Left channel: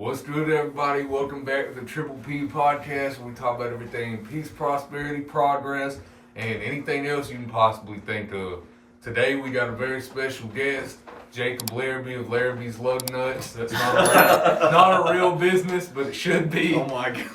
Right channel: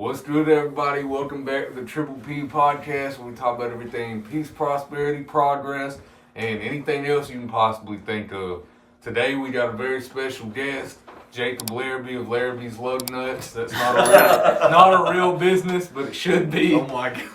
What's good, everybody? Welcome back to the Triple P podcast, where we talk about everything peace, prosperity, progress, and anything else you can possibly think of. Today, we got a very special guest, Jacob Larrabee of Larrabee's Lug Nuts. That's not a real business, but it should be. Oh my god.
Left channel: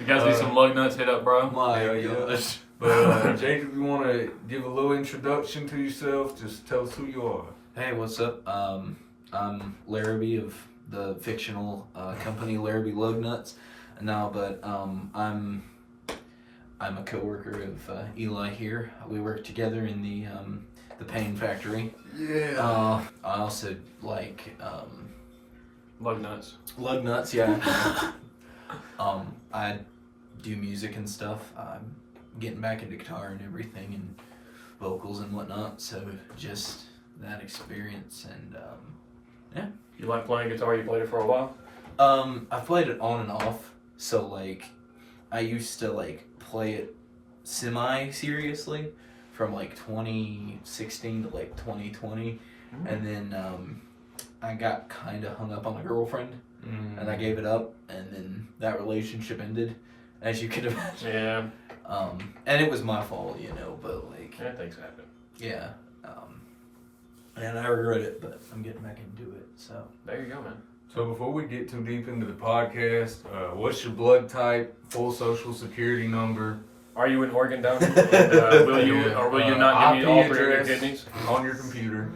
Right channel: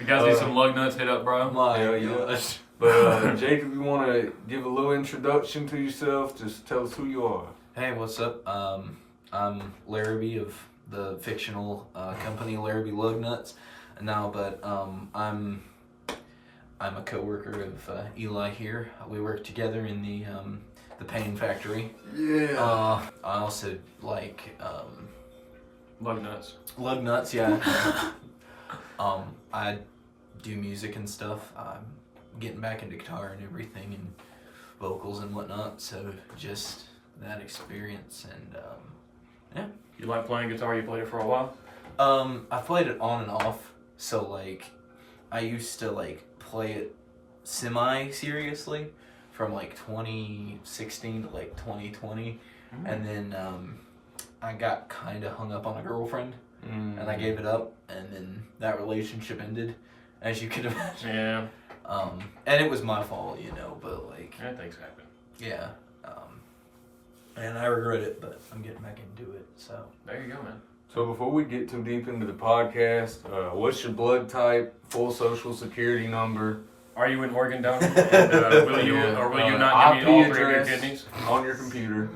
You guys need some lug nuts hit up, bro? My gosh. But Jacob, you want to give a little introduction to yourself? Just tell us who you are. Hey, what's up? I'm Larrabee of the fictional company Larrabee Lug Nuts. No, but I'm a coworker of Eli here. We work together in the pain factory. Yeah. I also like Lug nuts. lug nuts. Yeah. I do music and stuff. I'm getting back into guitar and everything and vocals and whatnot. So just that experience and yeah. You like playing guitar? You played it for a while? I've played it on and off. So like, I used to like play it semi-seriously from like 2016 to like 2020, and then I got kind of hung up on a girlfriend, and I gave it up, and then that relationship ended, as you could imagine. Yeah. And it was my fault, but like, Yeah, things happen. yeah. And I regret it, but I'm getting back into it, so. There you go, man. So before we get too deep into the podcast, what's your blood type, full social security number? Are you an organ donor? And, will you not give me all three of your address kidneys? on your computer.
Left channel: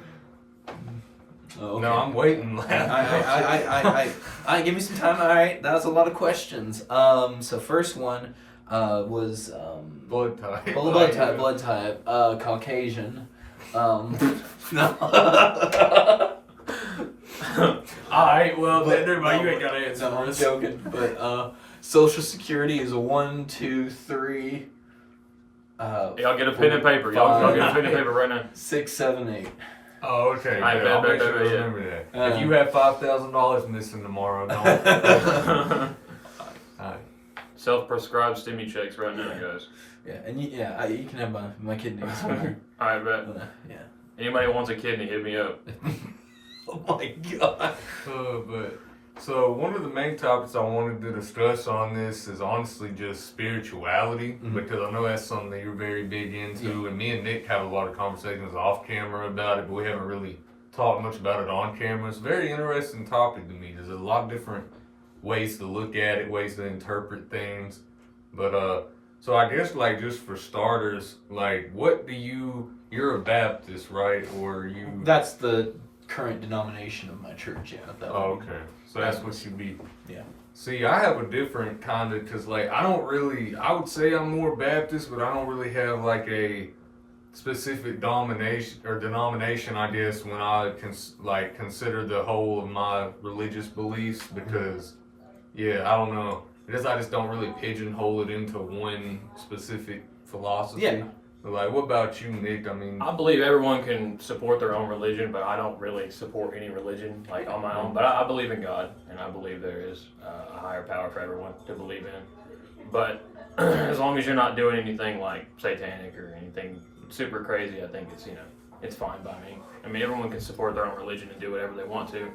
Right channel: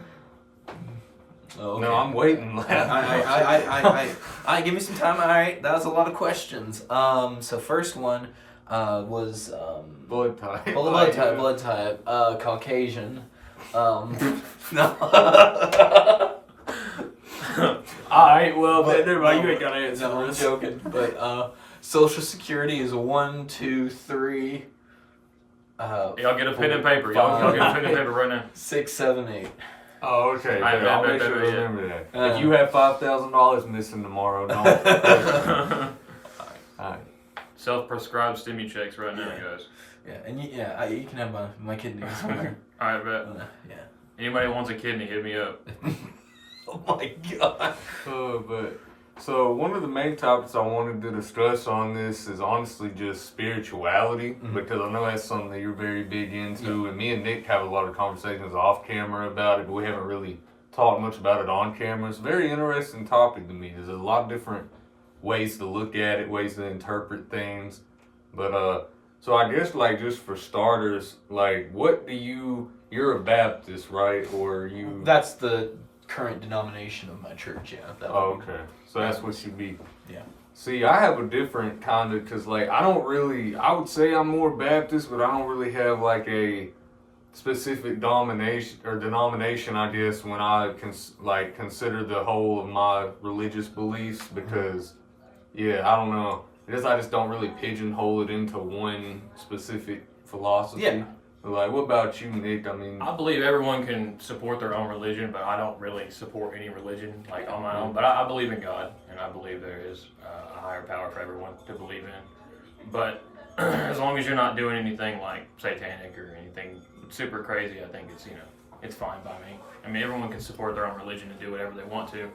Oh, okay. No, I'm waiting. I give me some time. All right, that was a lot of questions. So first one was Blood type. blood type, Caucasian. No. Alright, well, never mind. You ain't got to answer. No, I'm joking. But social security is 1, 2, 3. Y'all get a pen and paper. Y'all get a pen and paper right now. 6, 7, 8. Oh, okay. I I'll bet, make sure to yeah. remember that. If you have $5,000 missing tomorrow, don't. Alright. Self-prescribed stimmy checks right now, guys. Yeah, and you can have my kidneys. Alright, bet. Yeah. Anybody who wants a kidney, hit me up. Oh my god. So one of the main topics I wanted to discuss on this is honestly just spirituality, because I know that's something that you're very big into, and me and Nick have a lot of conversations off camera about it, but we haven't really talked much about it on camera. It's a very interesting topic to me. There's a lot of different ways to look at it, ways to interpret things, but so I guess like just for starters, like you're a Baptist, right? Or you? That's the current denomination of my church, yeah. Oh, okay. So that's what you be. Yeah. See, I have a different kind of, because like I would say I'm more Baptist, but I don't really have like a specific denomination, I guess, when I consider the whole of my religious beliefs, because I don't know. I guess I just don't really pigeonhole it into one specific philosophy. Yeah. Like, what about you, Nick? I mean, I believe everyone can support their own religion, but I don't really support any religion like on my own. But I believe in God, and I believe there is a higher power for everyone to believe in. But as long as you're not doing anything like satanic or anything super crazy, I think it's fine by me. I mean, everyone can support their own religion and do whatever they want to,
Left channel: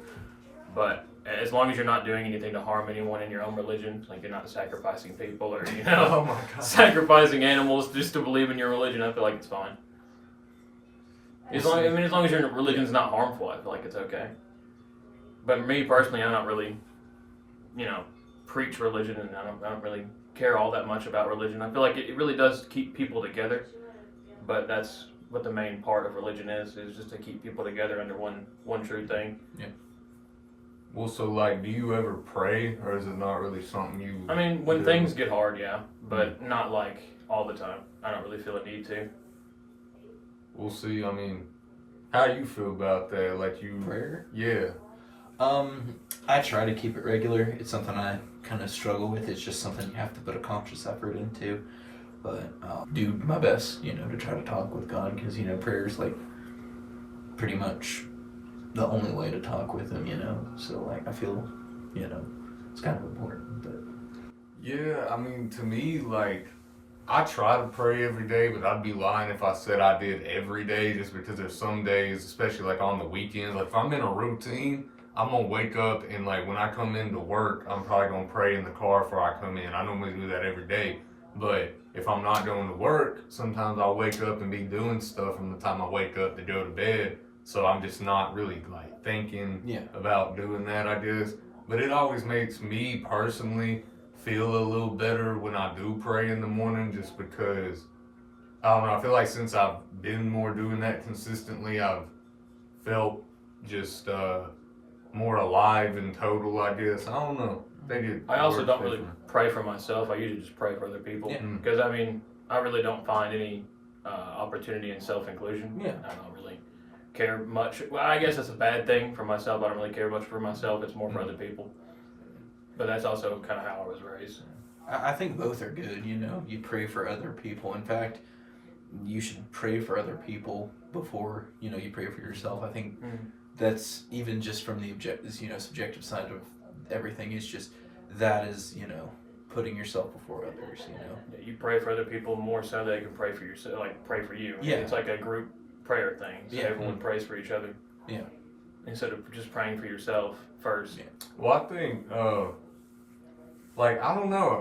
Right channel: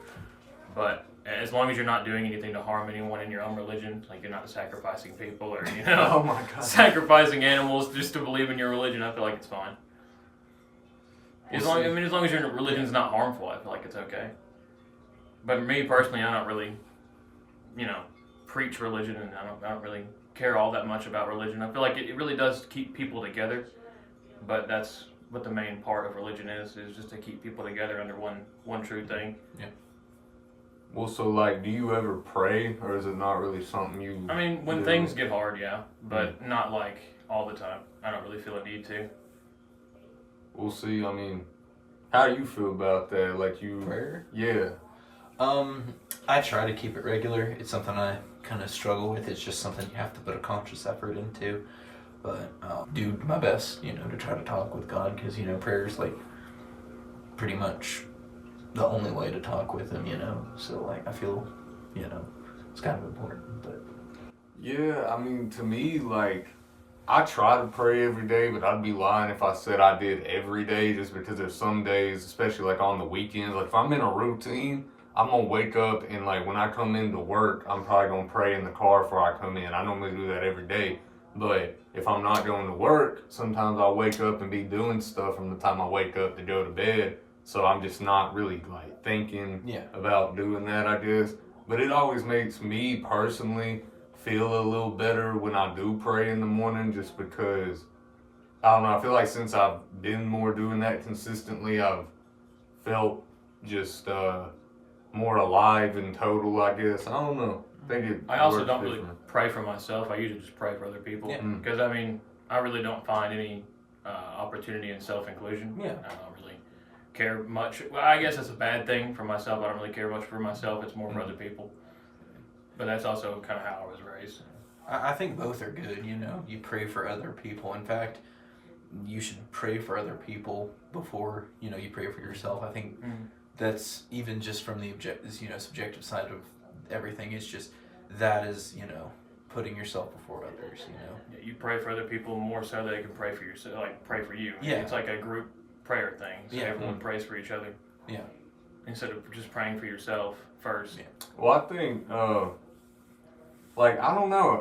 but as long as you're not doing anything to harm anyone in your own religion, like you're not sacrificing people or oh my God, sacrificing animals just to believe in your religion, I feel like it's fine. As long as your religion's not harmful, I feel like it's okay. But me personally, I don't really, preach religion, and I don't really care all that much about religion. I feel like it really does keep people together, but that's what the main part of religion is just to keep people together under one true thing. Yeah. Well, so like, do you ever pray, or is it not really something you? I mean, when things get hard, yeah, but not like all the time. I don't really feel a need to. We'll see. I mean, how do you feel about that? Like Prayer? Yeah. I try to keep it regular. It's something I kind of struggle with. It's just something you have to put a conscious effort into. But I'll do my best, to try to talk with God, because, prayer is like pretty much the only way to talk with him, so like I feel, it's kind of important. But Yeah, I mean, to me, like, I try to pray every day, but I'd be lying if I said I did every day, just because there's some days, especially like on the weekends, like if I'm in a routine, I'm gonna wake up and like when I come into work, I'm probably gonna pray in the car before I come in. I normally do that every day, but if I'm not going to work, sometimes I'll wake up and be doing stuff from the time I wake up to go to bed. So I'm just not really like thinking about doing that, I guess. But it always makes me personally feel a little better when I do pray in the morning, just because I don't know. I feel like since I've been more doing that consistently, I've felt just more alive and total, I guess. I don't know. I also don't really pray for myself. I usually just pray for other people. Because, I mean, I really don't find any opportunity in self-inclusion. I don't really care much. Well, I guess that's a bad thing for myself. I don't really care much for myself. It's more for other people. But that's also kind of how I was raised. I think both are good, you know. You pray for other people. In fact, you should pray for other people before, you know, you pray for yourself. I think that's even just from the subjective side of everything. It's just that is, you know, putting yourself before others, you know. Yeah, you pray for other people more so they can pray for yourself, like pray for you. It's like a group prayer thing. So everyone prays for each other. Instead of just praying for yourself first. Well, I think, like, I don't know.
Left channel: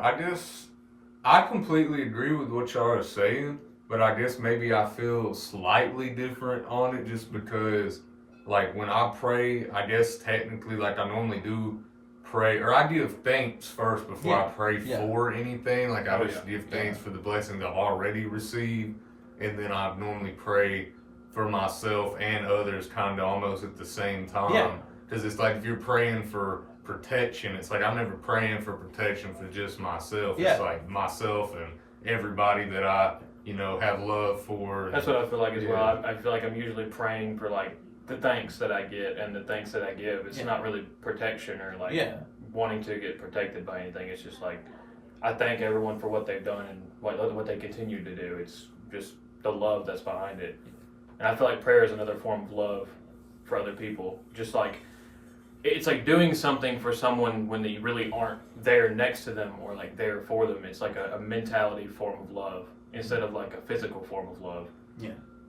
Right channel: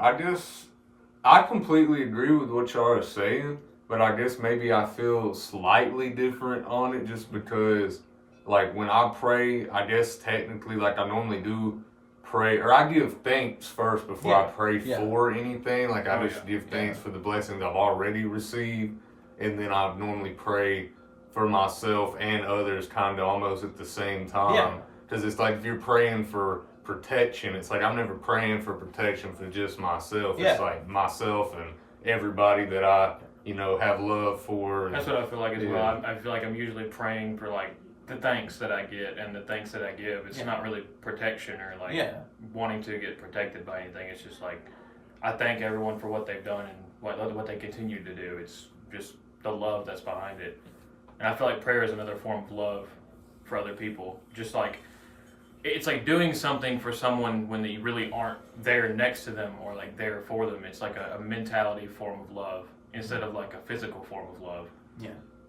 I completely agree with what y'all are saying, but I guess maybe I feel slightly different on it just because, like, when I pray, I guess technically, like, I normally do pray, or I give thanks first before I pray for anything. Like, I just give thanks for the blessings I've already received, and then I normally pray for myself and others kind of almost at the same time. Because it's like if you're praying for protection, it's like I'm never praying for protection for just myself. It's like myself and everybody that I, you know, have love for. That's what I feel like as well. I feel like I'm usually praying for like the thanks that I get and the thanks that I give. It's not really protection or like wanting to get protected by anything. It's just like I thank everyone for what they've done and what they continue to do. It's just the love that's behind it. And I feel like prayer is another form of love for other people. Just like it's like doing something for someone when they really aren't there next to them or like there for them. It's like a mentality form of love instead of like a physical form of love.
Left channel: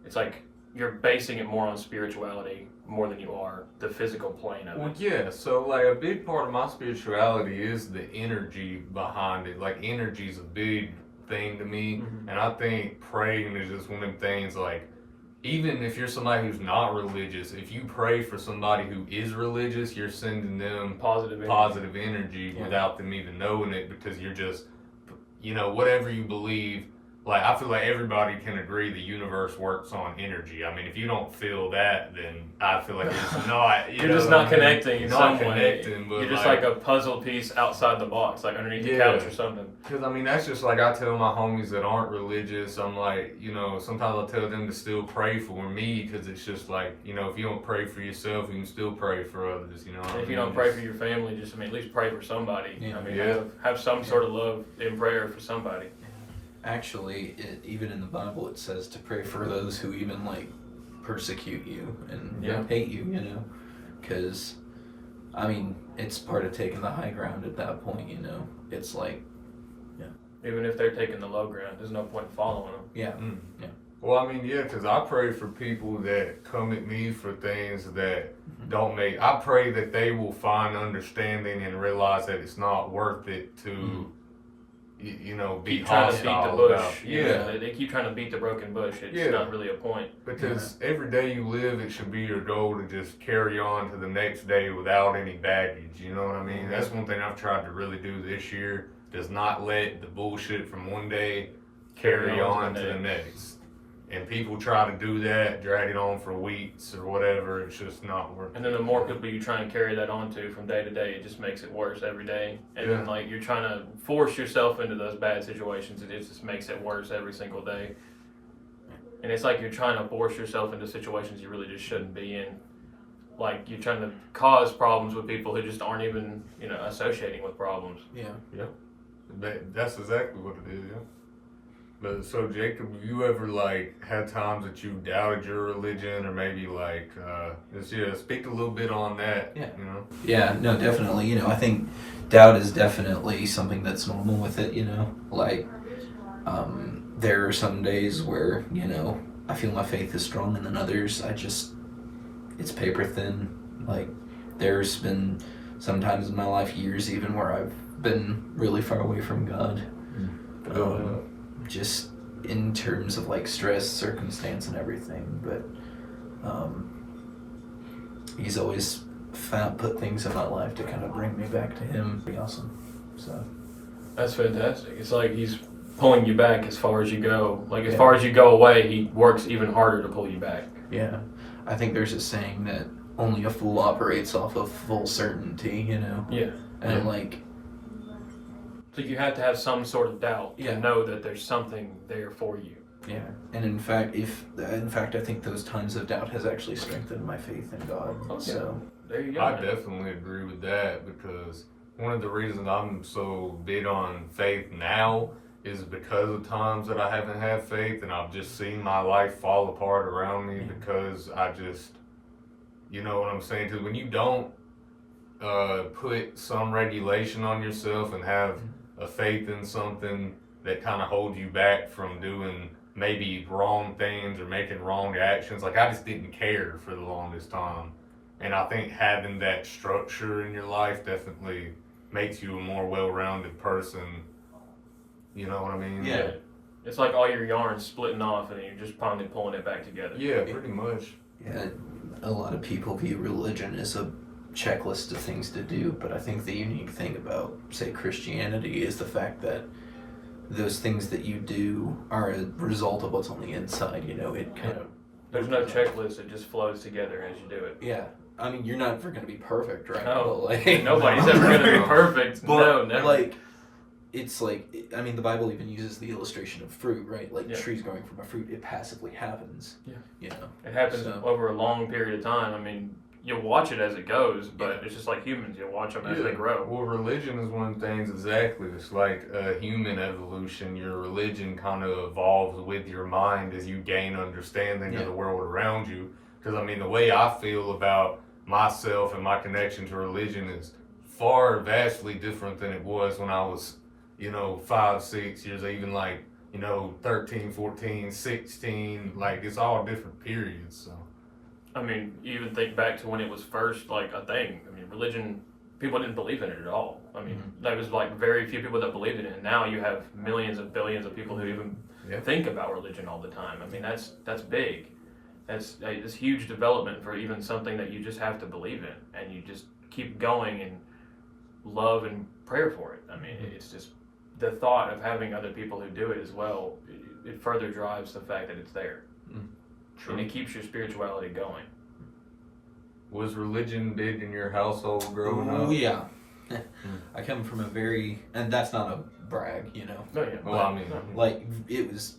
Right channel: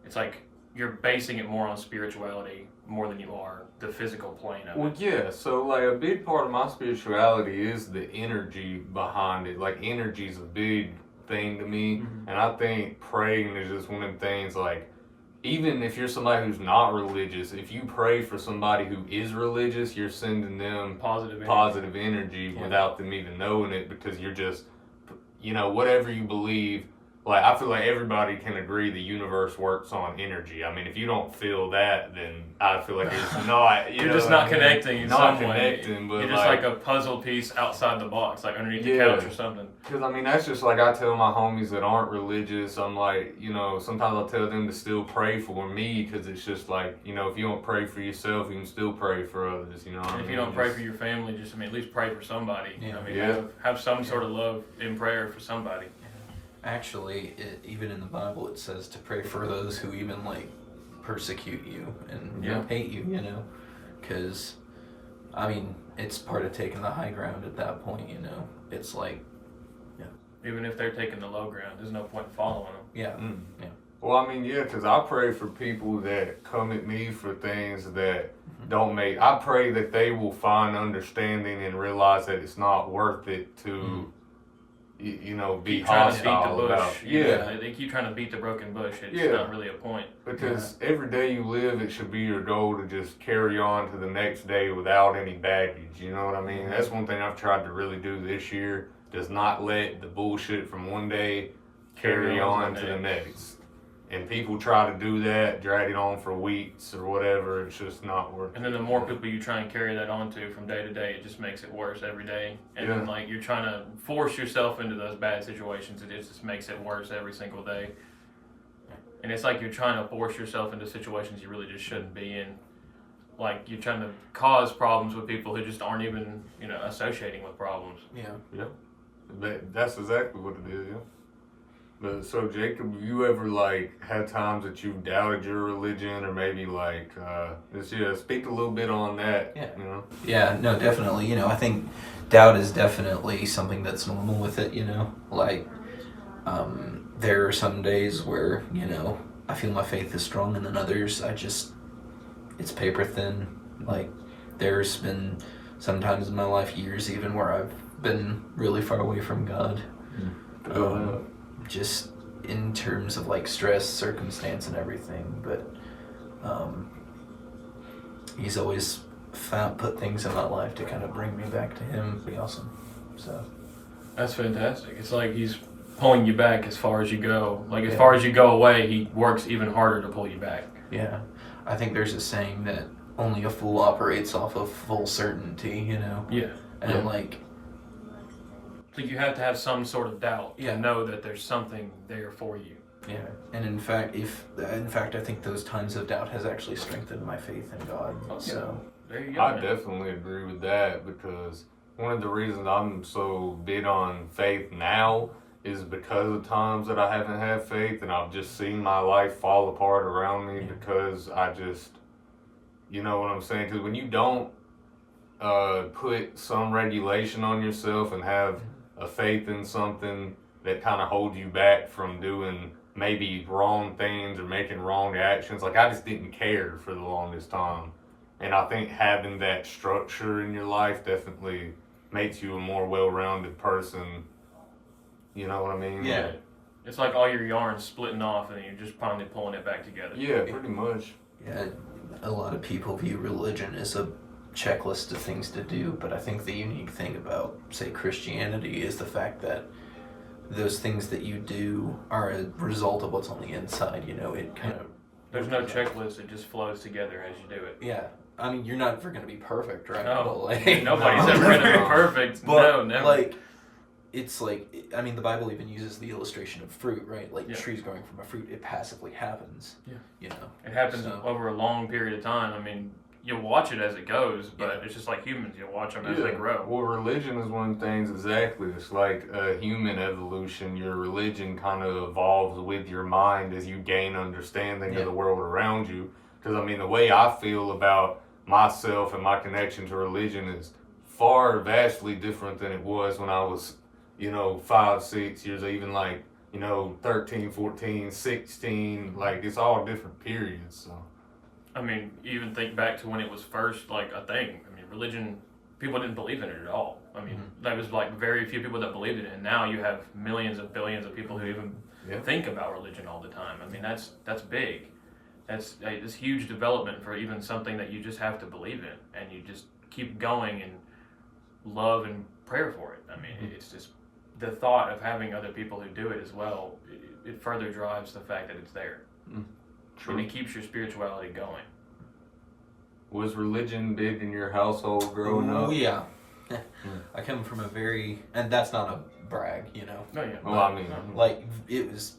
It's like you're basing it more on spirituality more than you are the physical plane of it. Well, yeah. So like a big part of my spirituality is the energy behind it. Like energy's a big thing to me, and I think praying is just one of them things. Like even if you're somebody who's not religious, if you pray for somebody who is religious, you're sending them positive energy without them even knowing it, because you're just, you know, whatever you believe. Like, I feel like everybody can agree the universe works on energy. I mean, if you don't feel that, then I feel like it's not. You're just not connecting in some way. But you're just like a puzzle piece outside the box, like underneath the couch or something. Because, I mean, that's just like I tell my homies that aren't religious. I'm like, you know, sometimes I'll tell them to still pray for me, because it's just like, you know, if you don't pray for yourself, you can still pray for others, you know what I mean? If you don't pray for your family, just, I mean, at least pray for somebody. I mean, have some sort of love in prayer for somebody. Actually, even in the Bible, it says to pray for those who even like persecute you and hate you, you know, because I mean, it's part of taking the high ground at that point, you know. It's like, even if they're taking the low ground, there's no point in following them. Well, I mean, because I pray for people that come at me for things that don't make. I pray that they will find understanding and realize that it's not worth it to. You know, be trying to beat the bush. About, they keep trying to beat the broken bush. It's not really a point. Because every day you live, it should be your goal to just carry on to the next day without any baggage. You know what I mean? That's one thing I've tried to really do this year. Does not let the bullshit from one day carry on to the next. And people try to do that, drag it on for weeks or whatever. It's just not working. And then the more people you try and carry that on to from day to day, it just makes it worse every day. And then like you're trying to force yourself into those bad situations, and it just makes it worse every single day. And it's like you're trying to force yourself into situations you really just shouldn't be in. Like you're trying to cause problems with people who just aren't even, you know, associating with problems. That's exactly what it is. But so Jacob, have you ever like had times that you've doubted your religion, or maybe like speak a little bit on that? You know? Yeah, no, definitely. You know, I think doubt is definitely something that's normal with it. You know, like there are some days where, you know, I feel my faith is strong, and then others it's paper thin. Like there's been sometimes in my life, years even, where I've been really far away from God. Just in terms of like stress, circumstance, and everything. But He's always put things in my life to kind of bring me back to Him. Be awesome. So that's fantastic. It's like He's pulling you back as far as you go. Like as far as you go away, He works even harder to pull you back. Yeah, I think there's a saying that only a fool operates off of full certainty. You know. Yeah. And like. So you have to have some sort of doubt to know that there's something there for you. Yeah, and in fact, I think those times of doubt has actually strengthened my faith in God. Okay. So there you go. I definitely agree with that, because one of the reasons I'm so big on faith now is because of times that I haven't had faith, and I've just seen my life fall apart around me because I just, you know what I'm saying? Because when you don't put some regulation on yourself and have a faith in something that kind of holds you back from doing maybe wrong things or making wrong actions. Like, I just didn't care for the longest time. And I think having that structure in your life definitely makes you a more well-rounded person. You know what I mean? Yeah. It's like all your yarns splitting off and you're just finally pulling it back together. Yeah, pretty much. Yeah, a lot of people view religion as a checklist of things to do, but I think the unique thing about, say, Christianity is the fact that those things that you do are a result of what's on the inside. You know, it kind of there's no checklist; it just flows together as you do it. Yeah, I mean, you're not ever going to be perfect, right? No, but like, nobody's ever going to be perfect. But no, never. Like, it's like, I mean, the Bible even uses the illustration of fruit, right? Like trees growing from a fruit, it passively happens. Yeah, you know, it happens over a long period of time. I mean, you'll watch it as it goes, but it's just like humans. You'll watch them as they grow. Well, religion is one of the things, exactly. It's like human evolution. Your religion kind of evolves with your mind as you gain understanding of the world around you. Because, I mean, the way I feel about myself and my connection to religion is far vastly different than it was when I was, 5, 6 years, even like, 13, 14, 16. Like, it's all different periods, so. I mean, even think back to when it was first like a thing. I mean, religion, people didn't believe in it at all. I mean, there was like very few people that believed in it, and now you have millions of billions of people who even think about religion all the time. I mean, that's big. That's this huge development for even something that you just have to believe in, and you just keep going and love and prayer for it. I mean, it's just the thought of having other people who do it as well. It further drives the fact that it's there. And it keeps your spirituality going. Was religion big in your household growing up? Oh, yeah. I come from a very, and that's not a brag, No, yeah. Well, I mean, like, it was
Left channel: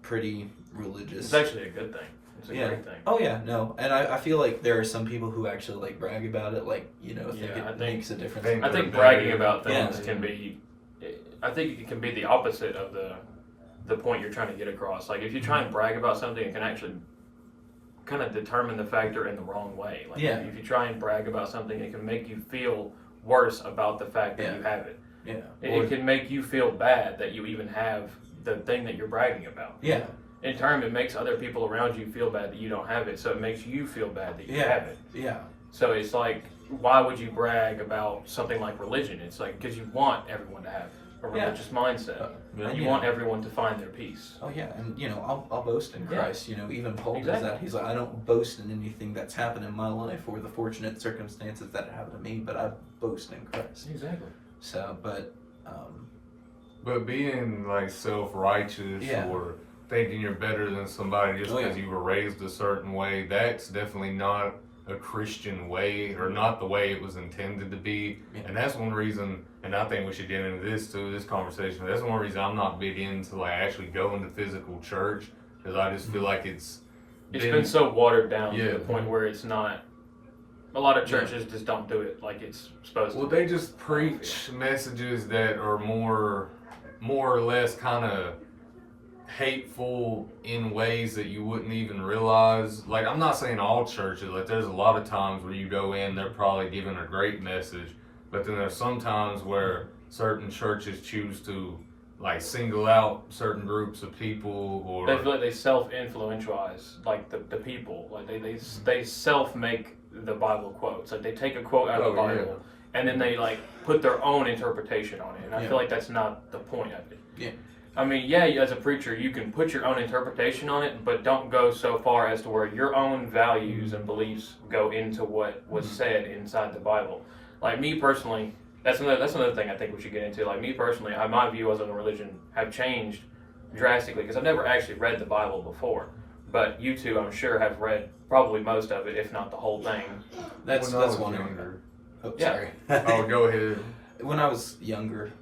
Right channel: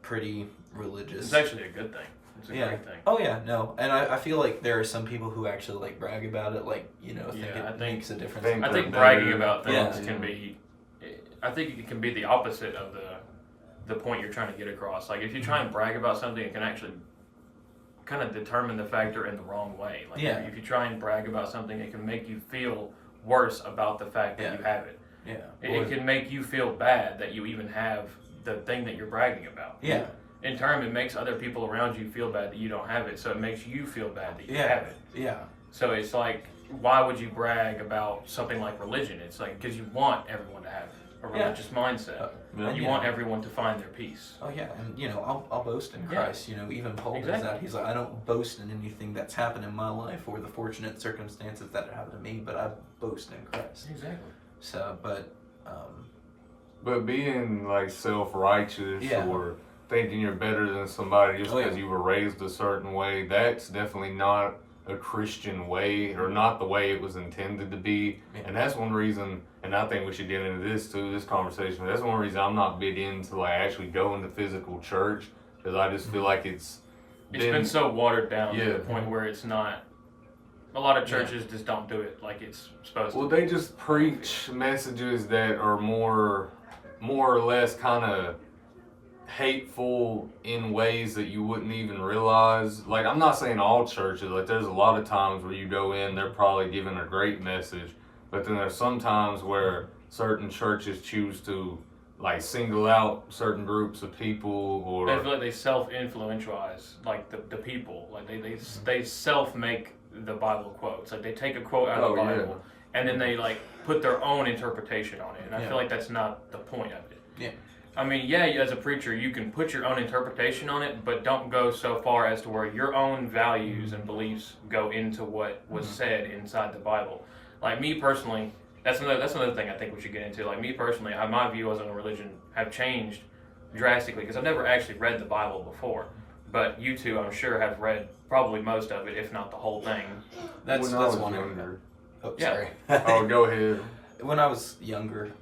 pretty religious. It's actually a good thing. It's a great thing. Oh, yeah, no. And I feel like there are some people who actually, like, brag about it, like, think it makes a difference. I think bragging about things can be, I think it can be the opposite of the point you're trying to get across. Like, if you try and brag about something, it can actually kind of determine the factor in the wrong way. Like, if you try and brag about something, it can make you feel worse about the fact that you have it. Yeah. It can make you feel bad that you even have the thing that you're bragging about. Yeah. In turn, it makes other people around you feel bad that you don't have it, so it makes you feel bad that you have it. Yeah. So it's like, why would you brag about something like religion? It's like, because you want everyone to have a religious mindset. And you want everyone to find their peace. Oh yeah, and I'll boast in Christ. Even Paul does that. He's like, I don't boast in anything that's happened in my life or the fortunate circumstances that happened to me, but I boast in Christ. Exactly. So, but being like self-righteous or thinking you're better than somebody just because you were raised a certain way, that's definitely not a Christian way, or not the way it was intended to be. And that's one reason, and I think we should get into this conversation, that's one reason I'm not big into like actually going to physical church, because I just feel like it's been so watered down to the point where it's not. A lot of churches just don't do it like it's supposed to. Well, they just preach messages that are more or less kind of hateful in ways that you wouldn't even realize. Like, I'm not saying all churches, like there's a lot of times where you go in, they're probably giving a great message, but then there's some times where certain churches choose to like single out certain groups of people, or they feel like they self-influentialize like the people, like they self make the Bible quotes. Like they take a quote out of the Bible and then they like put their own interpretation on it. And I feel like that's not the point of it. Yeah. I mean, yeah, as a preacher, you can put your own interpretation on it, but don't go so far as to where your own values and beliefs go into what was said inside the Bible. Like me personally, that's another thing I think we should get into. Like me personally, my views on religion have changed drastically because I've never actually read the Bible before. But you two, I'm sure, have read probably most of it, if not the whole thing. That's one younger. Oh, Yeah. sorry. Oh, go ahead. When I was younger,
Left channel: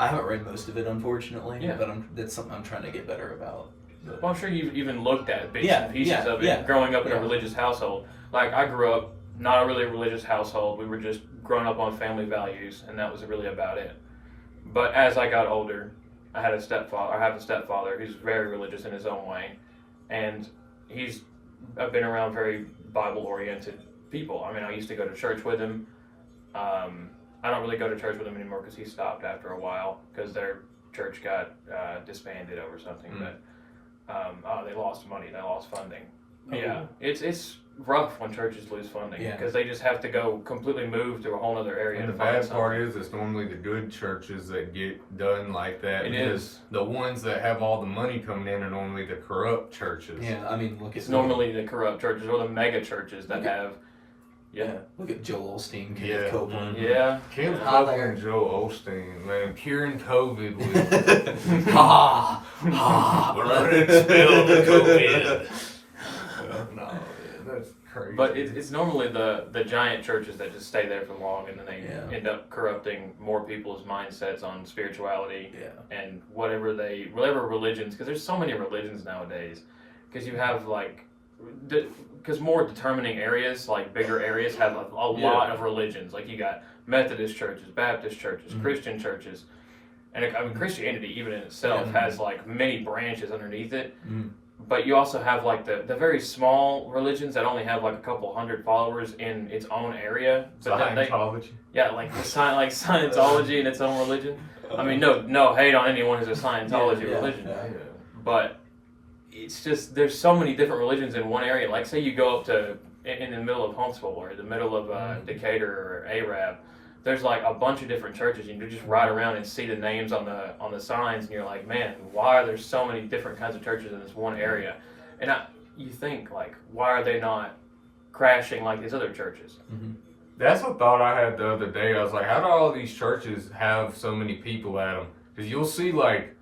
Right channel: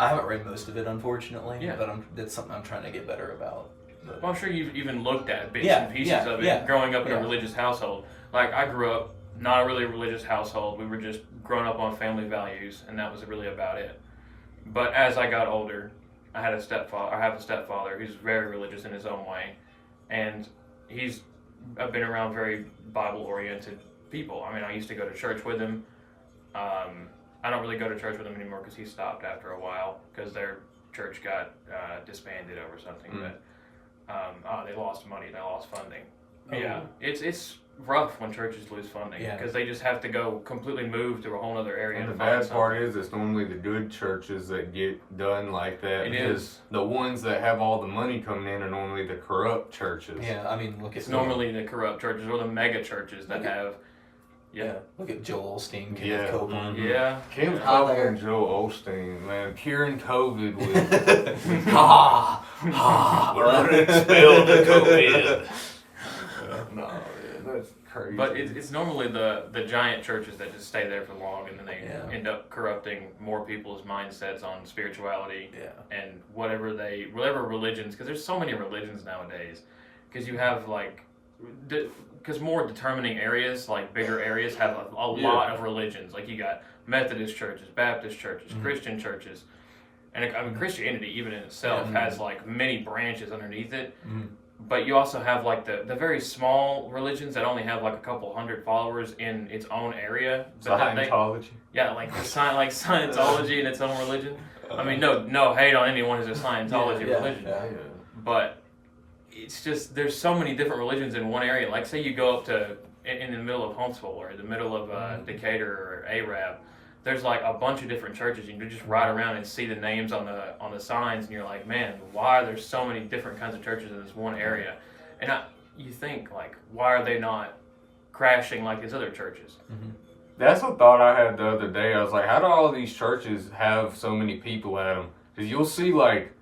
I haven't read most of it, unfortunately. Yeah. But that's something I'm trying to get better about. But, Well, I'm sure you've even looked at bits and pieces of it growing up in a religious household. Like, I grew up not a really religious household. We were just growing up on family values, and that was really about it. But as I got older, I have a stepfather who's very religious in his own way. And I've been around very Bible-oriented people. I mean, I used to go to church with him. I don't really go to church with him anymore because he stopped after a while because their church got disbanded over something. But they lost money, they lost funding. Oh. Yeah, it's rough when churches lose funding because they just have to go completely move to a whole other area. And to the find bad part something. is it's normally the good churches that get done like that. It because is. the ones that have all the money coming in are normally the corrupt churches. yeah, I mean, look at It's normally the corrupt churches or the mega churches that have. Yeah. Look at Joel Osteen, Kenneth Yeah. Copeland. Yeah. Kenneth Hi Copeland there. and Joel Osteen, man, curing COVID with Ha ha. Spill the COVID. No, that's crazy. But it's normally the giant churches that just stay there for long and then they end up corrupting more people's mindsets on spirituality and whatever religions, because there's so many religions nowadays. Because you have because more determining areas, like bigger areas, have a lot of religions. Like you got Methodist churches, Baptist churches, Christian churches. And I mean, Christianity even in itself has like many branches underneath it. But you also have like the very small religions that only have like a couple hundred followers in its own area. But Scientology. like Scientology in its own religion. I mean, no hate on anyone who's a Scientology religion, but it's just there's so many different religions in one area. Like say you go up to in the middle of Huntsville or the middle of Decatur or Arab. There's like a bunch of different churches. You can just ride around and see the names on the signs, and you're like, man, why are there so many different kinds of churches in this one area? And you think like, why are they not crashing like these other churches? That's a thought I had the other day. I was like, how do all of these churches have so many people at them? Because you'll see like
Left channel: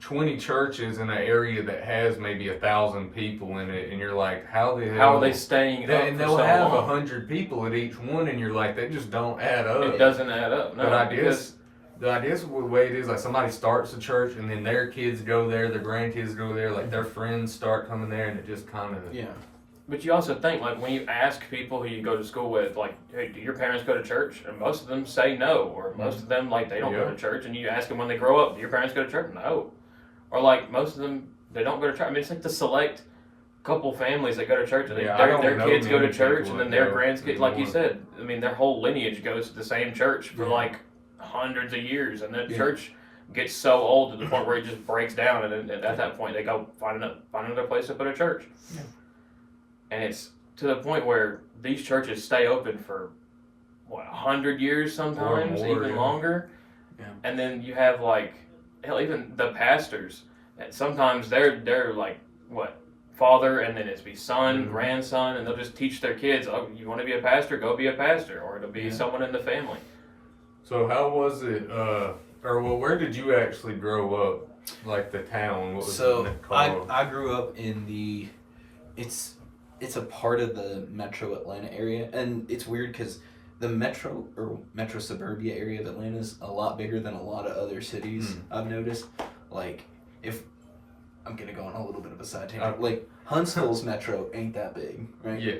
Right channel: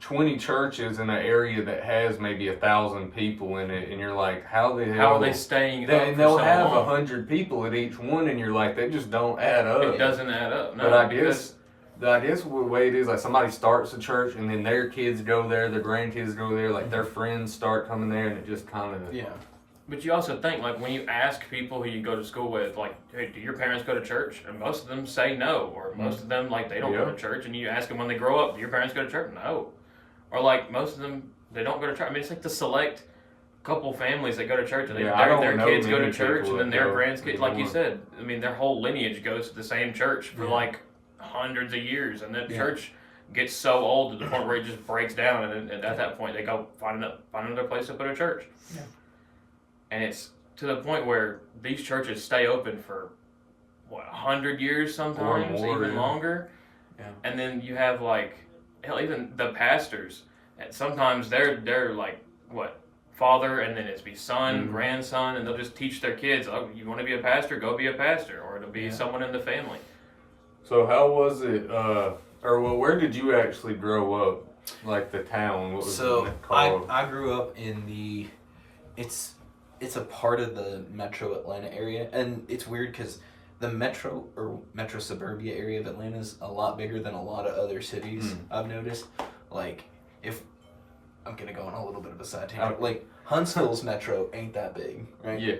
20 churches in an area that has maybe 1,000 people in it, and you're like, how are they staying up? And they'll have 100 people at each one, and you're like, they just don't add up. It doesn't add up. No, but I guess the way it is, like somebody starts a church, and then their kids go there, their grandkids go there, like their friends start coming there, and it just kind of But you also think, like, when you ask people who you go to school with, like, hey, do your parents go to church? And most of them say no. Or most of them, like, they don't go to church. And you ask them when they grow up, do your parents go to church? No. Or, like, most of them, they don't go to church. I mean, it's like the select couple families that go to church. And their kids go to church, and then their grandkids, like you said, I mean, their whole lineage goes to the same church for, like, hundreds of years. And that church gets so old to the point where it just breaks down. And then at that point, they go find another place to put a church. Yeah. And it's to the point where these churches stay open for 100 years sometimes, even longer. Yeah. And then you have like, hell, even the pastors. Sometimes they're like father, and then it's be son, grandson, and they'll just teach their kids. Oh, you want to be a pastor? Go be a pastor, or it'll be someone in the family. So how was it? Where did you actually grow up? Like the town? What was it called? I grew up in It's a part of the metro Atlanta area, and it's weird because the metro suburbia area of Atlanta is a lot bigger than a lot of other cities. I've noticed. Like, if I'm gonna go on a little bit of a side tangent, like Huntsville's metro ain't that big, right? Yeah.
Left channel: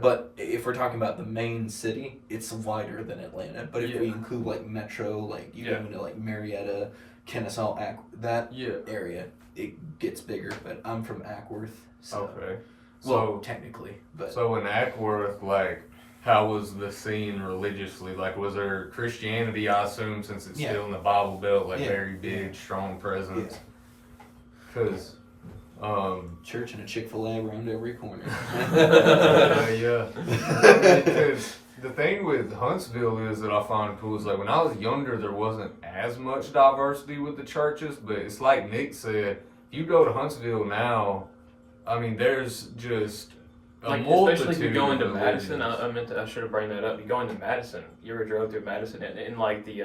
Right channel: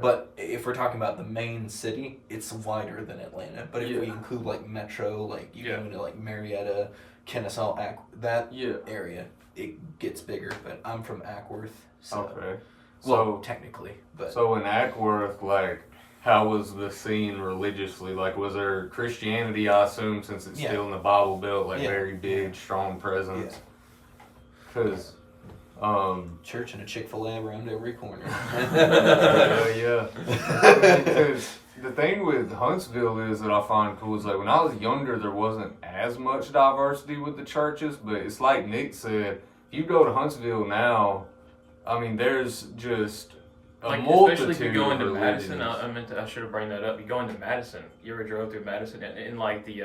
But if we're talking about the main city, it's wider than Atlanta. But if we include like metro, like you go into like Marietta, Kennesaw, that area, it gets bigger. But I'm from Ackworth, so. Okay. Well, technically, but so in Ackworth, like, how was the scene religiously? Like, was there Christianity? I assume since it's still in the Bible Belt, like very big, strong presence. Because Church and a Chick-fil-A around every corner. Yeah. Because the thing with Huntsville is that I find cool is like when I was younger, there wasn't as much diversity with the churches, but it's like Nick said, you go to Huntsville now, I mean, there's just a like, multitude especially if you go into of Madison, religions. I should have bring that up. You go into Madison, you ever drove through Madison and in like the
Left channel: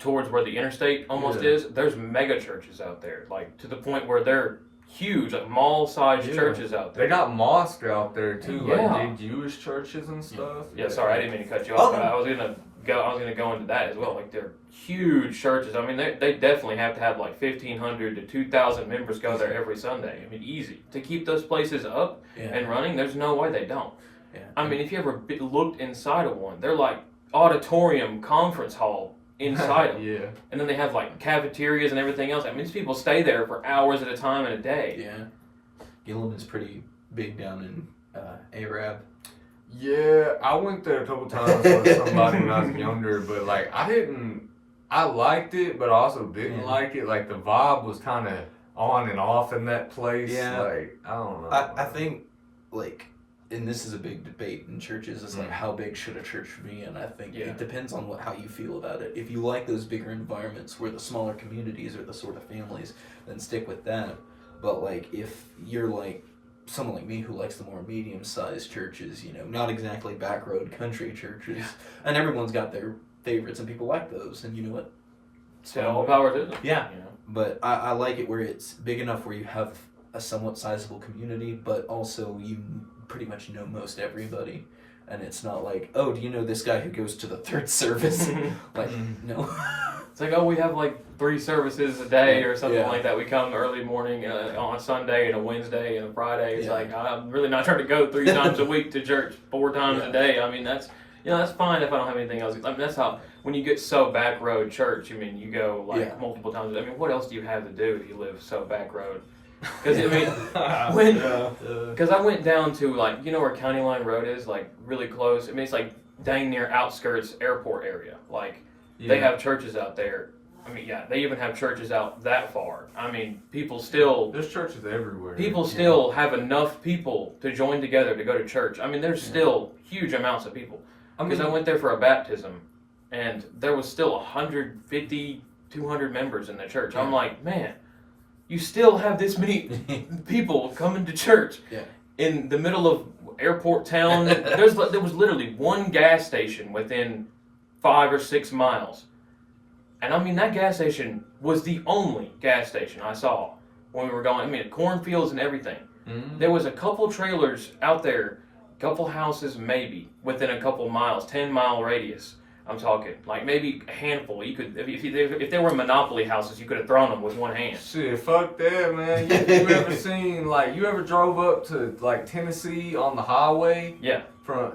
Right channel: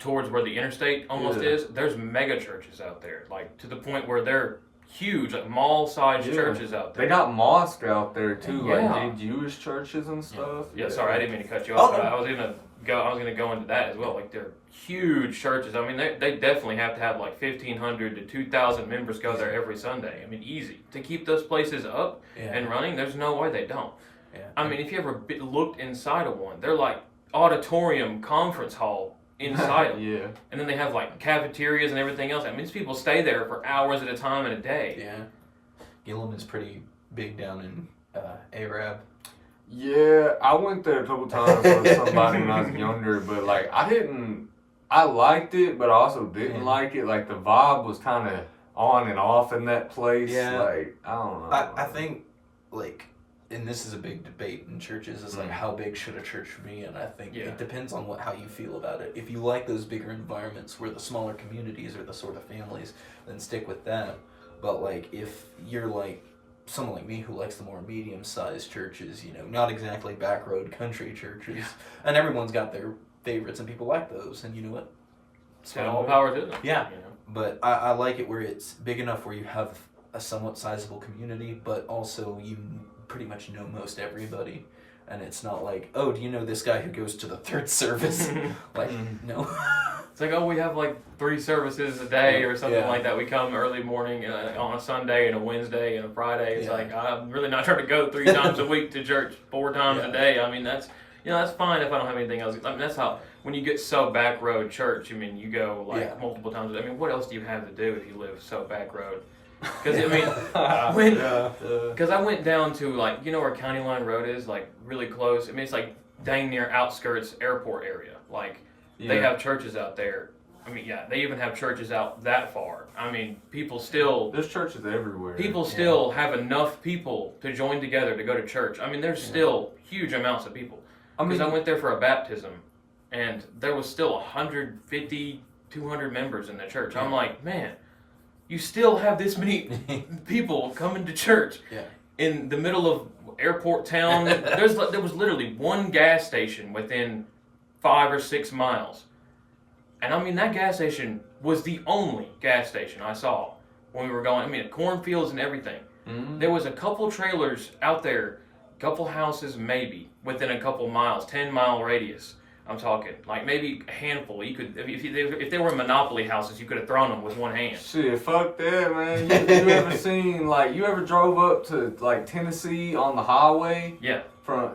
towards where the interstate almost is, there's mega churches out there, like to the point where they're huge, like mall-sized churches out there. They got mosques out there too, Yeah. like big Jewish churches and stuff. Yeah, sorry, I didn't mean to cut you off. I was gonna go into that as well. Like they're huge churches. I mean, they definitely have to have like 1,500 to 2,000 members go there every Sunday. I mean, easy to keep those places up and running. There's no way they don't. Yeah. I mean, if you ever looked inside of one, they're like auditorium conference hall inside them. Yeah. And then they have like cafeterias and everything else. I mean, these people stay there for hours at a time in a day. Yeah. Gilliman's pretty big down in Arab. Yeah, I went there a couple times with somebody when I was younger, but like I liked it, but I also didn't like it. Like the vibe was kind of on and off in that place. Yeah. Like, I don't know. I think, like, and this is a big debate in churches, is like how big should a church be? And I think it depends on how you feel about it. If you like those bigger environments where the smaller communities are the sort of families, then stick with that. But like if you're like someone like me who likes the more medium-sized churches, you know, not exactly back road country churches, and everyone's got their favorites and people like those, and you know what? So all power to them. Yeah. You know? But I like it where it's big enough where you have a somewhat sizable community, but also you pretty much know most everybody. And it's not like, oh, do you know this guy who goes to the third service? Like, no. It's like, oh, we have like 3 services a day or something like that. We come early morning on a Sunday and a Wednesday and a Friday. It's like, I'm really not trying to go 3 times a week to church 4 times a day. I mean, that's fine if I don't have anything else. I mean, that's how, when you get so back road church, I mean, you go like multiple times. I mean, what else do you have to do if you live so back road? Because I mean, because I went down to like, you know where County Line Road is, like really close. I mean, it's like dang near outskirts airport area. Like they have churches out there. I mean, they even have churches out that far. I mean, people still there's churches everywhere. People still have enough people to join together to go to church. I mean, there's still huge amounts of people. Because I went there for a baptism, and there was still 150, 200 members in the church. I'm like, man, you still have this many people coming to church in the middle of airport town. There was literally one gas station within 5 or 6 miles. And I mean, that gas station was the only gas station I saw when we were going. I mean, cornfields and everything. Mm-hmm. There was a couple trailers out there, a couple houses maybe, within a couple miles, 10-mile radius. I'm talking like maybe a handful. You could, if they were Monopoly houses, you could have thrown them with one hand. Shit, fuck that, man. You ever seen you ever drove up to like Tennessee on the highway? Yeah.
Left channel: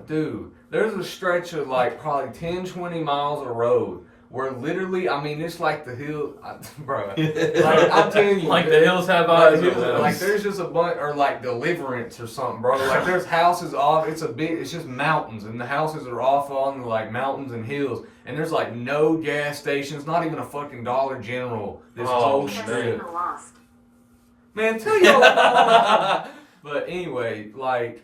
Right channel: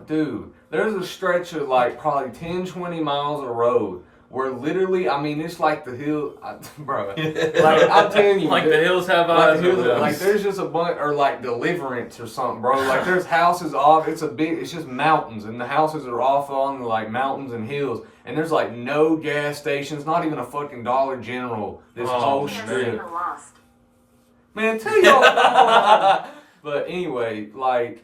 Dude, there's a stretch of like probably 10, 20 miles of road where literally, I mean, it's like the hill, bro. Like, I'm telling you, like the hills have eyes. Like there's just a bunch, or like Deliverance or something, bro. Like there's houses off. It's just mountains, and the houses are off on like mountains and hills, and there's like no gas stations, not even a fucking Dollar General. This whole strip. Man, tell y'all. But anyway, like.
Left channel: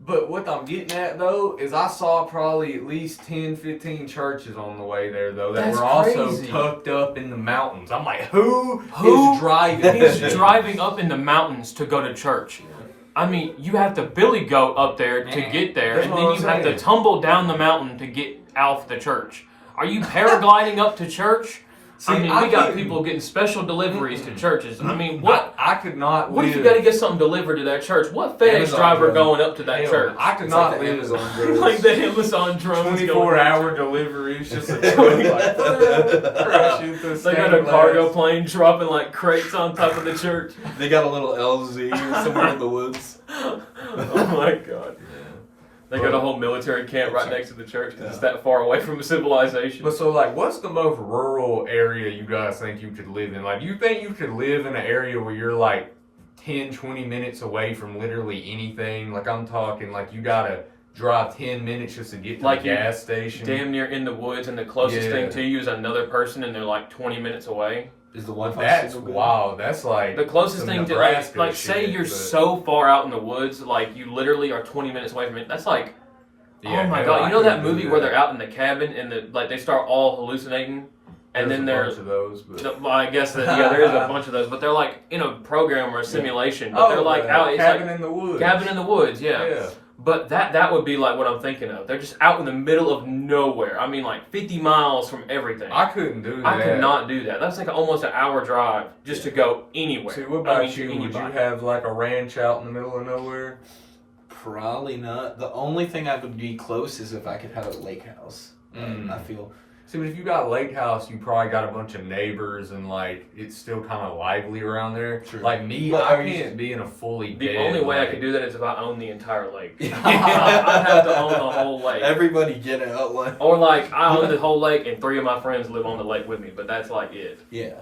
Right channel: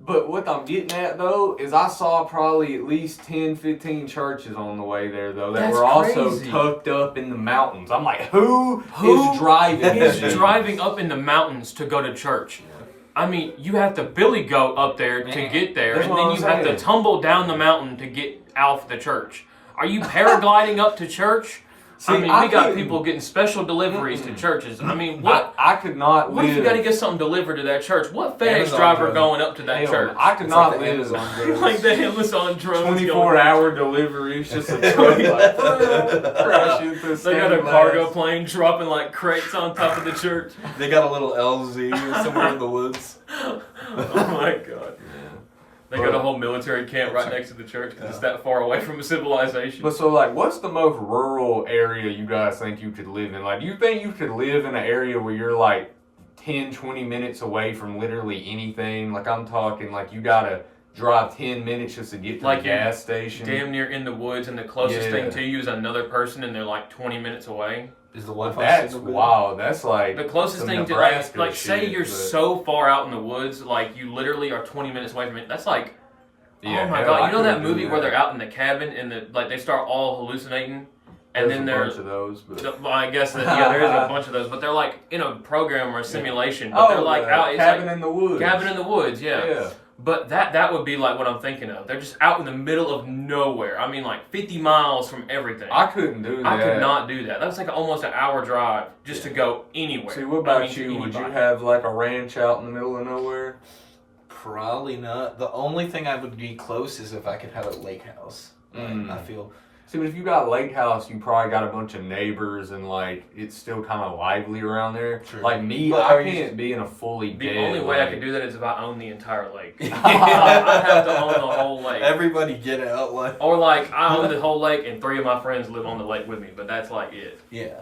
But what I'm getting at, though, is I saw probably at least 10, 15 churches on the way there, though, that were also tucked up in the mountains. I'm like, who is driving? Is driving up in the mountains to go to church? I mean, you have to billy goat up there to get there, and then you have to tumble down the mountain to get out the church. Are you paragliding up to church? See, I mean, we got people getting special deliveries to churches. I mean, what? I could not. What if you got to get something delivered to that church? What FedEx driver going up to that church? I could not live like the Amazon drones. 24-hour deliveries, just a truck They got a cargo plane dropping like crates on top of the church. They got a little LZ somewhere in the woods. Oh my god. They got a whole military camp right next to the church because it's that far away from civilization. But so, like, what's the most rural area you guys think you could live in? Like, do you think you could live in an area where you're, like, 10, 20 minutes away from literally anything? Like, I'm talking, like, you gotta drive 10 minutes just to get to the gas station. Damn near in the woods, and the closest thing to you is another person, and they're, like, 20 minutes away. Is the Wi-Fi That's signal good? wild. That's like The closest some thing to Nebraska like say shit, you're but- so far out in the woods, like you literally are 20 minutes away from it. That's like, Yeah, oh my hell, god! I You know that couldn't do movie where they're out in the cabin and they start all hallucinating, and There's then a they're bunch of those, but well, I guess that there is a bunch of those, but they're like in a program or a simulation, but they're like out. It's cabin like in the woods. cabin in the woods, yeah. But that would be like what I'm thinking of. They're just out in the middle of nowhere. I mean, like 50 miles from everything. I couldn't do that. I could not do that. That's like almost an hour drive just to go anywhere. See, what about I mean, you? Would you anybody. have like a ranch out in the middle of nowhere? Probably not. The only thing I would be close is if I could have a lake house. Like, I feel. So if you got a lake house, you probably got a bunch of neighbors and like it's still kind of lively around there. True. Like me, But I are you- can't be in a fully The dead, only way I like- could do that is if I own the entire lake. I have to own the whole lake. Everybody get it out like. Or like I own the whole lake and 3 of my friends live on the lake with me, but that's like it. Yeah.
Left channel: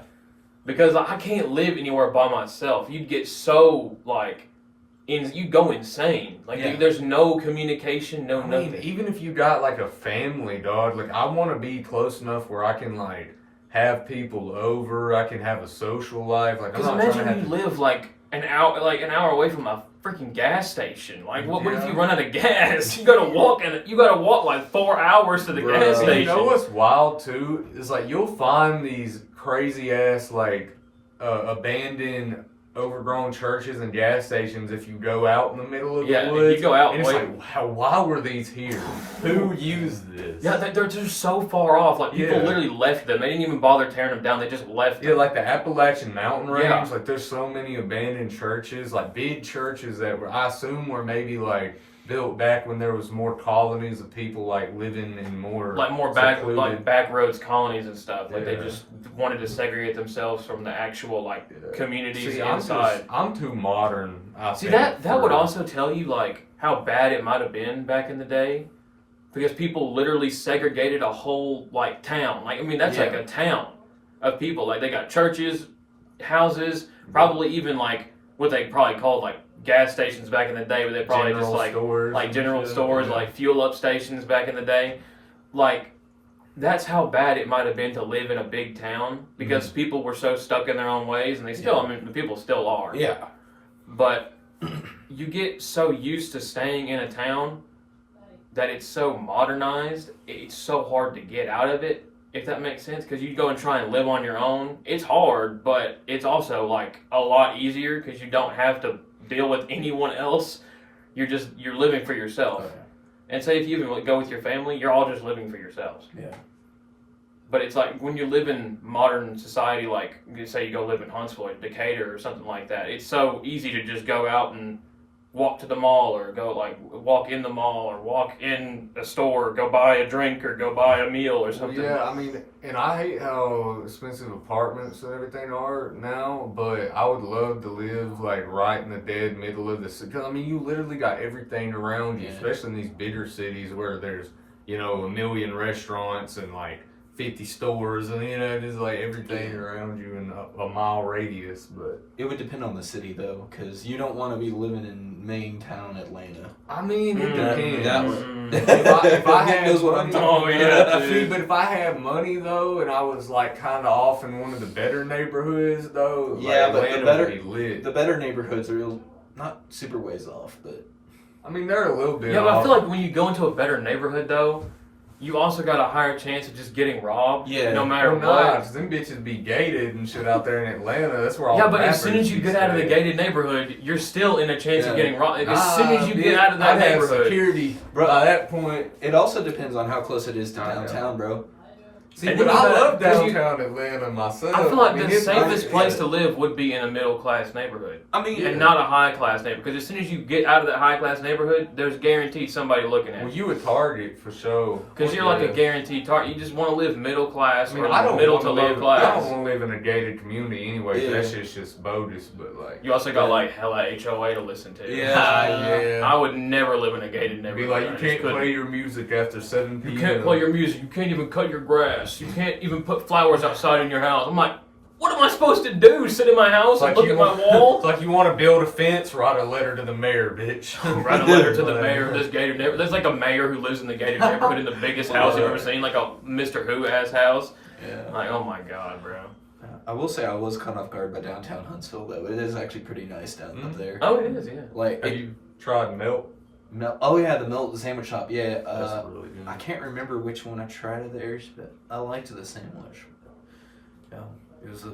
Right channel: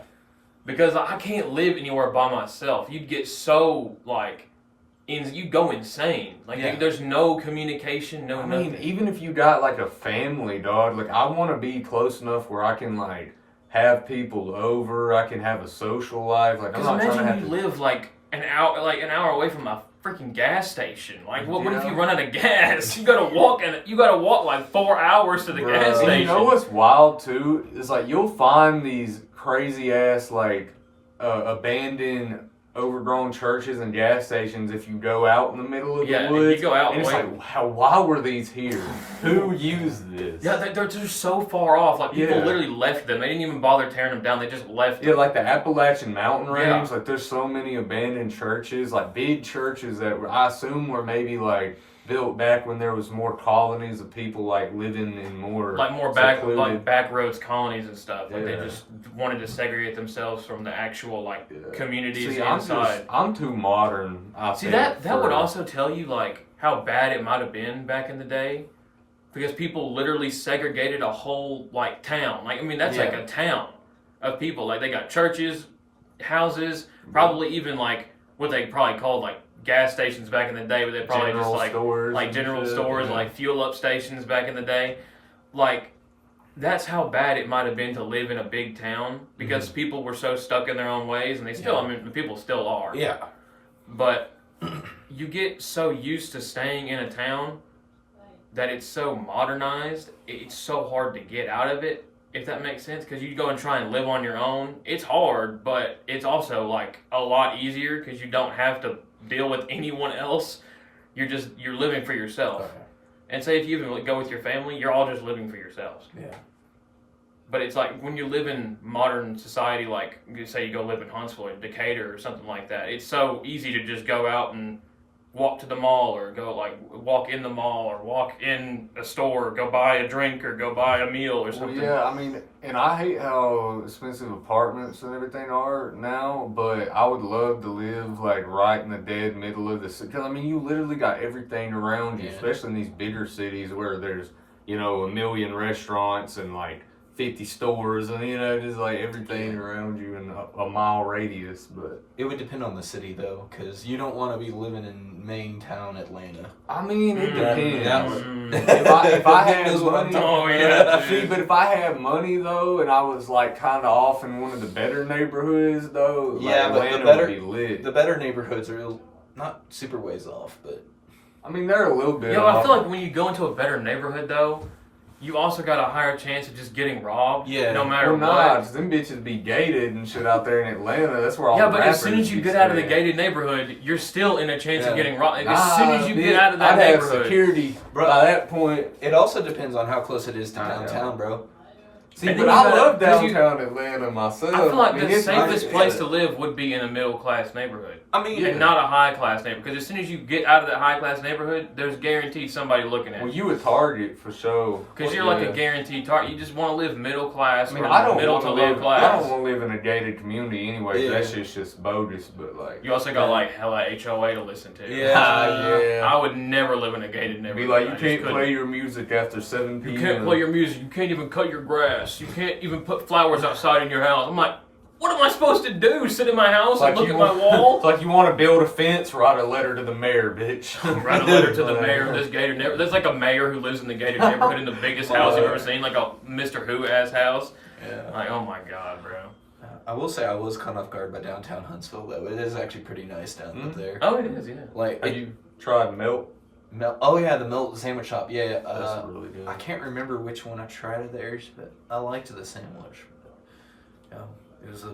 Because I can't live anywhere by myself. You'd get so like, you'd go insane. Like Yeah. there's no communication, no I mean, nothing. even if you got like a family, dog, like I want to be close enough where I can like have people over. I can have a social life. Like I'm Because not trying to imagine have you to. live like an hour away from a freaking gas station. Like what if Yeah. you run out of gas? You gotta walk like 4 hours to the gas Bruh. station. You know what's wild too is like you'll find these crazy ass like abandoned, overgrown churches and gas stations if you go out in the middle of Yeah, the if woods. you go out and it's way- like, why were these here? Who used this? Yeah, they're just so far off. Like people Yeah. literally left them. They didn't even bother tearing them down. They just left Yeah, them. like the Appalachian Mountain Range, Yeah. like there's so many abandoned churches, like big churches that were, I assume were maybe like built back when there was more colonies of people like living in more Like more back roads colonies and stuff. Like they Yeah. just wanted to segregate themselves from the actual like Yeah. communities See, inside. I'm too modern. I See think, that would for- also tell you like how bad it might have been back in the day, because people literally segregated a whole like town. Like I mean that's like Yeah. a town of people. Like they got churches, houses, probably even like what they probably called like gas stations back in the day, where they probably General just like stores and general shit, stores, yeah. like fuel up stations back in the day. Like that's how bad it might have been to live in a big town, because people were so stuck in their own ways, and they still, I mean, people still are. Yeah. But you get so used to staying in a town that it's so modernized, it's so hard to get out of it, if that makes sense. Because you go and try and live on your own, it's hard, but it's also like a lot easier because you don't have to deal with anyone else. You're living for yourself. Okay. And say if you even go with your family, you're all just living for yourselves. Yeah. But it's like when you live in modern society, like say you go live in Huntsville or Decatur or something like that, it's so easy to just go out and walk to the mall, or go like walk in the mall, or walk in a store, or go buy a drink, or go buy a meal or Well, something. yeah, I mean, and I hate how expensive apartments and everything are now, but I would love to live like right in the dead middle of the city. Because I mean, you literally got everything around you, Yeah. especially in these bigger cities where there's, you know, 1 million restaurants and like 50 stores, and you know, just like everything around you in a mile radius. But It would depend on the city though, because you don't want to be living in main town Atlanta. I mean, it Mm, depends. that Mm. if I Nick had knows what I'm money- talking about. Oh, yeah, See, dude. but if I had money though, and I was like kind of off in one of the better neighborhoods though, Yeah, like, but the Atlanta better- would be lit. The better neighborhoods are not super ways off, but I mean, they're a little bit. Yeah, but I off. feel like when you go into a better neighborhood, though, you also got a higher chance of just getting robbed. Yeah. No matter Well, what. nah, 'cause them bitches be gated and shit out there in Atlanta. That's where all Yeah, the but as soon rappers as you be get out of the staying. gated neighborhood, you're still in a chance Yeah. of getting robbed. As soon as you get out of that I'd have neighborhood. security. Bro, by that point. it also depends on how close it is to I know. downtown, bro. See, And but then I you love got- 'cause you- downtown Atlanta myself. I feel like mean, the it's safest nice, place yeah. to live would be in a middle class neighborhood. I mean, And not a high class neighborhood. Because as soon as you get out of that high class neighborhood, there's guaranteed somebody looking at Well, you. you a target for sure. Because you're like Yeah. a guaranteed target. You just want to live middle class, I mean, or I don't middle wanna to low live, I class. don't want to live in a gated community anyway. 'Cause Yeah. that shit's just bogus. But like, You also got Yeah. like hella HOA to listen to. Yeah. I would never live in a gated be neighborhood. like, I you just can't couldn't. play your music after 7 p.m. You can't play your music. You can't even cut your grass. You can't even put flowers outside in your house. I'm like, what am I supposed to do? Sit in my house and look at my It's wall? like you want to build a fence, write a letter to the mayor, bitch. Write a letter to the mayor of this gated neighborhood. There's like a mayor who lives in the gated neighborhood in the biggest house I've ever seen, like a Mr. Who ass house. Yeah. Like, oh my god, bro. I will say I was caught off guard by downtown Huntsville, though. It is actually pretty nice down up there. Oh, it is, yeah. Like, Have you tried Melt? oh yeah, the Melt sandwich shop. Yeah, That's really good. I can't remember which one I tried of theirs, but I liked the sandwich. Yeah, it was a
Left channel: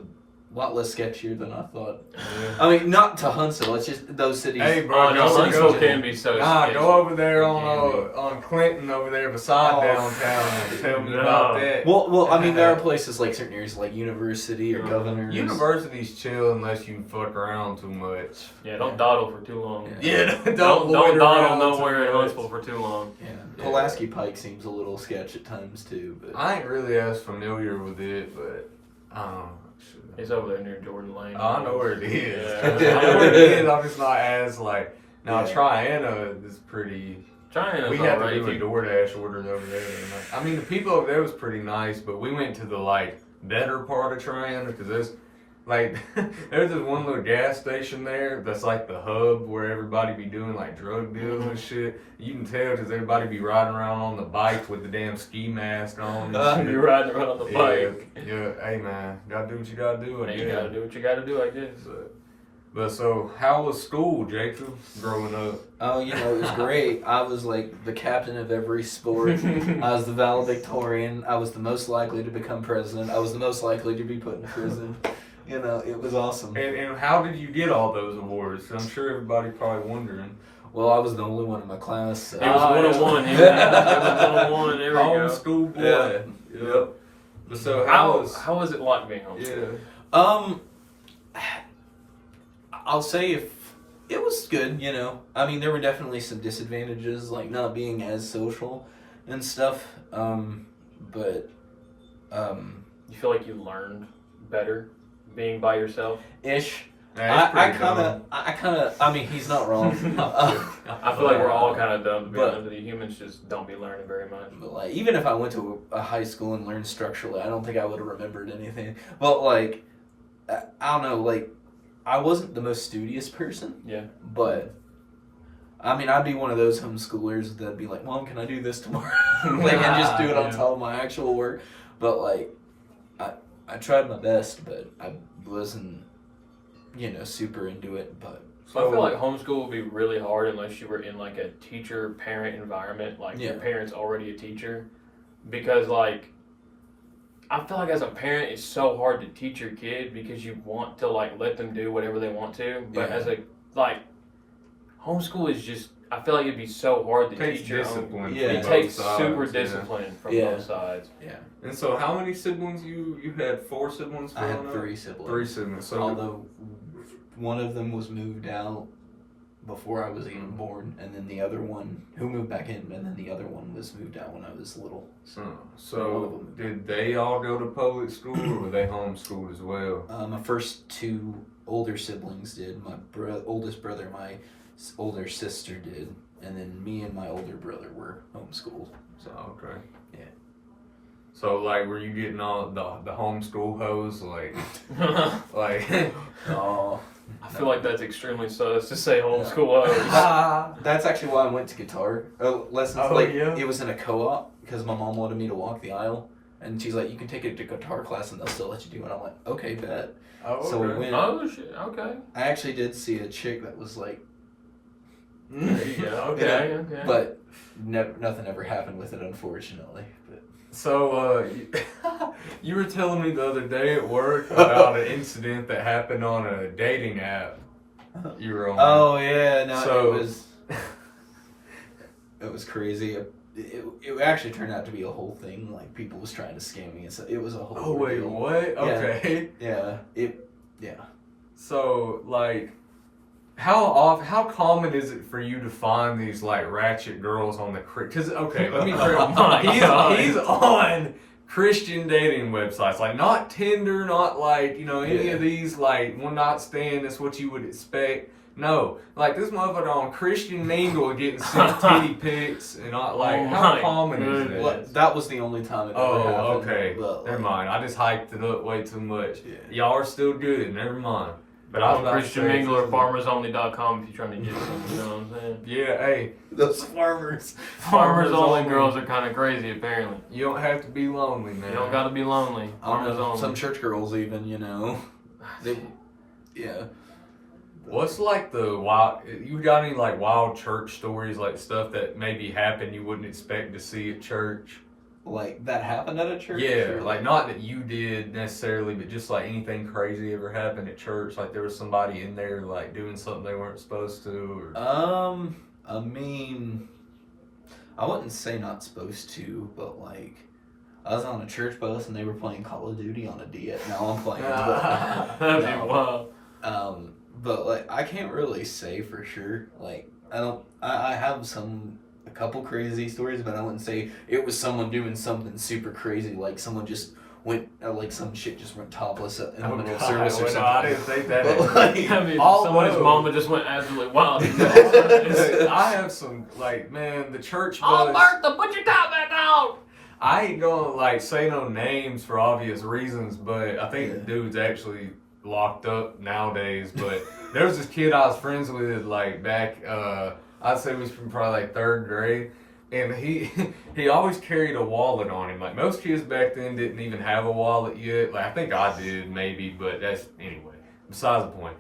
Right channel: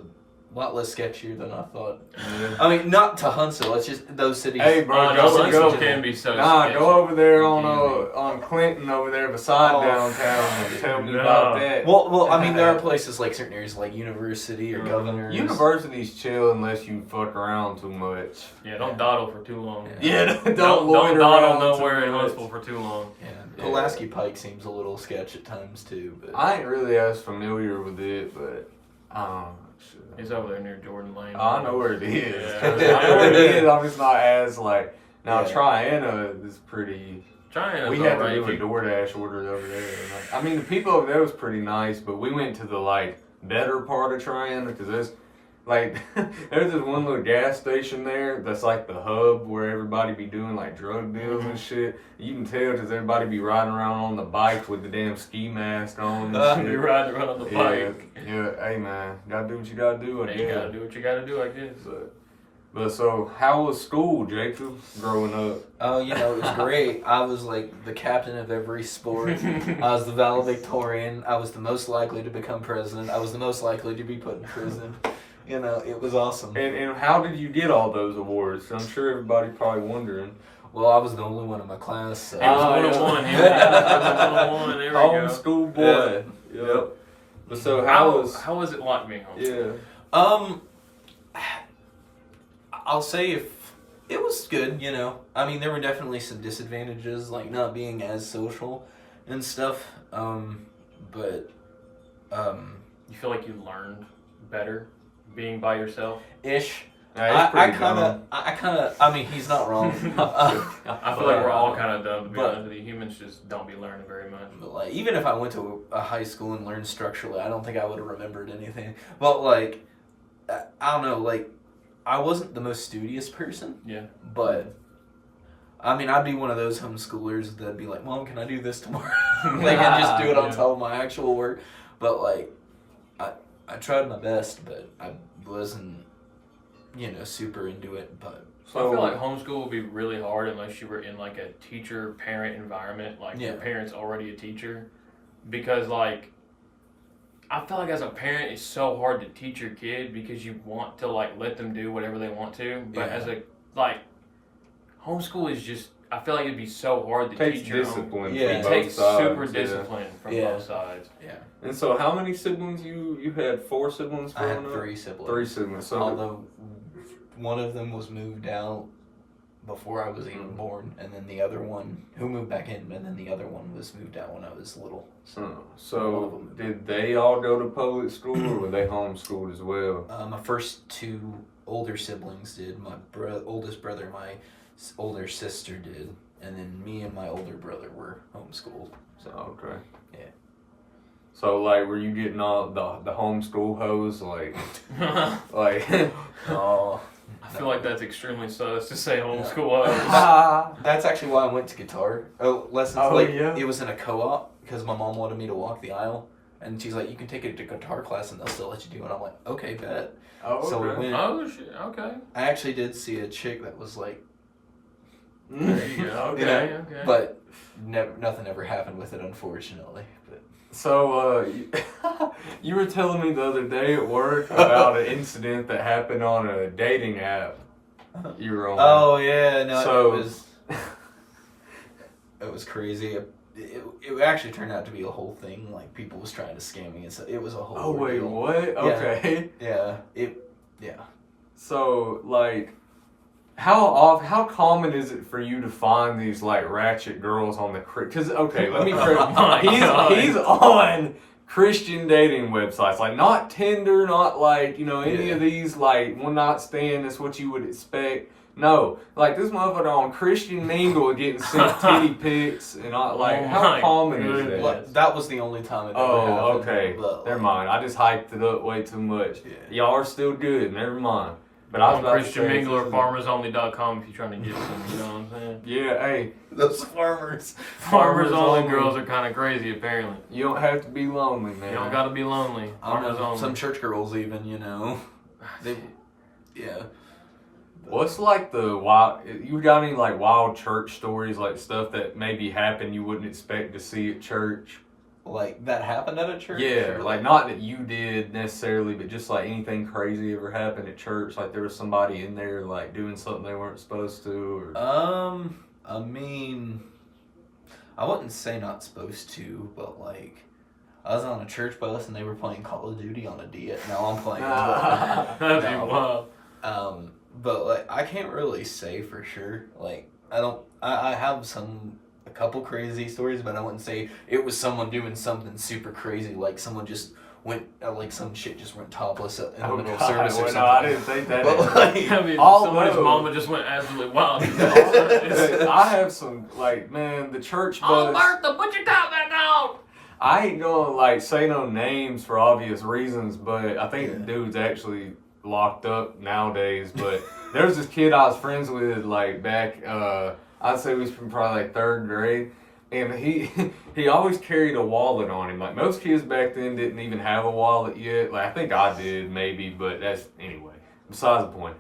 lot less sketchier than I thought. Yeah. I mean, not to Huntsville. It's just those cities. Hey, bro, Oh, no, go- Huntsville go- can be so Nah, sketchy. go over there Can be. on Clinton over there beside Oh. downtown and tell me No. about that. Well, I mean, there are places like certain areas like University or Governors. University's chill unless you fuck around too much. Yeah, don't dawdle for too long. Yeah. Don't Don't loiter dawdle around nowhere too in much. Huntsville for too long. Yeah, Pulaski Pike seems a little sketch at times too, but I ain't really as familiar with it, but shit. It's over there near Jordan Lane. I know where it is. Yeah. I know where it is. I'm just not as like now. Yeah. Triana is pretty. Trying We to had right. to do a DoorDash order over there. And I mean, the people over there was pretty nice, but we went to the like better part of Triana because there's like there's this one little gas station there that's like the hub where everybody be doing like drug deals and shit. You can tell because everybody be riding around on the bike with the damn ski mask on. And shit. You're riding around on the bike. Yeah, hey man, gotta do what you gotta do. I And you guess. gotta do what you gotta do, I guess. But so, how was school, Jacob, growing up? oh, you know, it was great. I was like the captain of every sport. I was the valedictorian. I was the most likely to become president. I was the most likely to be put in prison. You know, it was awesome. And how did you get all those awards? I'm sure everybody probably wondering. Well, I was the only one in my class. So. It was Oh, 101. yeah. It was 101. There we go. Homeschool boy. Yeah. Yep. So How was it like being homeschooled? Yeah. I'll say if it was good, you know. I mean, there were definitely some disadvantages, like not being as social and stuff. But You feel like you learned better being by yourself? ish. Nah, it's I pretty kind of. I mean, he's not wrong. I feel like we're all kind of dumb, to be But- honest with you. Humans just don't be learning very much. But like, even if I went to a high school and learned structurally, I don't think I would have remembered anything. But like, I don't know. Like, I wasn't the most studious person. Yeah. But I mean, I'd be one of those homeschoolers that'd be like, "Mom, can I do this tomorrow?" Like, and just do it on Yeah. top of my actual work. But like, I tried my best, but I wasn't, you know, super into it. But So I feel like homeschool would be really hard unless you were in like a teacher-parent environment, like your Yeah. parent's already a teacher. Because like, I feel like as a parent, it's so hard to teach your kid because you want to like let them do whatever they want to. But Yeah. as a like, homeschool is just, I feel like it'd be so hard to It takes teach your own. discipline. Yeah. from It both takes sides, super yeah. discipline from Yeah. both sides. yeah, And so, how many siblings you had? 4 siblings. I had growing up? 3 siblings. 3 siblings. So Although one of them was moved out before I was even born, and then the other one who moved back in, and then the other one was moved out when I was little. So one of So them. did they all go to public school, or were they homeschooled as well? my first 2 older siblings did. My oldest brother, my older sister did, and then me and my older brother were homeschooled. So Okay. Yeah. So like, were you getting all the homeschool hose like oh, I feel like that's extremely sus to say homeschool us. that's actually why I went to guitar lessons. Oh, like yeah? it was in a co-op because my mom wanted me to walk the aisle, and she's like, "You can take it to guitar class, and they'll still let you do it." And I'm like, "Okay, bet." Oh, So we okay. went. Oh shit! Okay. I actually did see a chick that was like, There you go. Okay. Yeah. Okay. but nothing ever happened with it, unfortunately. But So you were telling me the other day at work about an incident that happened on a dating app you were on. oh yeah, no, So- it was crazy. It actually turned out to be a whole thing. Like people was trying to scam me, and so it was a whole. Oh wait, ordeal. what? Okay. Yeah, yeah. So like, how common is it for you to find these like ratchet girls on the Because okay, let me. Oh my God. He's on Christian dating websites, like not Tinder, not like any Yeah. of these like one night stand. That's what you would expect. No, like this motherfucker on Christian Mingle getting sent titty pics and all, like Oh how my common is goodness. that? Well, that was the only time it ever Oh, happened. okay. But, Never mind. I just hyped it up way too much. Yeah. Y'all are still good. Never mind. But I was about to Christian say, Mingler, farmersonly.com if you're trying to get some, you know what I'm saying? Yeah, hey, Those farmers. Farmers only girls are kind of crazy, apparently. you don't have to be lonely, man. You don't gotta be lonely. I don't Farmers know, only. some church girls even, you know. They, yeah. What's like the wild? You got any like wild church stories, like stuff that maybe happened you wouldn't expect to see at church? Like, that happened at a church? Yeah, Or, like not that you did necessarily, but just like anything crazy ever happened at church. Like there was somebody in there like doing something they weren't supposed to. Or... I mean, I wouldn't say not supposed to, but like, I was on a church bus and they were playing Call of Duty on a Diet. Now I'm playing. That'd be wild. But like, I can't really say for sure. Like, I have a couple crazy stories, but I wouldn't say it was someone doing something super crazy. Like someone just went, like some shit just went topless in the middle of service or well, something. no, I didn't think that. But like, I mean, Although- somebody's mama just went absolutely wild. I have some like, man, the church bus. Oh, Martha, put your top back on! I ain't gonna like say no names for obvious reasons, but I think Yeah. the dude's actually locked up nowadays. But there was this kid I was friends with like back, I'd say we was from probably like 3rd grade, and he always carried a wallet on him. Like most kids back then didn't even have a wallet yet. Like I think I did maybe, but that's anyway. Besides the point.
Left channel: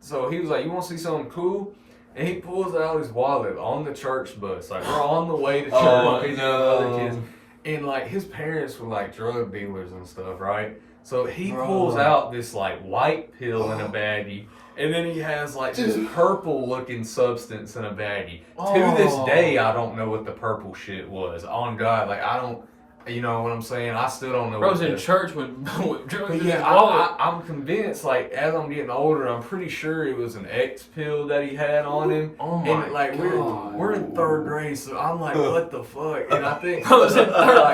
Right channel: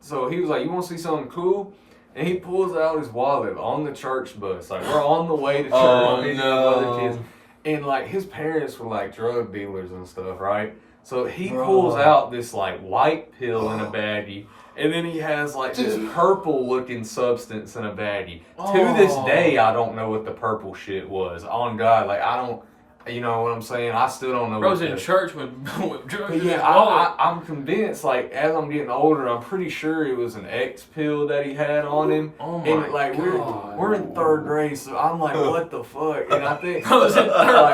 So he was like, "You want to see something cool?" And he pulls out his wallet on the church bus. Like we're on the way to church. Oh, me and no. other kids. And like his parents were like drug dealers and stuff, right? So he Bro. pulls out this like white pill in a baggie, and then he has like this purple looking substance in a baggie. To this day, I don't know what the purple shit was. On God, like I don't, you know what I'm saying? I still don't know. Bro's what in the- church with drugs in his Yeah, wallet. I'm convinced. Like as I'm getting older, I'm pretty sure it was an X pill that he had on him. Oh my And like God. we're in 3rd grade, so I'm like, what the fuck? And I think I was in 3rd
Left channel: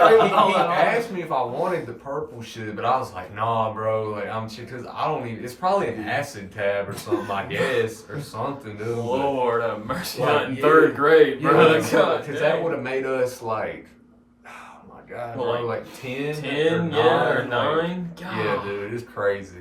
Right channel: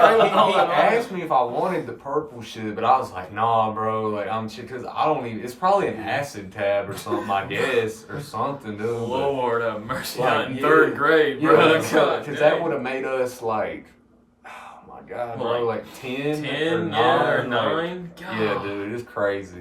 grade like, with all he that on. asked me if I wanted the purple shit, but I was like, nah, bro. Like I'm because I don't even. It's probably an acid tab or something, I guess, or something, dude. But- Lord have mercy. Like, Not in yeah. 3rd grade, bro. Yeah, God, because dang. that would have made us like, oh my God, Well, bro, like 10, 10, or yeah, or 9. 9. God. Yeah, dude, it's crazy.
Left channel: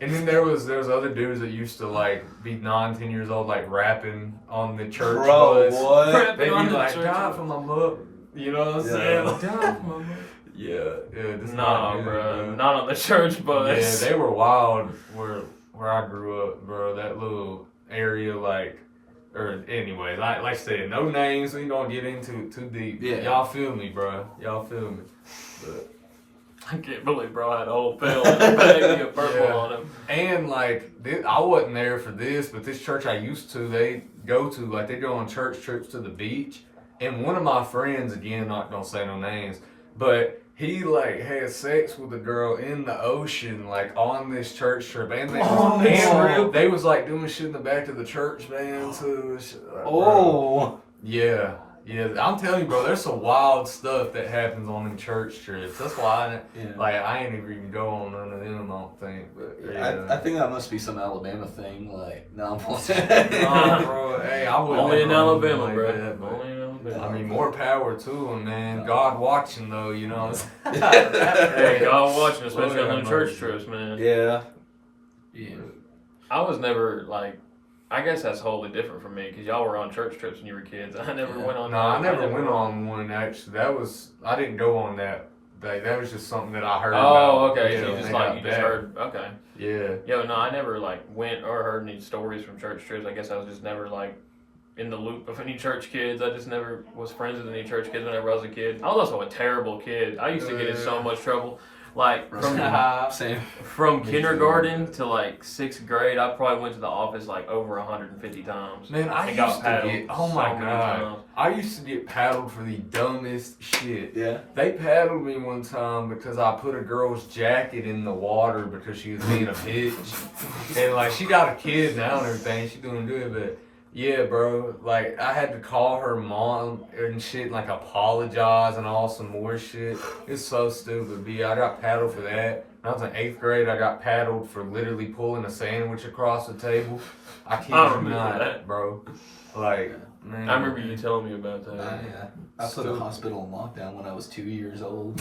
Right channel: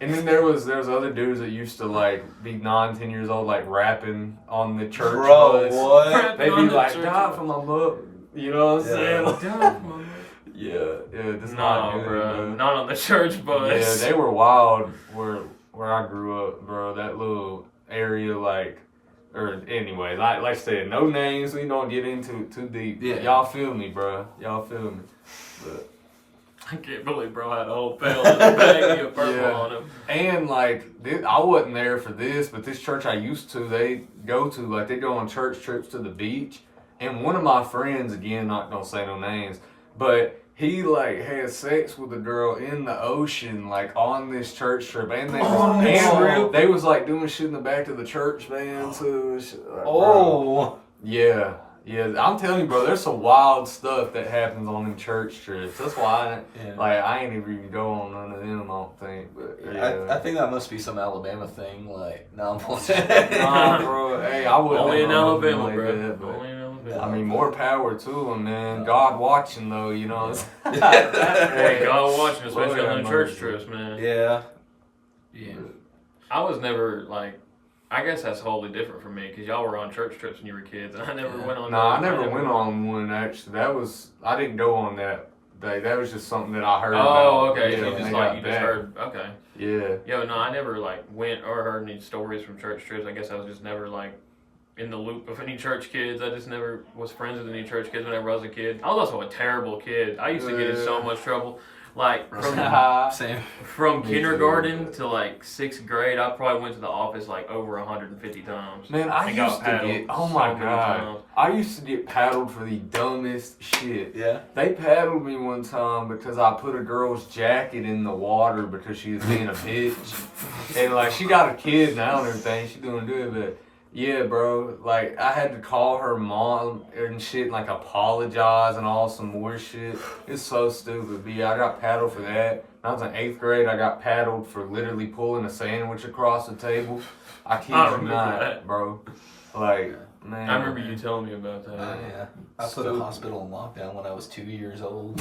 And then there was other dudes that used to like be 9, 10 years old, like rapping on the church bro, bus. what? Rapping They'd on be the like, church "Die bus." for my mother," you know what I'm saying? Like, God, mama. yeah, just Nah, not good, bro. man. Not on the church bus. Yeah, they were wild where I grew up, bro. That little area, like, or anyway, like I said, no names. We don't get into it too deep. Yeah. Y'all feel me, bro. Y'all feel me. But I can't believe bro had a whole pill in the bag of purple Yeah. on him. and like I wasn't there for this, but this church I used to, they go on church trips to the beach, and one of my friends, again, not gonna say no names, but he like had sex with a girl in the ocean, like on this church trip, and they was like doing shit in the back of the church van too. Like, bro. Oh. Yeah, I'm telling you, bro. There's some wild stuff that happens on them church trips. That's why, I ain't even go on none of them. I don't think. But yeah. I think that must be some Alabama thing. Like, no, I'm playing. Nah, bro. Hey, I wouldn't. Only in know nothing Alabama, like bro. that, but- Only in Alabama. I mean, more power to them, man. God watching, though, you know. Hey, God watching, especially Lord on the have church mercy. trips, man. Yeah. Yeah. I was never like. I guess that's wholly different from me because y'all were on church trips when you were kids. I never went on. No, I never went on one, actually. I didn't go on that day. That was just something that I heard about. Oh, okay. Yeah, So you when just they like got you just back. heard. Okay. Yeah. Yeah, no, I never like went or heard any stories from church trips. I guess I was just never like in the loop of any church kids. I just never was friends with any church kids whenever I was a kid. I was also a terrible kid. I used to get in so much trouble. Like Same. from Me kindergarten too. to like 6th grade, I probably went to the office like over 150 times. Man, I And got used to paddled get, oh my so many God. times. I used to get paddled for the dumbest shit. Yeah. They paddled me one time because I put a girl's jacket in the water because she was being a bitch. And like, she got a kid now and everything. She doing good, but yeah, bro. Like, I had to call her mom and shit, like apologize and all some more shit. It's so stupid, B. I got paddled for that. When I was in 8th grade, I got paddled for literally pulling a sandwich across the table. I kid I you remember not, that. bro. Like, Man. I remember you telling me about that. Yeah. I put a hospital in lockdown when I was 2 years old.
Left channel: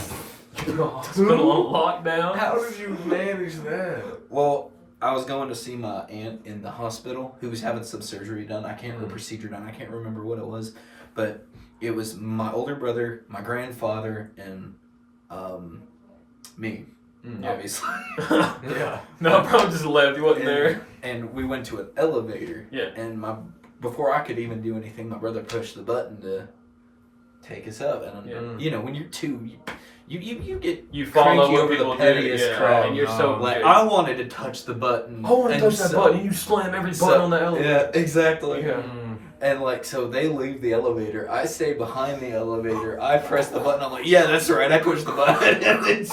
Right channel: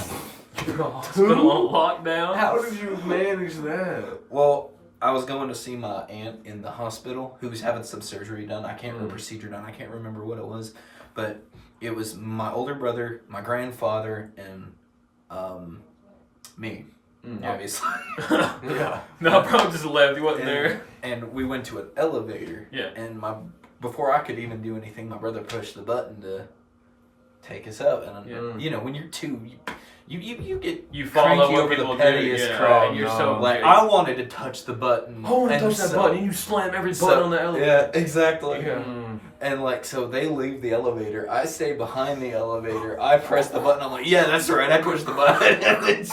Hospital on lockdown. How did you manage that? Well, I was going to see my aunt in the hospital who was having some surgery done. I can't remember procedure done. I can't remember what it was, but it was my older brother, my grandfather, and me. Obviously. Yeah. No, bro just left. He wasn't there. And we went to an elevator. Yeah. And before I could even do anything, my brother pushed the button to take us up. And you know, when you're two, you get follow cranky what over the people do, pettiest crap. and you're so like good. I wanted to touch the button. I want to touch that button, and you slam every button on the elevator. Yeah, exactly. Yeah. And like, so they leave the elevator. I stay behind the elevator. I press the button. I'm like, yeah, that's right. I pushed the button. And it's,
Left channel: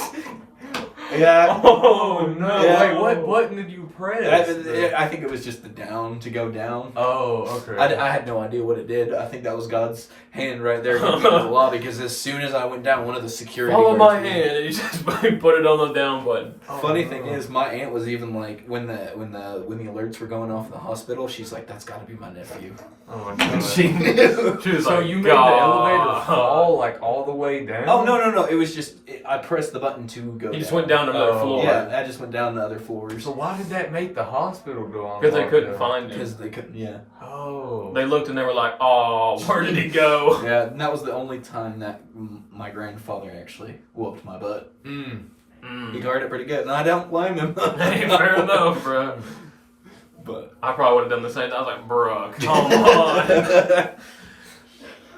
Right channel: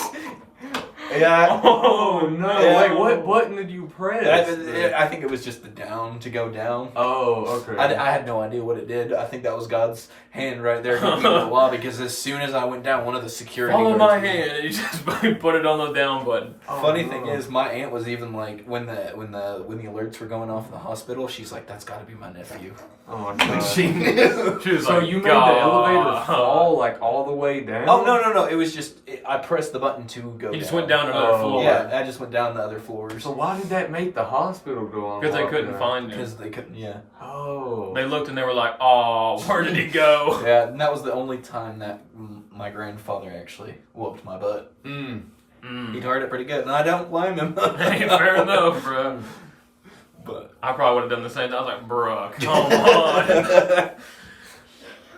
yeah. Oh no! Yeah. Wait, what button did you press? I think it was just the down to go down. Oh, okay. I had no idea what it did. I think that was God's hand right there giving me the law, because as soon as I went down, one of the security Follow guards my hand, and you just put it on the down button. Funny thing is, my aunt was even like, when the alerts were going off in the hospital, she's like, "That's got to be my nephew." Oh, And she knew. She was so like, you made God. the elevator fall like all the way down? Oh no! It was just I pressed the button to go. You just down. went down to another floor. Yeah, I just went down the other floors So why did that make the hospital go on? Because they couldn't lockdown? find him. because they couldn't. Yeah, Oh. They looked and they were like, "Oh, where did he go?" yeah. And that was the only time that my grandfather actually whooped my butt. He turned it pretty good, and I don't blame him. Hey, fair enough, bro. But I probably would have done the same. I was like, "Bro, come on."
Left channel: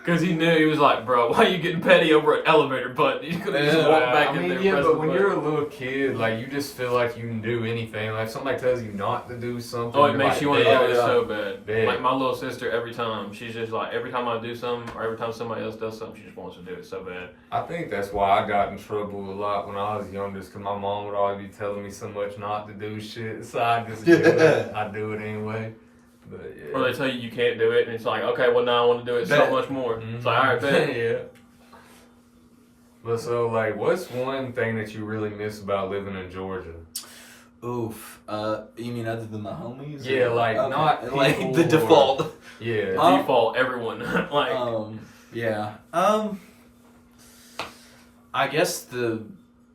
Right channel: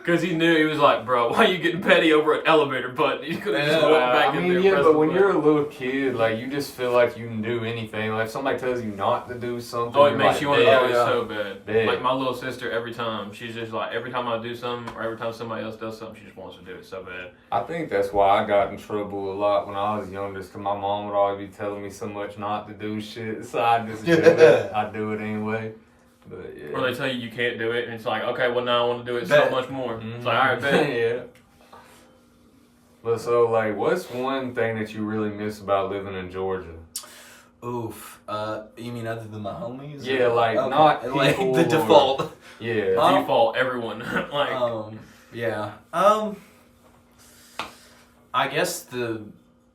Because he knew, he was like, "Bro, why are you getting petty over an elevator button? You could have just walked back in there and pressed but the when button." you're a little kid, like, you just feel like you can do anything. Like, if somebody tells you not to do something, Oh, it you're makes like, you want to "Yeah, do it yeah." so bad. Big. Like my little sister, every time, she's just like, every time I do something, or every time somebody else does something, she just wants to do it so bad. I think that's why I got in trouble a lot when I was younger, because my mom would always be telling me so much not to do shit, so I just do it. I do it anyway. But, yeah. Or they tell you can't do it, and it's like, okay, well now I want to do it so much more. It's like, all right, bet. Yeah. But so, like, what's one thing that you really miss about living in Georgia? oof. You mean other than my homies? Yeah, or- like, okay. not like people the or- default. Yeah. Default, everyone. Like, Yeah. I guess the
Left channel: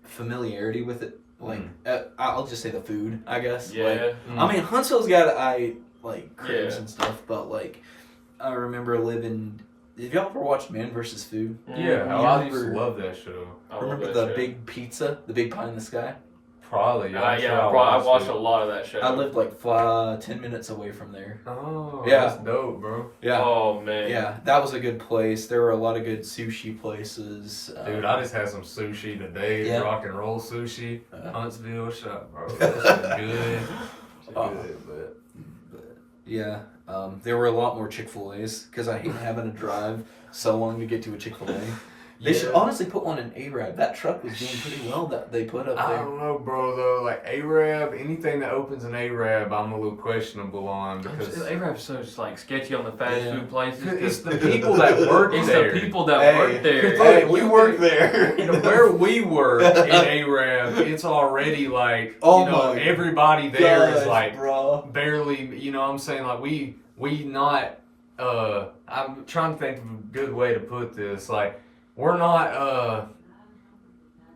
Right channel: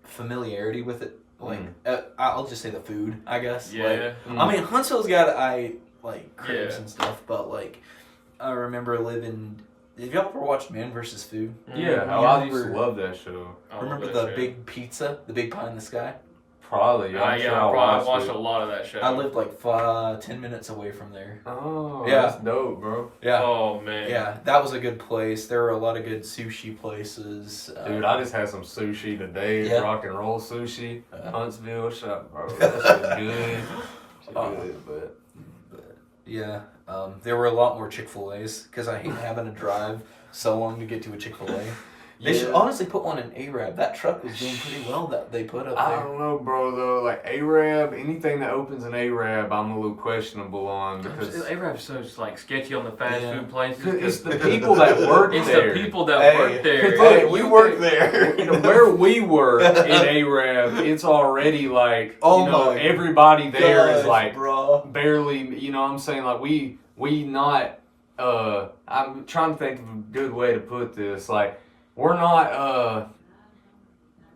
familiarity with it. Like, I'll just say the food. I guess. yeah. Like, I mean, Huntsville's got cribs Yeah. and stuff, but like, I remember living. Have y'all ever watched Man vs. Food? Yeah, I used to love that show. I love Remember that the show. big pizza, the big pie in the sky? Probably. I'm sure I watched a lot of that show. I lived like 10 minutes away from there. Oh, Yeah. that's dope, bro. Yeah. Oh man. Yeah, that was a good place. There were a lot of good sushi places. Dude, I just had some sushi today. Yeah. Rock and roll sushi. Uh-huh. Huntsville shop, bro. That's good. Good, But yeah, there were a lot more Chick-fil-A's because I hate having to drive so long to get to a Chick-fil-A. They should honestly put one in Arab. That truck was doing pretty well that they put up I there. don't know, bro, though. Like, Arab, anything that opens an Arab, I'm a little questionable on because Arab's so just like sketchy on the fast food places. it's the people that work It's there. the people that work there. Hey, we work there. You know, where we work in Arab, it's already like, Oh you know, my everybody there is gosh, like bro. barely, you know what I'm saying? Like, we not, I'm trying to think of a good way to put this. Like, we're not,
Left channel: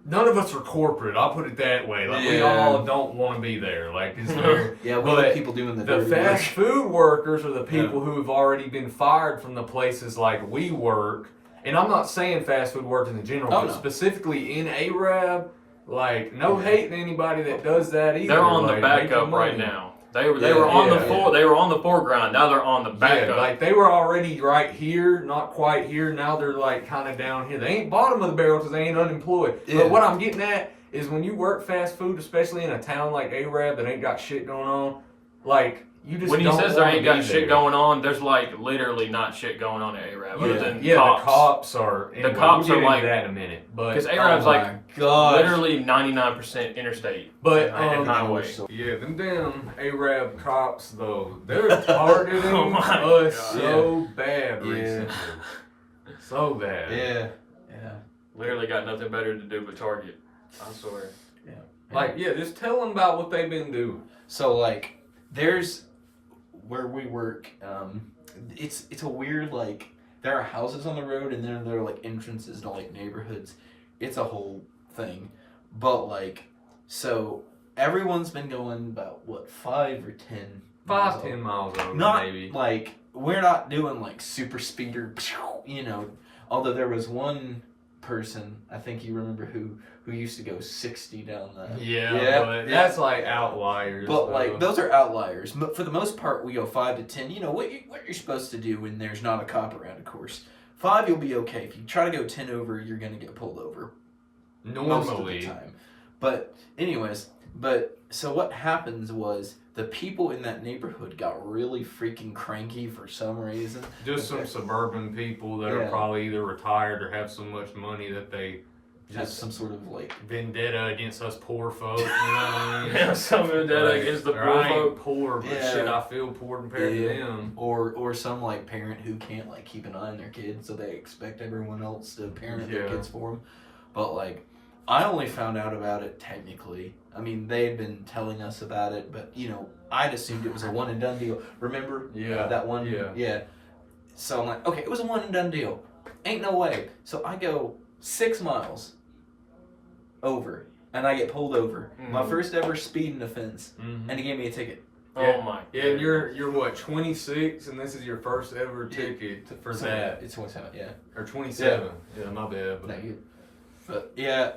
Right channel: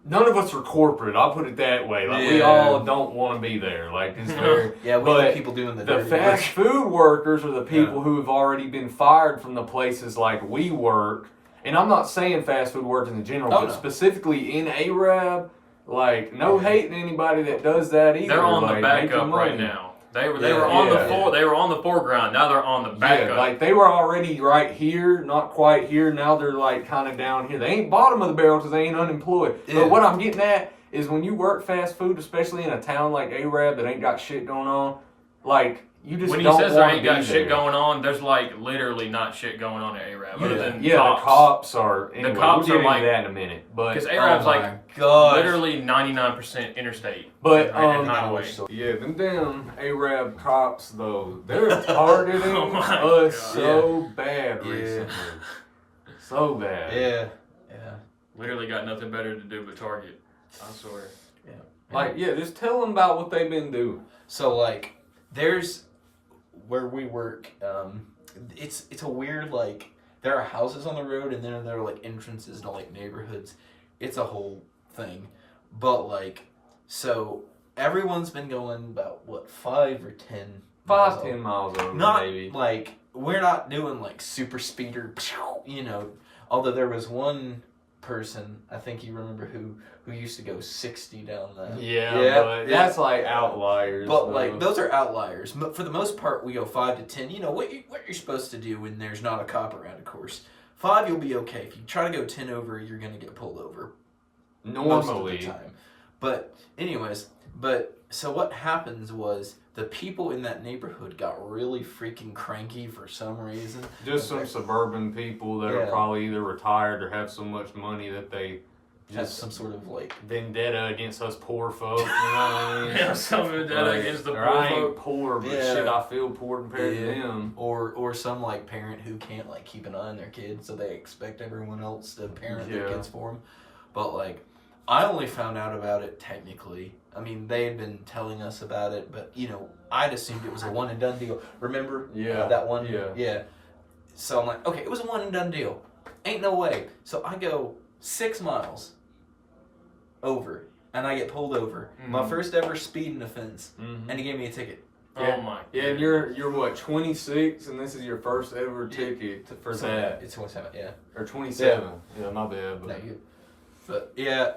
none of us are corporate. I'll put it that way. Like, we all don't want to be there. Like, it's very, Yeah, we but let people doing the the dirty fast work. food workers are the people who have already been fired from the places like we work. And I'm not saying fast food workers in general, but specifically in Arab, like, no hate to anybody that does that either. They're on like, the make your backup right money. now. They were on the they were on the foreground. Now they're on the backup. Yeah, like they were already right here, not quite here. Now they're like kind of down here. They ain't bottom of the barrel because they ain't unemployed. Yeah. But what I'm getting at is when you work fast food, especially in a town like Arab that ain't got shit going on, like you just When he don't says there wanna ain't got be shit there. going on, there's like literally not shit going on at Arab. Other than Yeah, cops. the cops are. Anyway, cops we'll are get like- into that in a minute, but Because Arab's like gosh. literally 99% interstate. But and highway. yeah, them damn Arab cops though, they're targeting Oh my us God. so bad Yeah. recently, so bad. Yeah. Literally got nothing better to do but target. I swear. Like, yeah, just tell them about what they've been doing. So like, there's where we work. it's a weird, like, there are houses on the road and then there are like entrances to like neighborhoods. It's a whole thing. But like, so everyone's been going about what, 5 or 10 miles 10 miles over, not maybe. like, we're not doing like super speeder, you know, although there was one person, I think you remember, who used to go 60 down that. Yeah, but that's like outliers. But though. like, those are outliers. For the most part, we go 5 to 10. You know what you're supposed to do when there's not a cop around, of course. 5, you'll be okay. If you try to go 10 over, you're gonna get pulled over. Most of normally. the time. But anyways, so what happens was the people in that neighborhood got really freaking cranky for some reason. Just some suburban people that are probably either retired or have so much money that they just some sort of like vendetta against us poor folk. You know what I mean? Yeah, some vendetta against the poor I folk. ain't poor, but shit, I feel poor compared to them. Or some like parent who can't like keep an eye on their kids, so they expect everyone else to parent their kids for them. But like, I only found out about it technically. I mean, they had been telling us about it, but you know, I'd assumed it was a one and done deal. Remember? Yeah. That one? Yeah. So I'm like, okay, it was a one and done deal. Ain't no way. So I go 6 miles over, and I get pulled over. My first ever speeding offense, and he gave me a ticket. Oh my! Yeah, and you're what, 26, and this is your first ever ticket for that. It's 27, yeah. Or 27. Yeah, my bad. But, No, you. But yeah.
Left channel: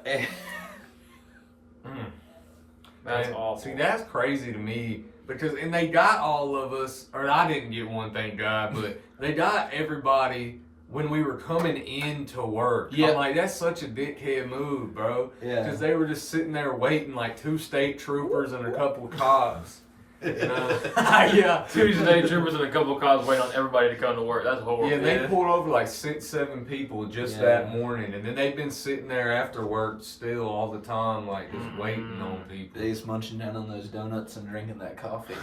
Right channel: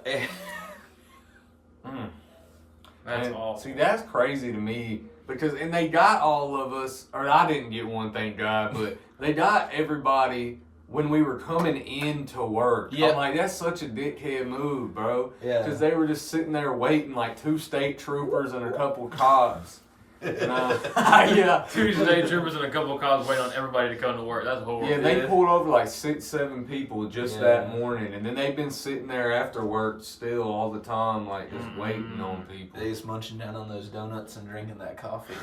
That's and, awful. See, that's crazy to me because, and they got all of us, or I didn't get one, thank God, but they got everybody when we were coming into work. Yeah. I'm like, that's such a dickhead move, bro. Yeah. Because they were just sitting there waiting like 2 state troopers and a couple of cops. Yeah. 2 state troopers and a couple of cops waiting on everybody to come to work. That's horrible. Yeah, they pulled over like 6, 7 people just that morning, and then they've been sitting there after work still all the time, like just waiting on people. They just munching down on those donuts and drinking that coffee.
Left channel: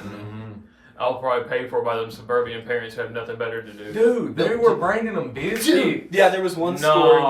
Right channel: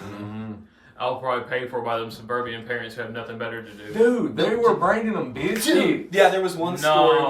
I'll probably pay for by them suburban parents who have nothing better to do. Dude, they were bringing them biscuits. Yeah, there was one story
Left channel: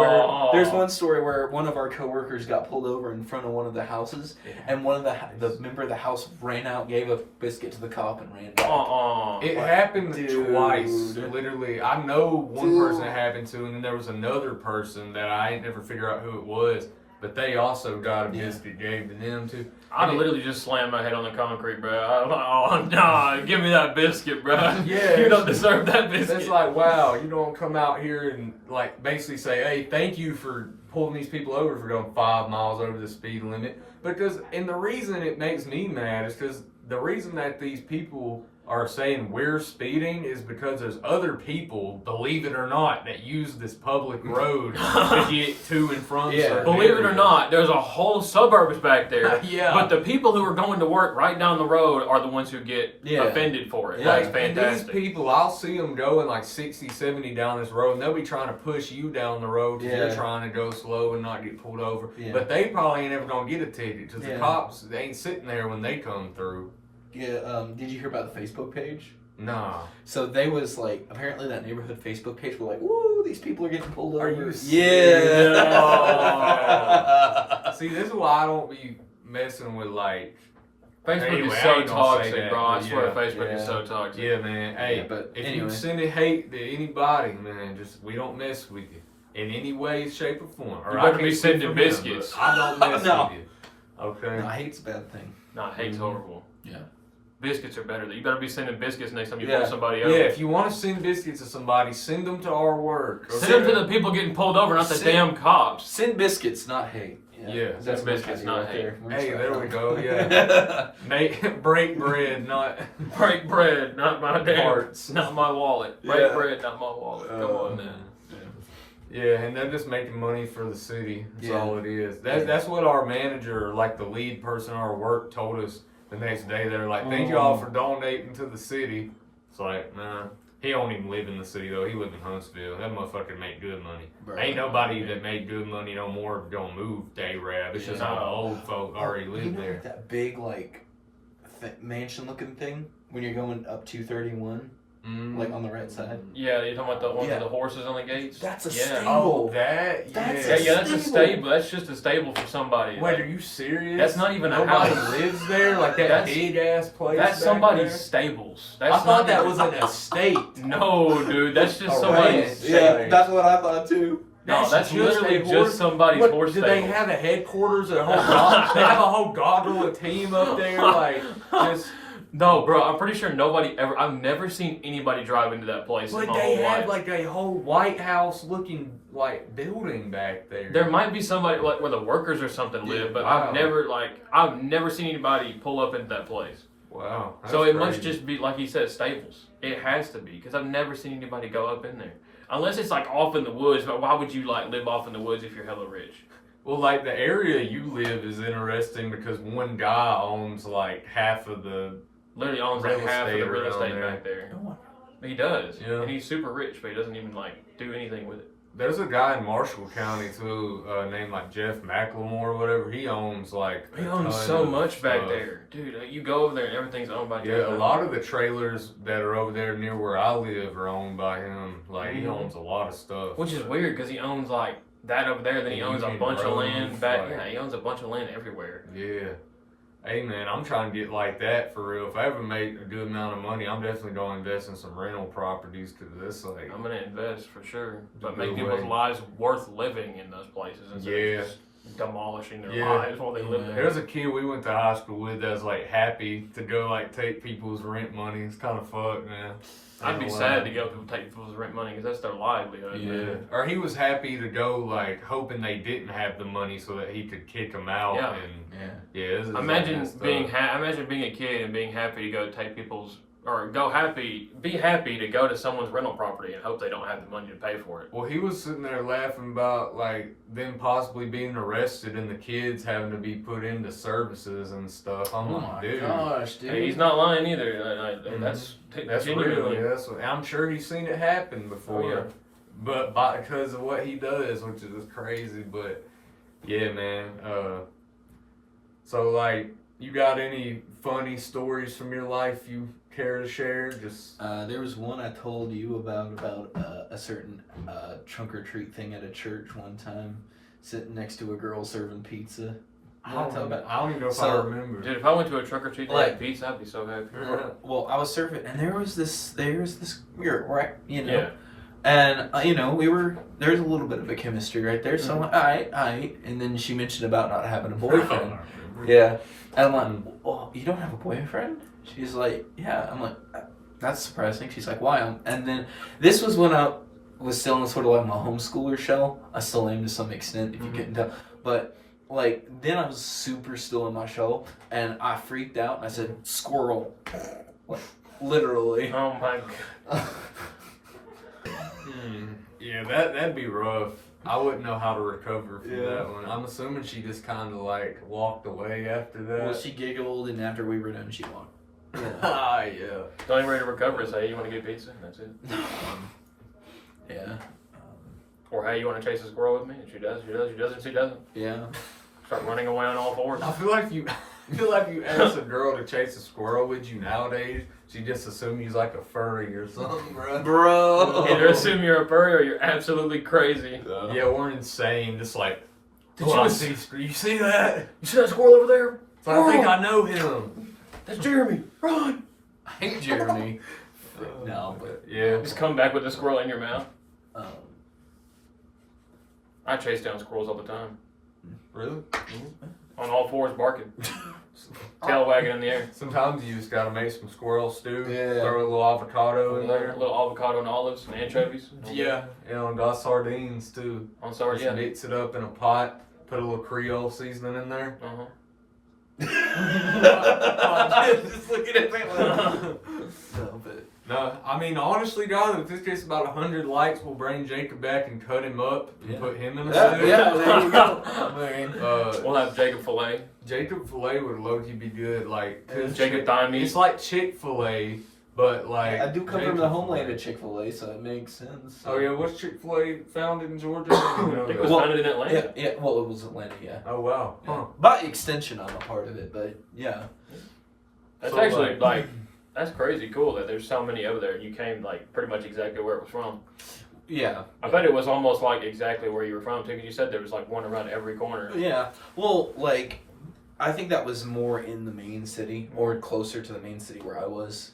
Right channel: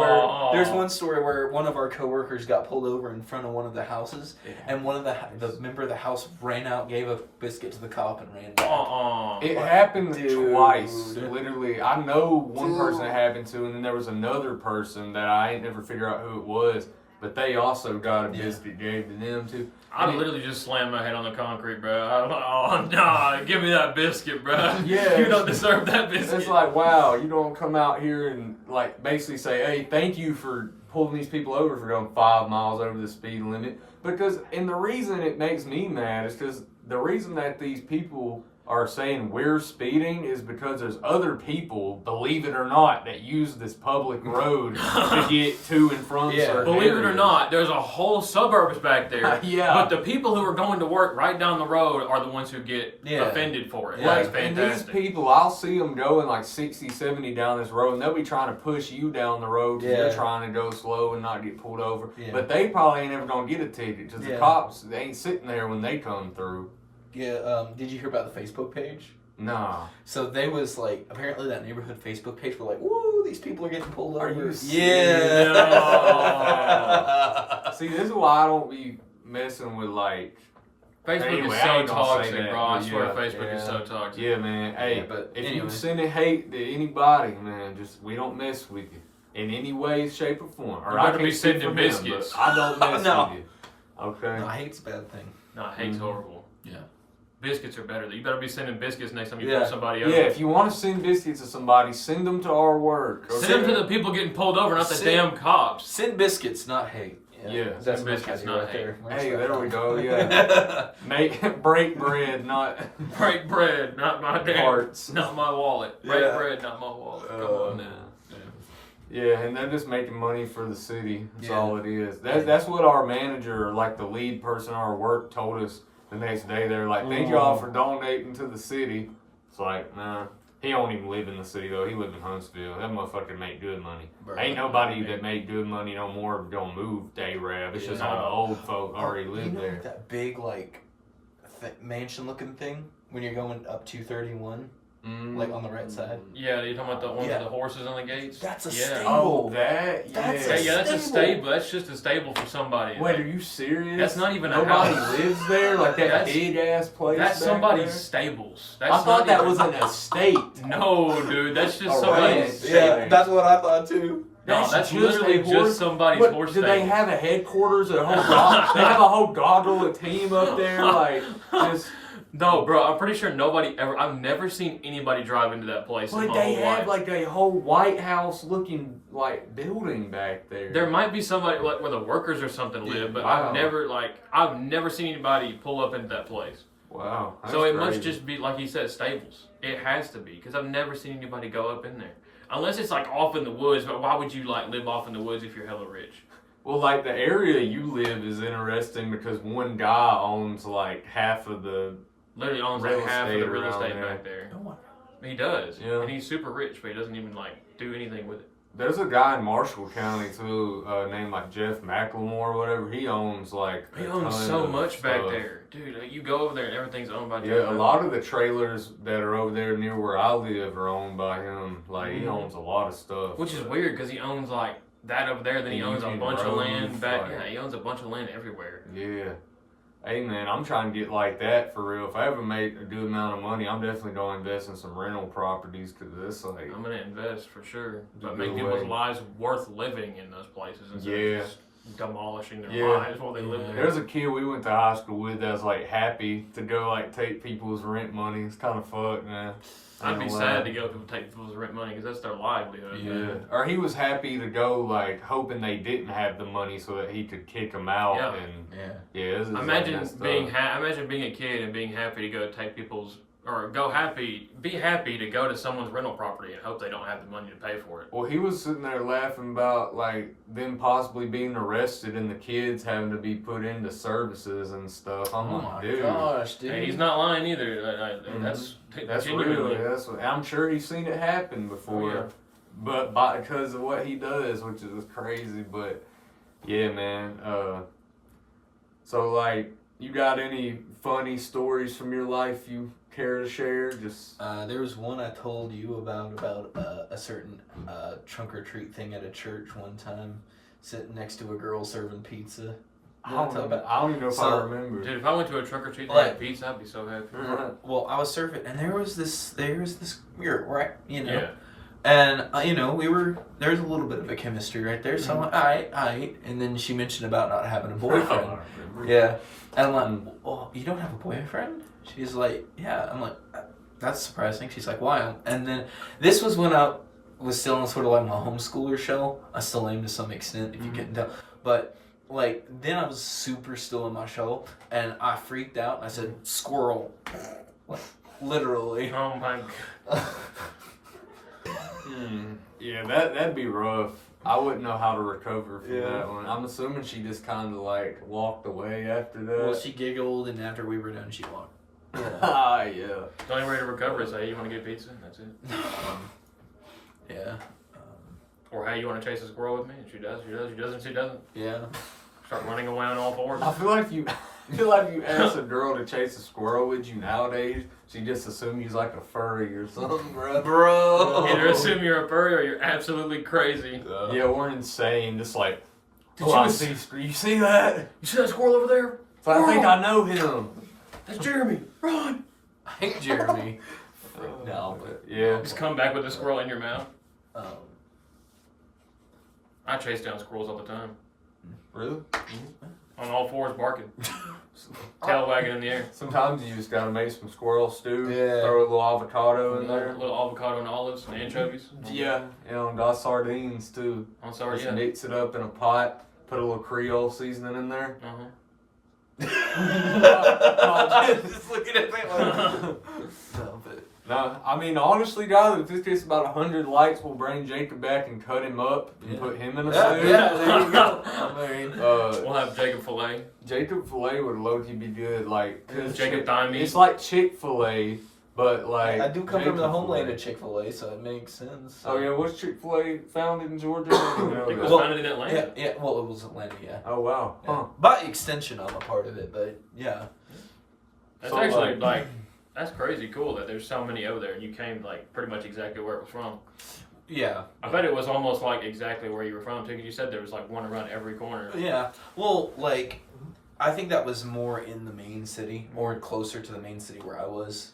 where one of our coworkers got pulled over in front of one of the houses, and one of the member of the house ran out, gave a biscuit to the cop, and ran back. It happened twice. Literally, I know one person it happened to, and then there was another person that I ain't never figured out who it was, but they also got a biscuit gave to them too. I'd literally just slam my head on the concrete, bro. I'm like, oh, nah, give me that biscuit, bro. Yeah, you don't deserve that biscuit. It's like, wow, you don't come out here and like basically say, hey, thank you for pulling these people over for going 5 miles over the speed limit. Because, and the reason it makes me mad is because the reason that these people are saying we're speeding is because there's other people, believe it or not, that use this public road to get to and from certain believe it or areas. not, there's a whole suburbs back there. Yeah. But the people who are going to work right down the road are the ones who get offended for it. Yeah, That's and fantastic. these people, I'll see them going like 60, 70 down this road, and they'll be trying to push you down the road because they're trying to go slow and not get pulled over. Yeah. But they probably ain't ever going to get a ticket because the cops, they ain't sitting there when they come through. Yeah, did you hear about the Facebook page? Nah. So they was like, apparently that neighborhood Facebook page were like, woo, these people are getting pulled over. Are you yeah. See, this is why I don't be messing with like Facebook anyway, is so toxic, bro. I swear Facebook is so toxic. Yeah, man. Hey, but if anyway. you sending hate to anybody, man, just we don't mess with you in any way, shape, or form. Or you better be sending biscuits. I don't mess with you. Okay. No, hate's a bad thing. No, hate's horrible. Yeah. Biscuits are better. You better be sending biscuits next time you pull somebody over. Yeah, if you want to send biscuits to somebody, send them to our work. Okay? Send them to the people getting pulled over, not the damn cops. Send biscuits, not hate. Yeah, that's biscuits, not hate. Hey, there we go. Yeah, break bread, not break bread, not my damn parts, not my wallet. Break bread, not my wallet. Come on, man. Yeah, and they're just making money for the city. That's all it is. That's what our manager, like the lead person at our work, told us the next day. They were like, thank y'all for donating to the city. It's like, man, he don't even live in the city, though. He lives in Huntsville. That motherfucker make good money. Ain't nobody that made good money no more gonna move to A-Rab. It's just all the old folk already live there. Like that big, like, mansion-looking thing when you're going up 231? like on the right side. Yeah, you're talking about the one Yeah. with the horses on the gates? That's a yeah. stable. Oh, that? That's Yeah, a yeah, that's a stable. stable. That's just a stable for somebody. Wait, Like, are you serious? That's not even a Nobody house. lives there? Like that That's- big ass place? that's back somebody's there? stables. I That's thought not that even- was an estate. No, dude, that's just Oh, somebody's right. stable. Yeah. That's what I thought too. No, that's just literally a horse- just somebody's What, horse do stable. they have a headquarters, a whole they have a whole goggle of team up there, like just. No, bro, I'm pretty sure nobody ever. I've never seen anybody drive into that place in But my they whole have life. like a whole White House looking like building back there. There might be somebody like where the workers or something Yeah, live, but wow. I've never seen anybody pull up into that place. Wow. So that's it must crazy. just be like he said, stables. It has to be because I've never seen anybody go up in there, unless it's like off in the woods. But why would you like live off in the woods if you're hella rich? Well, like the area you live is interesting because one guy owns like half of the. Literally owns like Real half of estate the real around estate there. back there. No one. He does, Yeah. and he's super rich, but he doesn't even like do anything with it. There's a guy in Marshall County too, named like Jeff McLemore or whatever. He owns like. He a owns ton so of much back stuff. there, dude. You go over there and everything's owned by Yeah, Jeff a McLemore. lot of the trailers that are over there near where I live are owned by him. Like he Mhm. owns a lot of stuff. Which is weird because he owns like that over there, then he And owns you a can bunch of roam, land back. like- Yeah, he owns a bunch of land everywhere. Yeah. Hey man, I'm trying to get like that for real. If I ever make a good amount of money, I'm definitely going to invest in some rental properties because it's like, I'm gonna invest for sure, but Good make people's way. lives worth living in those places instead Yeah. of just demolishing their Yeah. lives while they live there. there's a kid we went to high school with that's like happy to go like take people's rent money. It's kind of fucked, man. I'd be sad to go to take people's rent money because that's their livelihood. Yeah. Or he was happy to go like hoping they didn't have the money so that he could kick them out. Yeah. And Yeah. yeah, it's like Imagine messed being up. imagine being a kid and being happy to go take people's or be happy to go to someone's rental property and hope they don't have the money to pay for it. Well, he was sitting there laughing about like them possibly being arrested and the kids having to be put into services and stuff. I'm Oh like, my dude, gosh, dude. Hey, he's not lying either. That's that's genuinely. real. That's what, I'm sure he's seen it happen before. Oh, yeah. But because of what he does, which is crazy. But yeah, man. So like, you got any funny stories from your life you care to share? Just There was one I told you about a certain trunk or treat thing at a church one time, sitting next to a girl serving pizza. I don't even know if So- I remember. Dude, if I went to a trick or treat and Like- had pizza, I'd be so happy. Well, I was serving, and there was this girl, right? You know, Yeah. and you know, there's a little bit of a chemistry right there. So I'm like, all right, and then she mentioned about not having a boyfriend. Yeah, and I'm like, well, you don't have a boyfriend? She's like, yeah. I'm like, that's surprising. She's like, why? And then this was when I was still in sort of like my homeschooler shell. I still am to some extent, if you couldn't tell. But like then I was super still in my shell, and I freaked out. And I said, squirrel, like literally. Oh my god. Yeah, that'd be rough. I wouldn't know how to recover from Yeah. that one. I'm assuming she just kind of like walked away after that. Well, she giggled, and after we were done, she walked. Ah, yeah. The only way to recover is hey, you want to get pizza? That's it. Yeah. Or hey, you want to chase a squirrel with me? And she does. She does. She doesn't. She doesn't. Yeah. Start running away on all fours. I feel like you ask a girl to chase a squirrel with you nowadays, she just assumes he's like a furry or something, bro. Bro. Either assume you're a furry or you're absolutely crazy. Yeah, we're insane. Just like, Did oh, you you see that? You see that squirrel over there? It's like, I think I know him. That's Jeremy. Run! I hate Jeremy. No, but Yeah. Just come back with the squirrel in your mouth. um, I chase down squirrels all the time. Really? On all fours barking. Tail wagging in the air. Sometimes you just gotta make some squirrel stew. Yeah. Throw a little avocado in A there. little avocado and olives and anchovies. Yeah, and got sardines too. I'm sorry, Just yeah. mix it up in a pot. Put a little Creole seasoning in there. Uh-huh. just looking at me like, no, but No, I mean honestly, guys, if this gets about 100 likes, we'll bring Jacob back and cut him up and Yeah. put him in a yeah, stew. yeah, there you go. I mean, We'll have Jacob Filet. Jacob Filet would low-key be good, like 'cause Jacob Thigh meat. It's like Chick-fil-A, but like I do come from Jacob the homeland Filet. of Chick-fil-A, so it makes sense. Oh yeah, what's Chick-fil-A founded in Georgia? I think it was Well, founded in Atlanta. Yeah, well, it was Atlanta, yeah. Oh wow, Yeah. huh? By extension, I'm a part of it, but yeah. That's So, actually like That's crazy cool that there's so many over there. You came like pretty much exactly where it was from. Yeah. I bet it was almost like exactly where you were from too. 'Cause you said there was like one around every corner. Yeah. Well, like, I think that was more in the main city or closer to the main city where I was.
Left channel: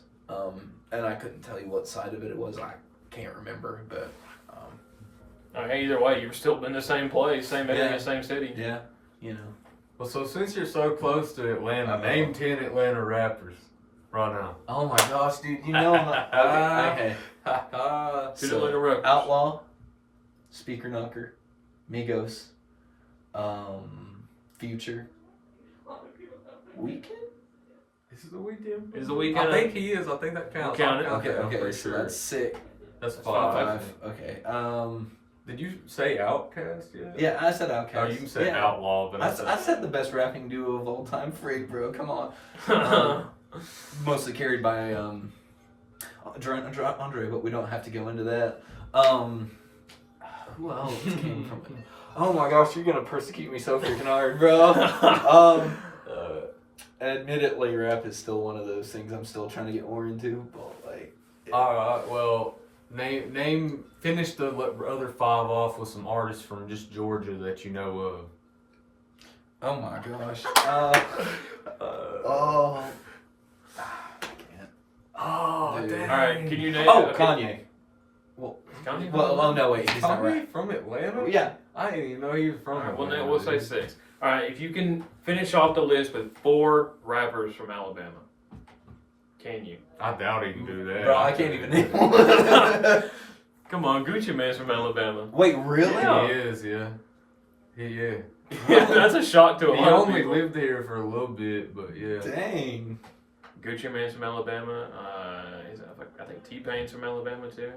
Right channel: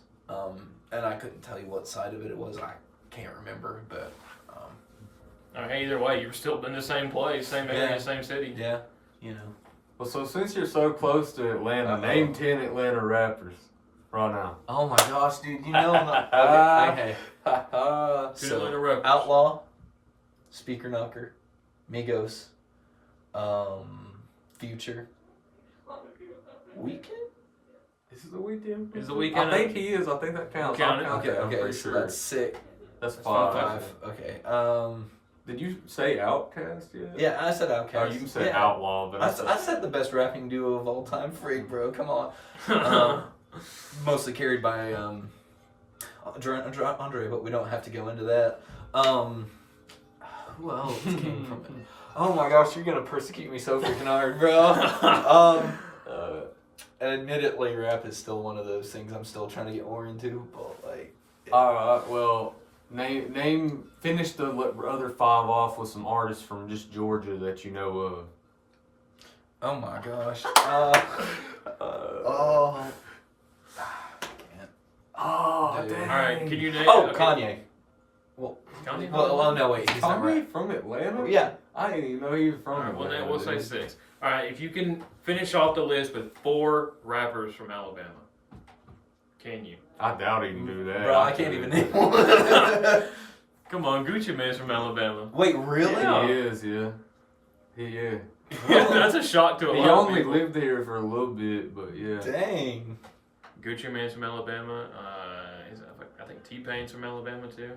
And I couldn't tell you what side of it was. I can't remember, but. Hey, either way, you were still in the same place, same area, Yeah. same city. Yeah. You know. Well, so since you're so close to Atlanta, name 10 Atlanta rappers right now. Oh my gosh, dude! You know I'm not. Okay. Who's Atlanta rappers? Outlaw, Speaker Knocker, Migos, Future, Weekend. This is the weekend. Is the weekend? I think he is. I think that counts. Count it. I'll count Okay, that, I'm okay, pretty so sure. that's sick. That's five. five. Okay. Did you say Outkast yet? Yeah, I said Outkast. Oh, you said yeah. Outlaw, but I said the best rapping duo of all time, Freak, bro. Come on. Mostly carried by Andre, but we don't have to go into that. Who else came from it? Oh my gosh, you're gonna persecute me so freaking hard, bro. Admittedly, rap is still one of those things I'm still trying to get more into, but like. Alright, well, finish the other five off with some artists from just Georgia that you know of. Oh my gosh. I can't. Oh, Dude. damn. Alright, can you name? Oh, okay. Kanye. Kanye? Well, oh no, wait, he's not Kanye right. from Atlanta? Yeah. I didn't even know he was from Alright, well, Atlanta. then we'll say dude. 6. Alright, if you can finish off the list with 4 rappers from Alabama, can you? I doubt he can do that. Bro, I can't even name one. Come on, Gucci Mane's from Alabama. Wait, really? Yeah. He is, yeah. Yeah. That's a shock to a He lot of only people. lived here for a little bit, but yeah. Dang. Gucci Mane's from Alabama. I think T-Pain's from Alabama too.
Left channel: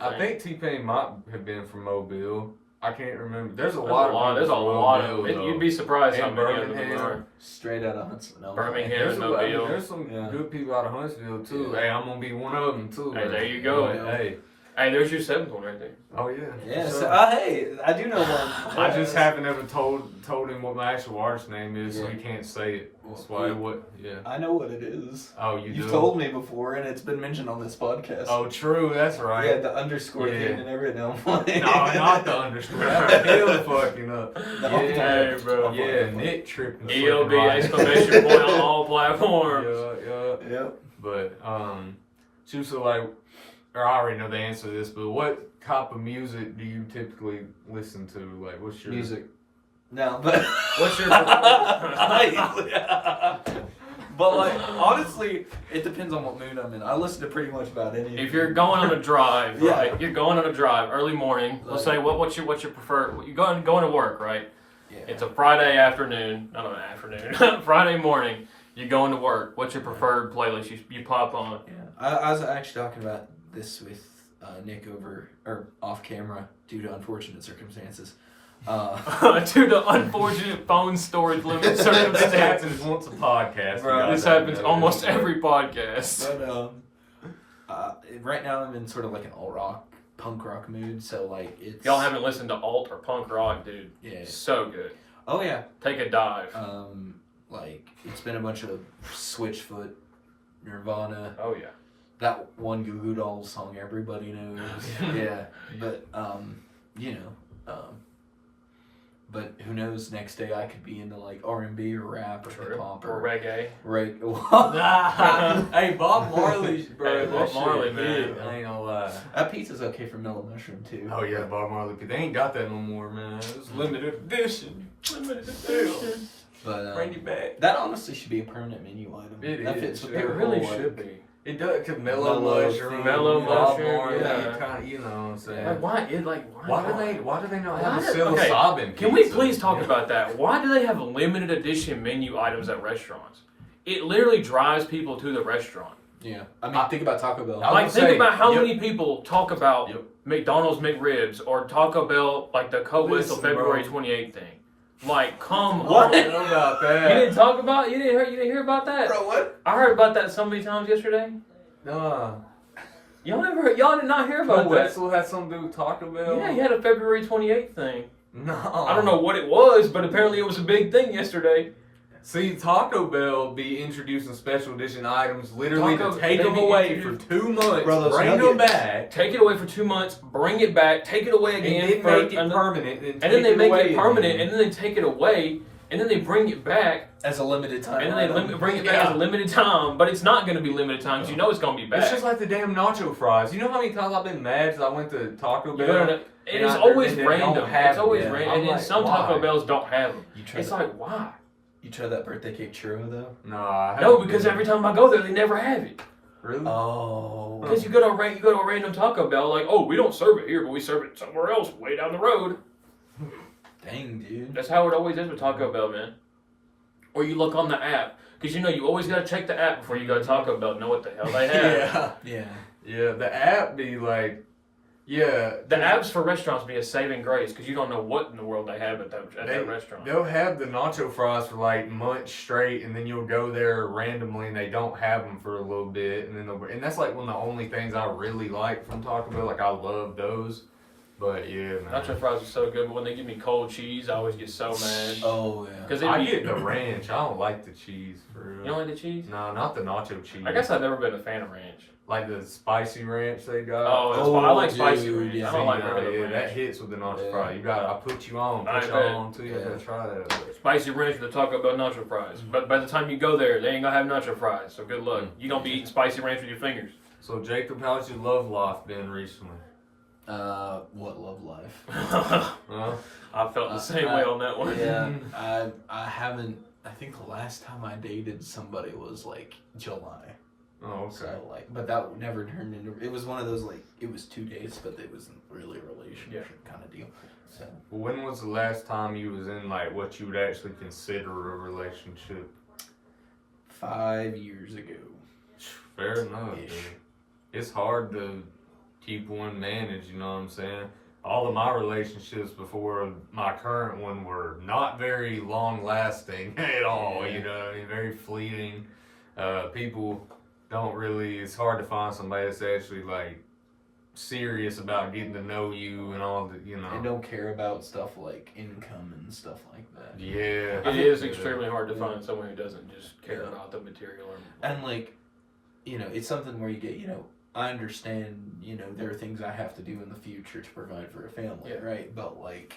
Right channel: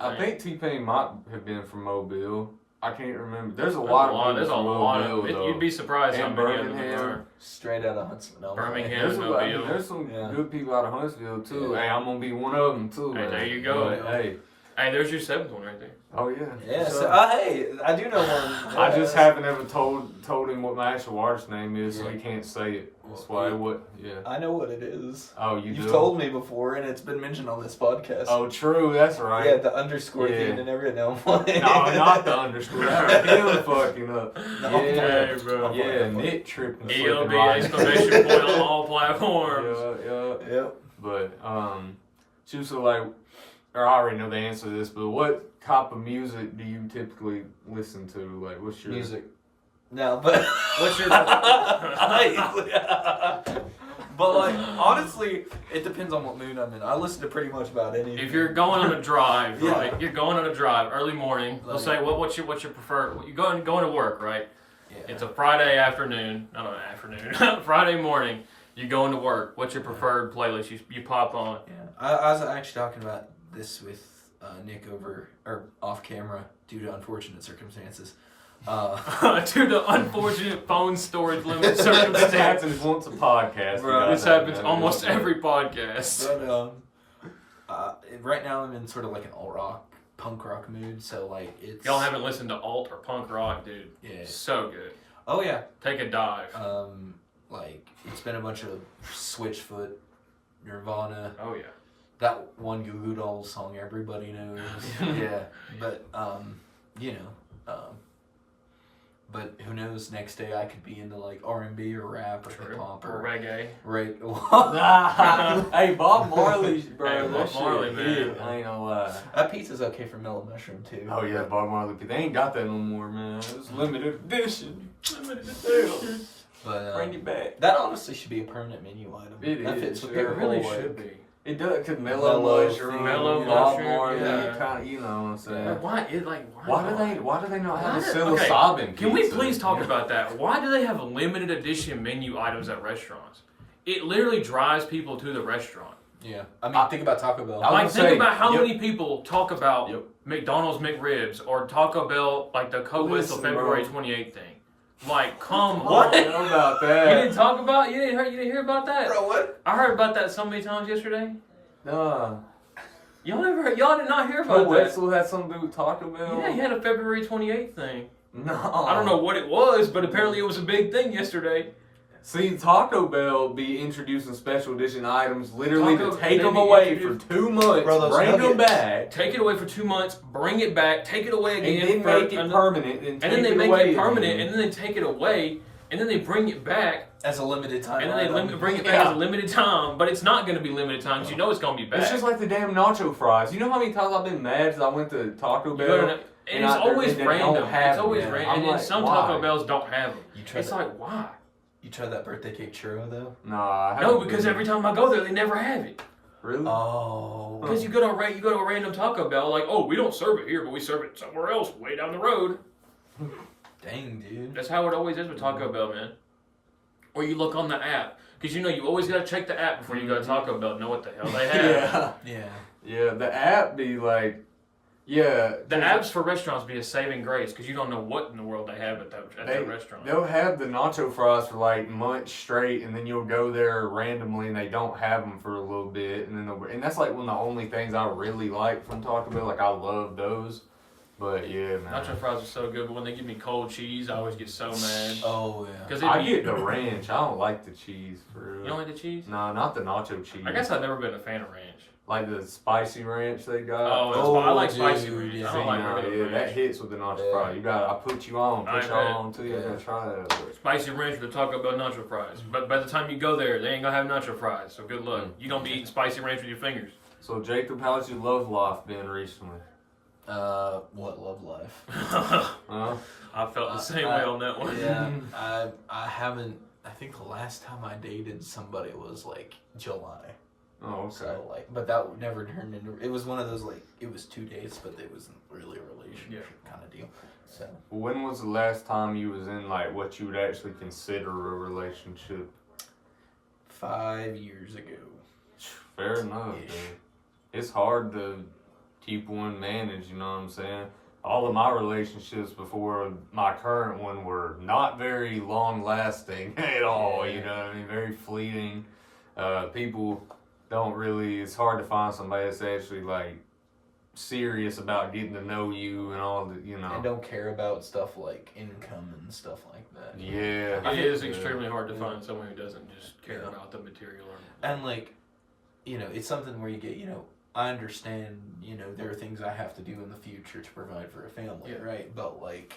I think T-Pain might have been from Mobile. I can't remember. There's a There's lot of There's a people from lot Mobile, of. though. You'd be surprised how And many of them Birmingham. are. Straight out of Huntsville. No, Birmingham. There's, Mobile. there's some Yeah. good people out of Huntsville too. Yeah. Hey, I'm gonna be one of them too. Hey, man. there you go. But, hey, Hey, there's your 7th one right there. oh yeah. Yeah, for so, sure. hey, I do know one. I just haven't ever told him what my actual artist name is, so Yeah. he can't say it. That's Well, why yeah. what? Yeah. I know what it is. Oh, you You've do? told me before, and it's been mentioned on this podcast. Oh, true. That's right. Yeah, the underscore Yeah. thing and everything. No, I'm playing. No, not the underscore. That was him fucking up. No, Yeah. Hey, bro. Yeah, Nick tripping. EOB slipping right. exclamation point on all platforms. Yeah. Yep. But she was like, or I already know the answer to this, but what type of music do you typically listen to? Like, what's your Music. No, but What's your? but like honestly, it depends on what mood I'm in. I listen to pretty much about anything. If you're going on a drive, Yeah. right? You're going on a drive early morning. Let's say Like- what's your preferred? You're going to work, right? yeah. It's a Friday afternoon. Not an afternoon. Friday morning. You're going to work. What's your preferred playlist? You pop on. Yeah, I was actually talking about this with Nick over or off camera due to unfortunate circumstances. To the unfortunate phone storage limit This circumstance. happens once a podcast. Bro, you This guys happens know almost this. every podcast. But right now I'm in sort of like an alt rock, punk rock mood. So like it's Y'all haven't listened to alt or punk rock, dude. yeah. So good. Oh yeah. Take a dive. Like it's been a bunch of Switchfoot, Nirvana. Oh yeah. That one Goo Goo Dolls song everybody knows. Yeah, but you know, but who knows? Next day I could be into like R&B or rap or hip hop Or or reggae. right. Hey, Bob Marley, bro. Hey, Bob that Marley, shit man. hit, I ain't gonna lie. That pizza's okay for Mellow Mushroom too. Oh yeah, Bob Marley. They ain't got that no more, man. It's limited edition. Limited edition. But Bring it back. that honestly should be a permanent menu item. It that is, fits with it their It really whole, should like, be. It does, cause Mellow Mellow Mushroom, thing. Mellow Bob Mushroom, Marley, yeah. kind of, you know what I'm saying. Like, why Why do they not have a Why- okay, psilocybin Can we pizza? please talk about that? Why do they have limited edition menu items at restaurants? It literally drives people to the restaurant. Yeah, I mean, think about Taco Bell. I Like, would think say- about how yep. many people talk about Yep. McDonald's McRibs or Taco Bell, like the co-whistle Listen, February bro. 28th thing. Like, come I on. don't know about that. You didn't talk about? You didn't hear about that? Bro, what? I heard about that so many times yesterday. Nah. Y'all did not hear about that. Wetzel had something to do with Taco Bell? Yeah, he had a February 28th thing. No. I don't know what it was, but apparently it was a big thing yesterday. See, Taco Bell be introducing special edition items literally Taco- to take they them be away for introduced- 2 months, Bro, those bring them nuggets. back, Take it away for 2 months, bring it back, take it away again, and then for make it permanent. and then they make away it permanent, again. and then they take it away, and then they bring it back, As a limited time. and then they bring it back as a limited time. But it's not going to be limited time because you know it's going to be back. It's just like the damn nacho fries. You know how many times I've been mad because I went to Taco You Bell? go to the- and it's I- always and they don't random. have It's always them. random, I'm and then like, some why? Taco Bells don't have them. You tried It's that, like why? you tried that birthday cake churro though? Nah, I No, haven't because been. every time I go there, they never have it. Really? Oh. Because you go to a random Taco Bell, like, oh, we don't serve it here, but we serve it somewhere else, way down the road. Dang, dude. That's how it always is with Taco Bell, man. Or you look on the app, because you know you always gotta check the app before you go to Taco Bell to know what the hell they have. Yeah. Yeah. Yeah, the app be like, yeah. The apps for restaurants be a saving grace because you don't know what in the world they have at They- that restaurant. They'll have the nacho fries for like months straight, and then you'll go there randomly, and they don't have them for a little bit, and then and that's like one of the only things I really like from Taco Bell. Like I love those, but yeah, man. Nacho fries are so good, but when they give me cold cheese, I always get so mad. Oh yeah. Because I get the ranch. I don't like the cheese for real. You don't like the cheese? No, not the nacho cheese. I guess I've never been a fan of ranch. Like the spicy ranch they got. Oh, I like spicy dude, ranch. yeah. I don't like Yeah, regular yeah, that ranch. hits with the nacho Yeah. fry. You got, I put you on, I put you bet. on too. You Yeah. gotta try that. Spicy ranch with the Taco Bell nacho fries. But by the time you go there, they ain't gonna have nacho fries. So good luck. You don't be eating spicy ranch with your fingers. So Jacob, how's your love life been recently? What love life? Huh? I felt the same way on that one. Yeah, I haven't. I think the last time I dated somebody was like July. Oh, okay. So like, but that never turned into. It was one of those like it was 2 days, but it wasn't really a relationship kind of deal. So When was the last time you was in like what you would actually consider a relationship? 5 years ago. Fair enough. Ish. Dude. It's hard to keep one managed. You know what I'm saying? All of my relationships before my current one were not very long lasting at all. Yeah. You know, very fleeting. People don't really. It's hard to find somebody that's actually like serious about getting to know you and all the. You know. And don't care about stuff like income and stuff like that. Yeah. It is extremely hard to find someone who doesn't just care Yeah. about the material. And like, it's something where you get, I understand, there are things I have to do in the future to provide for a family, Yeah. right? But like,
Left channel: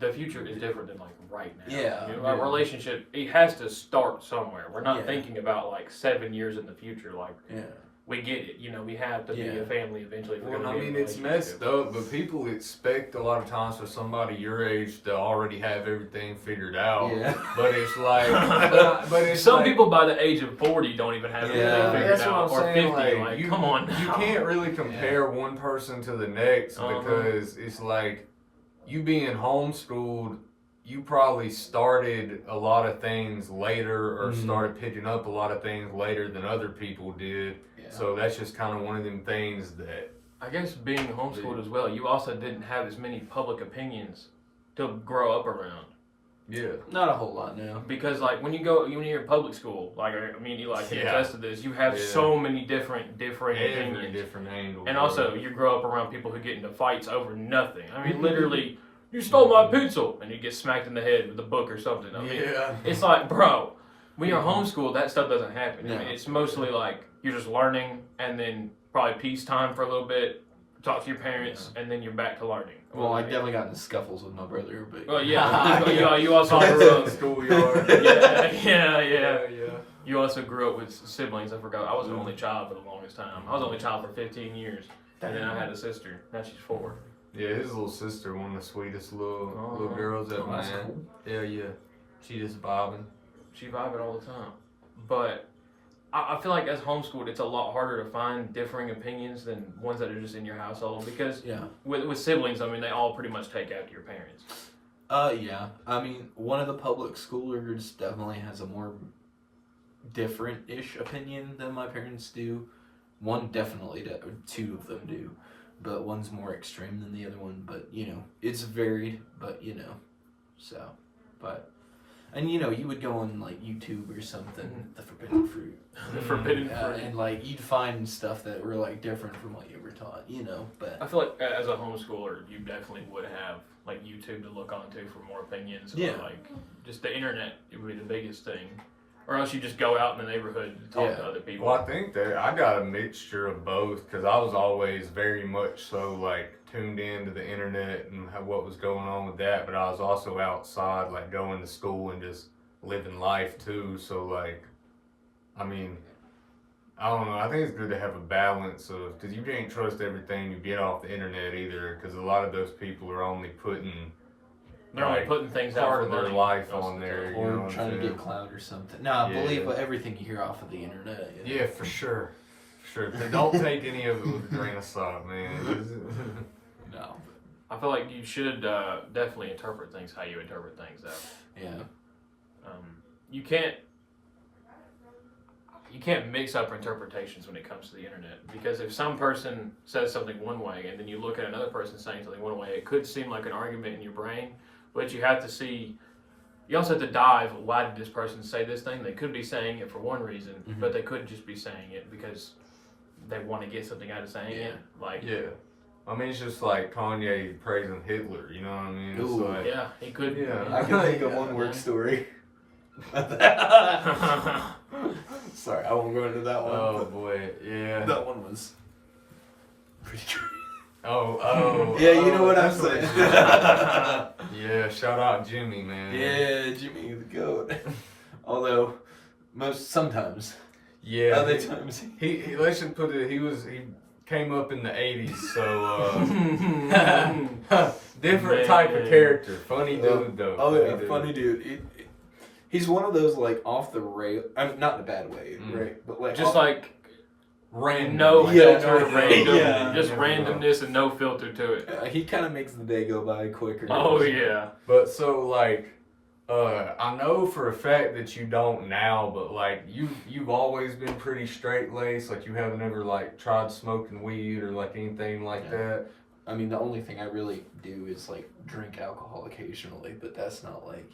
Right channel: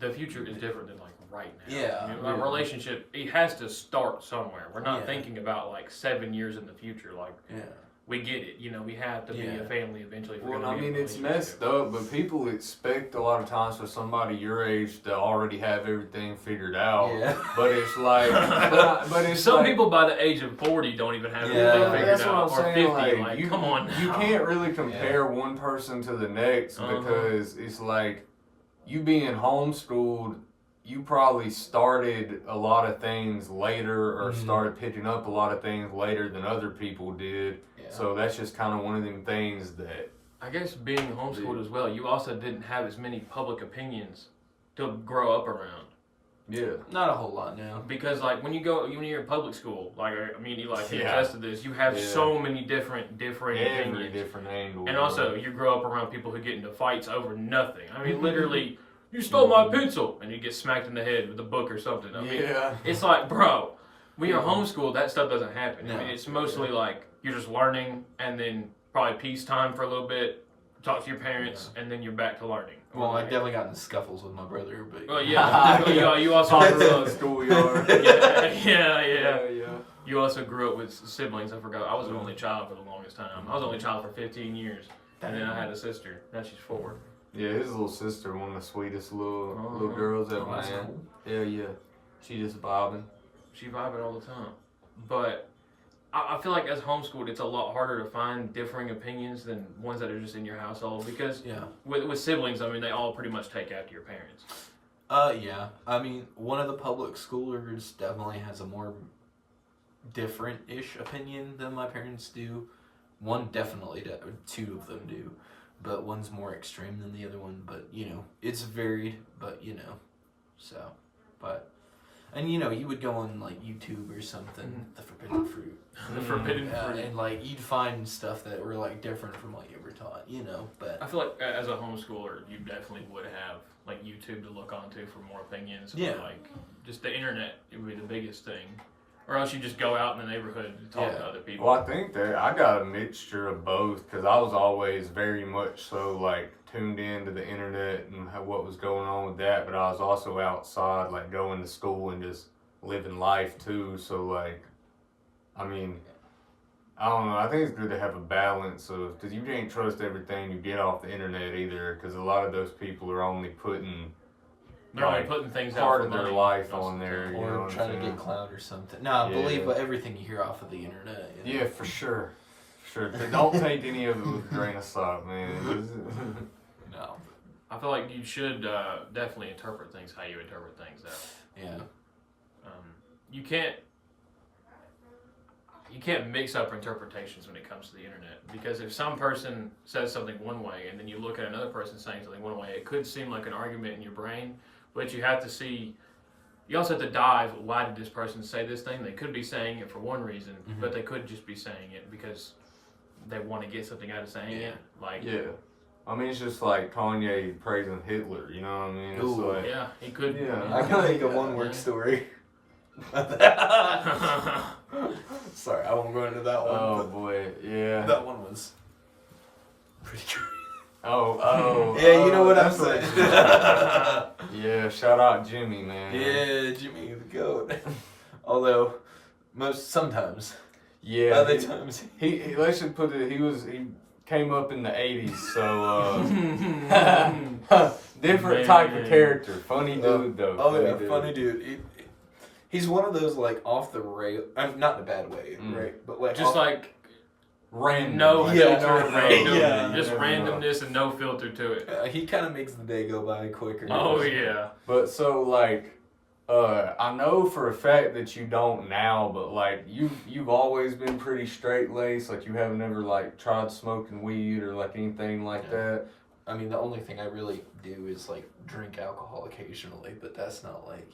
The future is different than like right now. Yeah. A relationship, it has to start somewhere. We're not Yeah. thinking about like 7 years in the future. Like yeah. we get it. We have to be Yeah. a family eventually. If we're Well, gonna I be in mean, a it's relationship. messed up, but people expect a lot of times for somebody your age to already have everything figured out. Yeah. But it's like, but it's Some like, people by the age of 40 don't even have Yeah. everything figured that's what out, I'm or saying. 50. Like, you, come on you now. can't really compare one person to the next Uh-huh. because it's like you being homeschooled. You probably started a lot of things later or Mhm. started picking up a lot of things later than other people did. Yeah. So that's just kind of one of them things that I guess being homeschooled as well, you also didn't have as many public opinions to grow up around. yeah. Not a whole lot now. Because like when you're in public school, like I mean, you like can Yeah. attest to this. You have Yeah. so many different Every opinions, different angle. and also you grow up around people who get into fights over nothing. I mean, literally, you stole my pencil, and you get smacked in the head with a book or something. I mean, yeah. it's like, bro, when you're homeschooled, that stuff doesn't happen. No. I mean, it's mostly like you're just learning, and then probably peacetime for a little bit, talk to your parents, and then you're back to learning. Well, I definitely got into scuffles with my brother, but Well, yeah, you also grew up. schoolyard. Yeah. yeah. You also grew up with siblings. I forgot. I was the only child for the longest time. I was the only child for 15 years, and then I had a sister. Now she's 4. Yeah, his little sister, one of the sweetest little Uh-huh. girls ever, Oh, that's man. cool. Yeah. She just vibing. She vibing all the time. But I feel like as homeschooled, it's a lot harder to find differing opinions than ones that are just in your household because yeah. with siblings, I mean, they all pretty much take after your parents. Yeah. I mean, one of the public schoolers definitely has a more different-ish opinion than my parents do. One definitely, or 2 of them do, but one's more extreme than the other one. But it's varied. But so, but. And you would go on like YouTube or something, the forbidden fruit. The forbidden fruit. And like you'd find stuff that were like different from what you were taught, but I feel like as a homeschooler, you definitely would have like YouTube to look onto for more opinions. Yeah. Or like just the internet, it would be the biggest thing. Or else you just go out in the neighborhood and talk to other people. Well, I think that I got a mixture of both because I was always very much so like tuned into the internet and what was going on with that, but I was also outside like going to school and just living life too. So like, I mean, I don't know. I think it's good to have a balance of because you can't trust everything you get off the internet either because a lot of those people are only putting. They're only putting things out part for of their money life most on of the there, time. you know Or what trying I'm to saying? get clout or something. No, I Yeah. believe everything you hear off of the internet. You know? Yeah, for sure. Sure. Don't take any of it with a grain of salt, man. No. I feel like you should definitely interpret things how you interpret things out. Yeah. You can't mix up interpretations when it comes to the internet because if some person says something one way and then you look at another person saying something one way, it could seem like an argument in your brain, but you have to see. You also have to dive. Why did this person say this thing? They could be saying it for one reason, but they could just be saying it because they want to get something out of saying it. Like yeah. I mean, it's just like Kanye praising Hitler, you know what I mean? It's Ooh. like, yeah, he could. Yeah. I can think of one word story. Sorry, I won't go into that one. oh but boy, yeah. that one was pretty good. Oh. Yeah, you know what I'm that's saying. Yeah, shout out Jimmy, man. Yeah, Jimmy the goat. Although, sometimes. Yeah. Other times. He let's just put it. He came up in the '80s, so different type of character. Funny dude though. Oh yeah, funny dude. He's one of those like off the rail. Not in a bad way, right? But like Just like random. no Yeah, filter, no, random, yeah. just randomness and no filter to it. he kind of makes the day go by quicker. Oh yeah. But so like, I know for a fact that you don't now, but like you've always been pretty straight laced. Like you haven't ever like tried smoking weed or like anything like that. I mean, the only thing I really do is like drink alcohol occasionally, but that's not like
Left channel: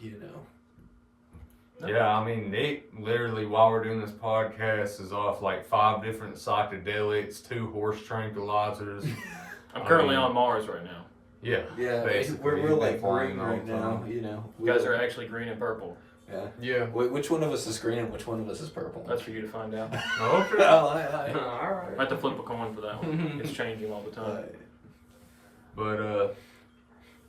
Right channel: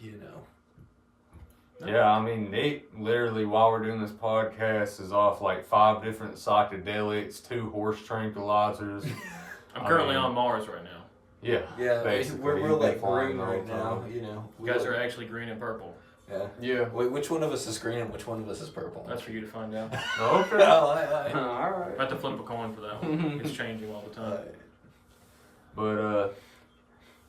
Yeah, I mean, Nick literally while we're doing this podcast is off like 5 different psychedelics, 2 horse tranquilizers. I'm currently on Mars right now. Yeah. Yeah, basically. we're like He's been flying green all right the now. time. You guys are actually green and purple. Yeah. Yeah. Wait, which one of us is green and which one of us is purple? That's for you to find out. Okay. All I right. have to flip a coin for that one. It's changing all the time. But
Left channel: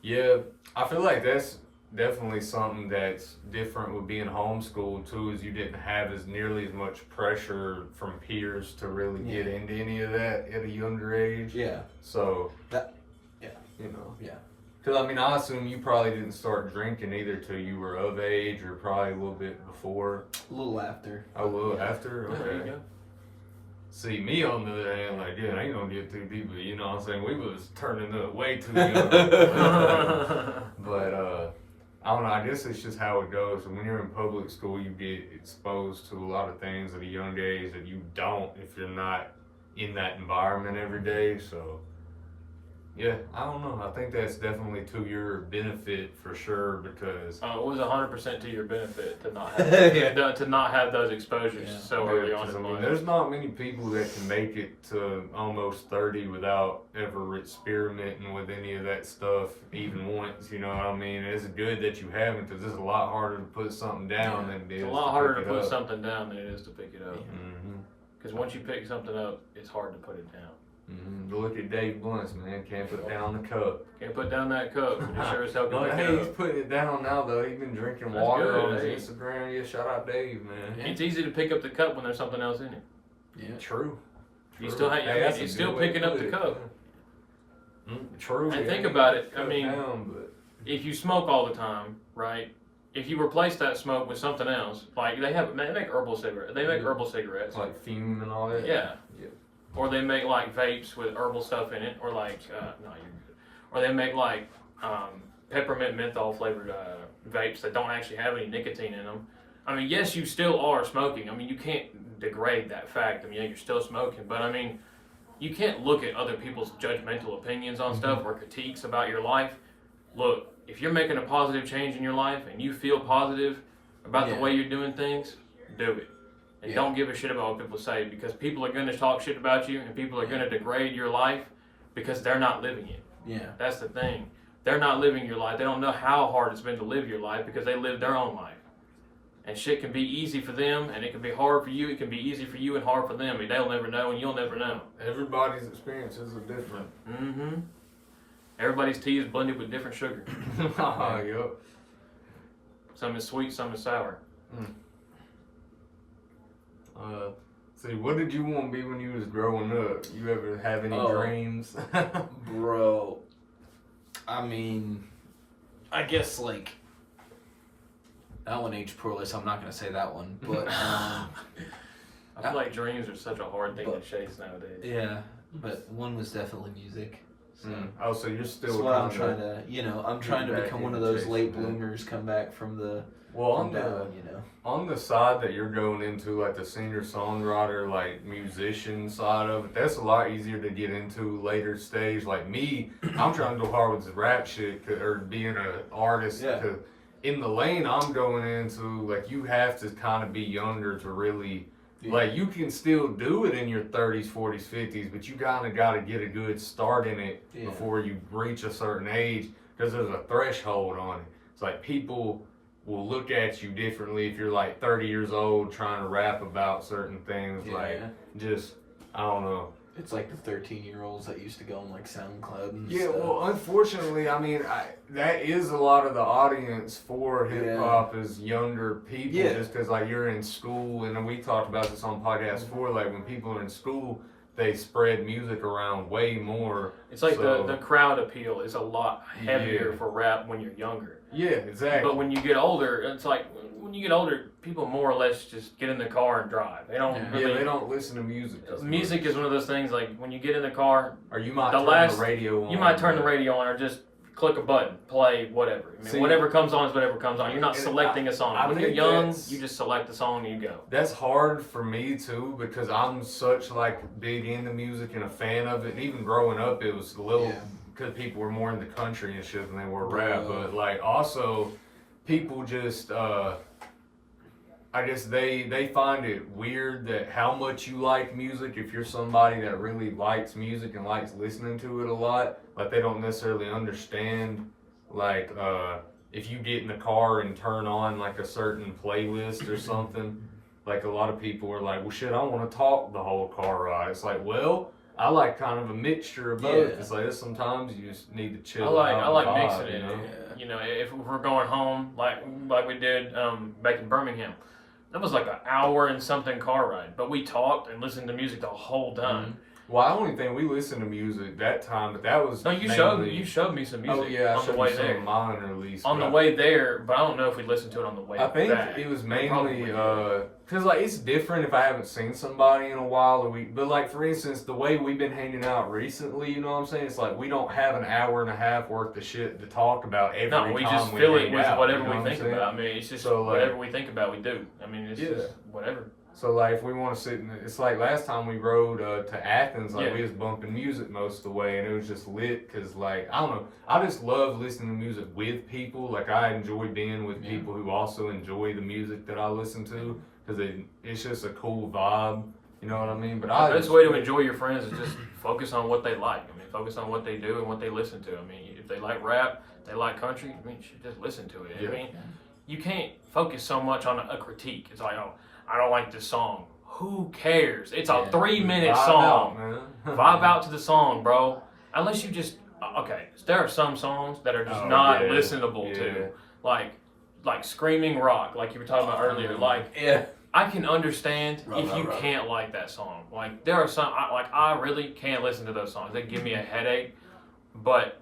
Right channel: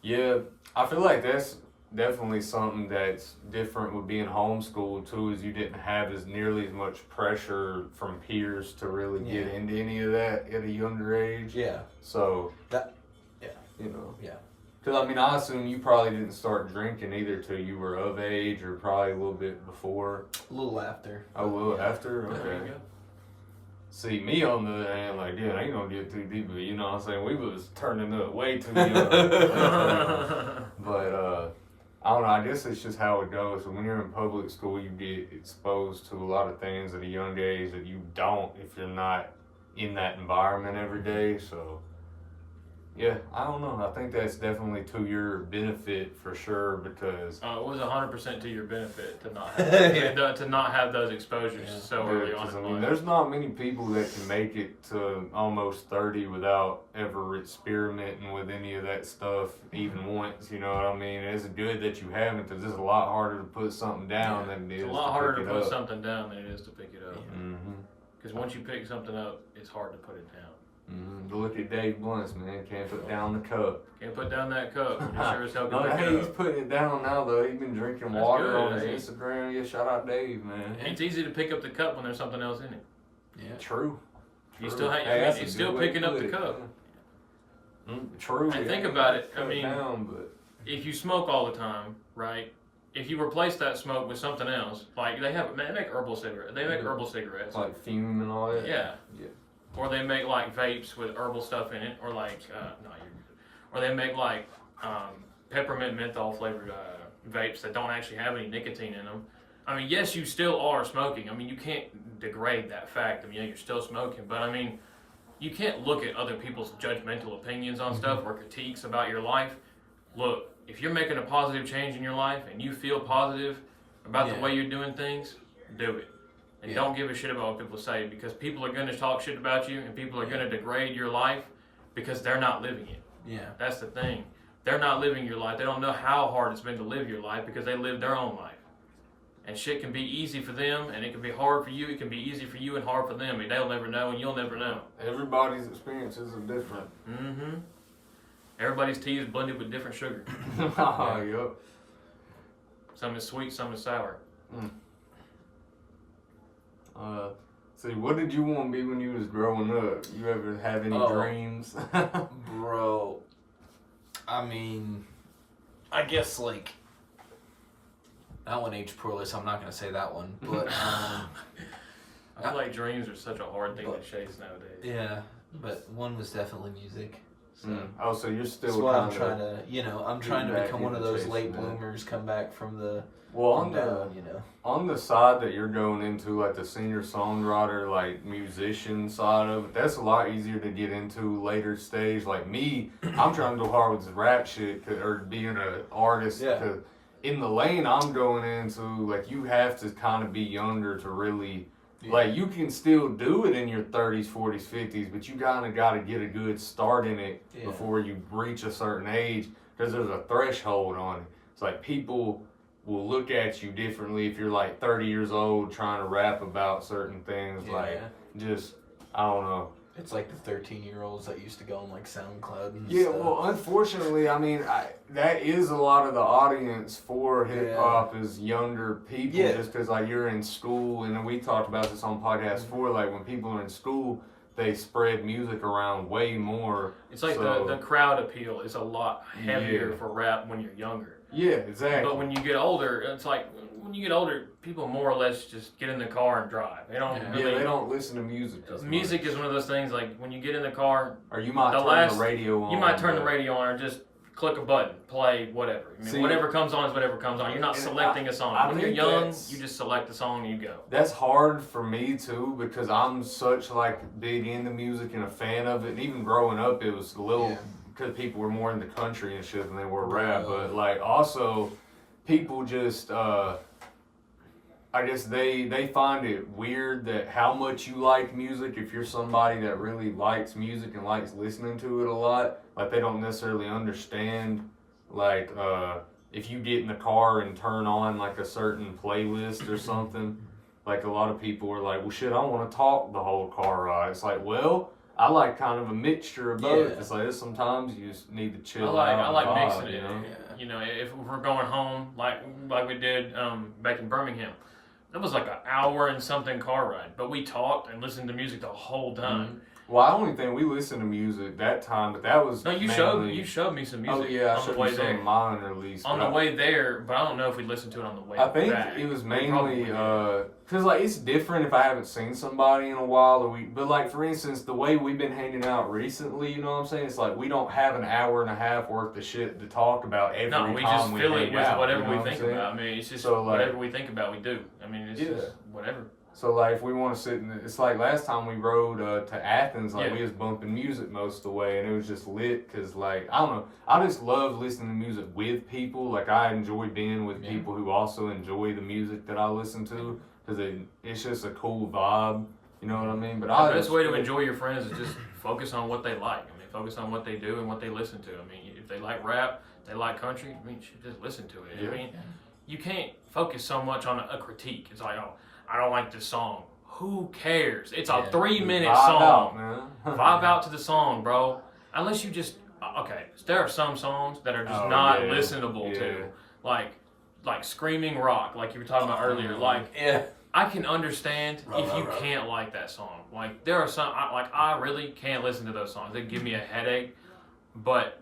yeah, I feel like that's definitely something that's different with being homeschooled too, is you didn't have as nearly as much pressure from peers to really get into any of that at a younger age. Yeah. So you know. Yeah. Because I mean, I assume you probably didn't start drinking either till you were of age, or probably a little bit before. A little after. A little after. There you Okay. go. See, me on the other hand, like, yeah, I ain't gonna get too deep, but you know what I'm saying? We was turning up way too young. But, I don't know, I guess it's just how it goes. When you're in public school, you get exposed to a lot of things at a young age that you don't if you're not in that environment every day. So, yeah, I don't know. I think that's definitely to your benefit for sure because... It was 100% to your benefit to not have to not have those exposures so early on in I mean, life. there's not many people that can make it to almost 30 without ever experimenting with any of that stuff even once, you know what I mean? It's good that you haven't because it's a lot harder to put something down than it is It's a lot harder to pick it put up. something down than it is to pick it up. Mm-hmm. Because once you pick something up, it's hard to put it down. Mm-hmm. Look at Dave Blunt's, man. Can't put down the cup. Can't put down that cup, but you sure as hell can No, pick hey, it he's up. putting it down now, though. He's been drinking That's water good, on hey. his Instagram. Yeah, shout out Dave, man. It's easy to pick up the cup when there's something else in it. Yeah. True. You still have, Hey, that's a it's good still way to picking up put the it. cup. True. And yeah, think you about can it, I cut mean, down, but... If you smoke all the time, right? If you replace that smoke with something else, like they make herbal cigarettes. They make herbal cigarettes. Like fume and all that? Yeah. Yeah. Or they make like vapes with herbal stuff in it, or like no, you're good. Or they make like peppermint menthol flavored vapes that don't actually have any nicotine in them. I mean, yes, you still are smoking. I mean, you can't degrade that fact. I mean, you're still smoking, but I mean, you can't look at other people's judgmental opinions on stuff or critiques about your life. Look, if you're making a positive change in your life and you feel positive about the way you're doing things, do it. And don't give a shit about what people say, because people are going to talk shit about you and people are going to degrade your life because they're not living it. Yeah. That's the thing. they're not living your life. They don't know how hard it's been to live your life because they live their own life. And shit can be easy for them, and it can be hard for you. It can be easy for you and hard for them. And they'll never know, and you'll never know. Everybody's experiences are different. Mm-hmm. Everybody's tea is blended with different sugar. Yep. Some is sweet, some is sour. See, what did you want to be when you was growing up? You ever have any dreams? Bro, I mean, I guess like that one age poorly, so I'm not gonna say that one. But I feel like dreams are such a hard thing to chase nowadays. Yeah, but one was definitely music. So. Oh, so you're still. That's what I'm trying to, I'm trying to become one of those late bloomers, come back from the. Well, on the side that you're going into, like the singer-songwriter, like musician side of it, that's a lot easier to get into later stage. Like me, I'm trying to go hard with this rap shit or being an artist. Yeah. Cause in the lane I'm going into, like you have to kind of be younger to really. Yeah. Like, you can still do it in your 30s, 40s, 50s, but you kind of got to get a good start in it before you reach a certain age, because there's a threshold on it. It's like people will look at you differently if you're like 30 years old trying to rap about certain things. Yeah. Like, just, I don't know. It's like the 13-year-olds that used to go on like SoundCloud and stuff. Yeah, well, unfortunately, I mean, that is a lot of the audience for hip hop is younger people. Yeah. Just because like you're in school, and we talked about this on podcast before. Like when people are in school, they spread music around way more. It's like the crowd appeal is a lot heavier for rap when you're younger. Yeah, exactly. But when you get older, it's like when you get older, people more or less just get in the car and drive. They don't really. They don't listen to music. Music is one of those things like when you get in the car, or you might turn the radio on. You might turn the radio on, or just click a button, play whatever. I mean, whatever comes on is whatever comes on. You're not selecting a song. When you're young, you just select the song and you go. That's hard for me too because I'm such like big into music and a fan of it. And even growing up, it was a little because people were more into country and shit than they were rap. But like also, people just I guess they find it weird that how much you like music. If you're somebody that really likes music and likes listening to it a lot, like they don't necessarily understand like if you get in the car and turn on like a certain playlist or something, like a lot of people are like, well shit, I want to talk the whole car ride. It's like, well, I like kind of a mixture of both. It's like sometimes you just need to chill. I like mixing it. You know, if we're going home like we did back in Birmingham. That was like an hour and something car ride, but we talked and listened to music the whole time. Mm-hmm. Well, I don't even think we listened to music that time, but that was. No, you showed me some music. Oh yeah, on the way there. Mine at least. On the way there, but I don't know if we listened to it on the way back. I think it was mainly because like it's different if I haven't seen somebody in a while, but like for instance, the way we've been hanging out recently, you know what I'm saying? It's like we don't have an hour and a half worth of shit to talk about every time. No, we just fill it with whatever we think about. I mean, it's just whatever we think about, we do. I mean, it's just whatever. So like if we want to sit it's like last time we rode to Athens, like we was bumping music most of the way, and it was just lit because like I don't know, I just love listening to music with people. Like I enjoy being with people who also enjoy the music that I listen to because it's just a cool vibe. You know what I mean? But the best way to enjoy your friends is just focus on what they like. I mean, focus on what they do and what they listen to. I mean, if they like rap, they like country. I mean, you should just listen to it. I mean, you can't focus so much on a critique. It's like, oh, I don't like this song. Who cares? It's a 3-minute song. Vibe out to the song, bro. Unless you just there are some songs that are just not listenable to, like screaming rock, like you were talking about earlier. Like I can understand if you can't like that song. Like there are some I really can't listen to those songs. They give me a headache. But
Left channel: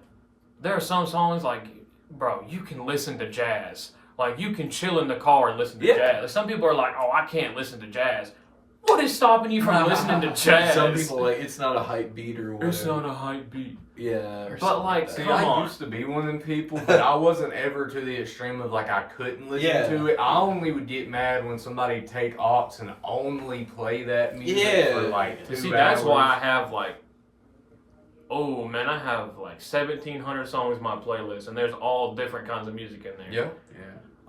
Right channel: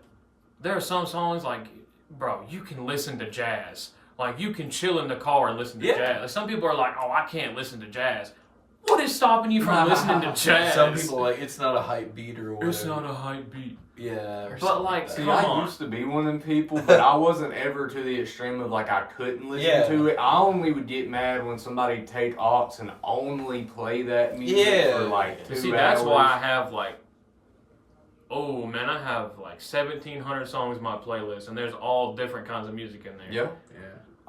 there are some songs like, bro, you can listen to jazz. Like, you can chill in the car and listen to jazz. Like, some people are like, oh, I can't listen to jazz. What is stopping you from listening to jazz? Some people are like, it's not a hype beat or whatever. It's not a hype beat. Yeah. But, like, come on. I used to be one of them people, but I wasn't ever to the extreme of, like, I couldn't listen to it. I only would get mad when somebody take aux and only play that music for, like, 2 hours. See, that's why I have, like, oh, man, I have, like, 1,700 songs in my playlist, and there's all different kinds of music in there. Yeah.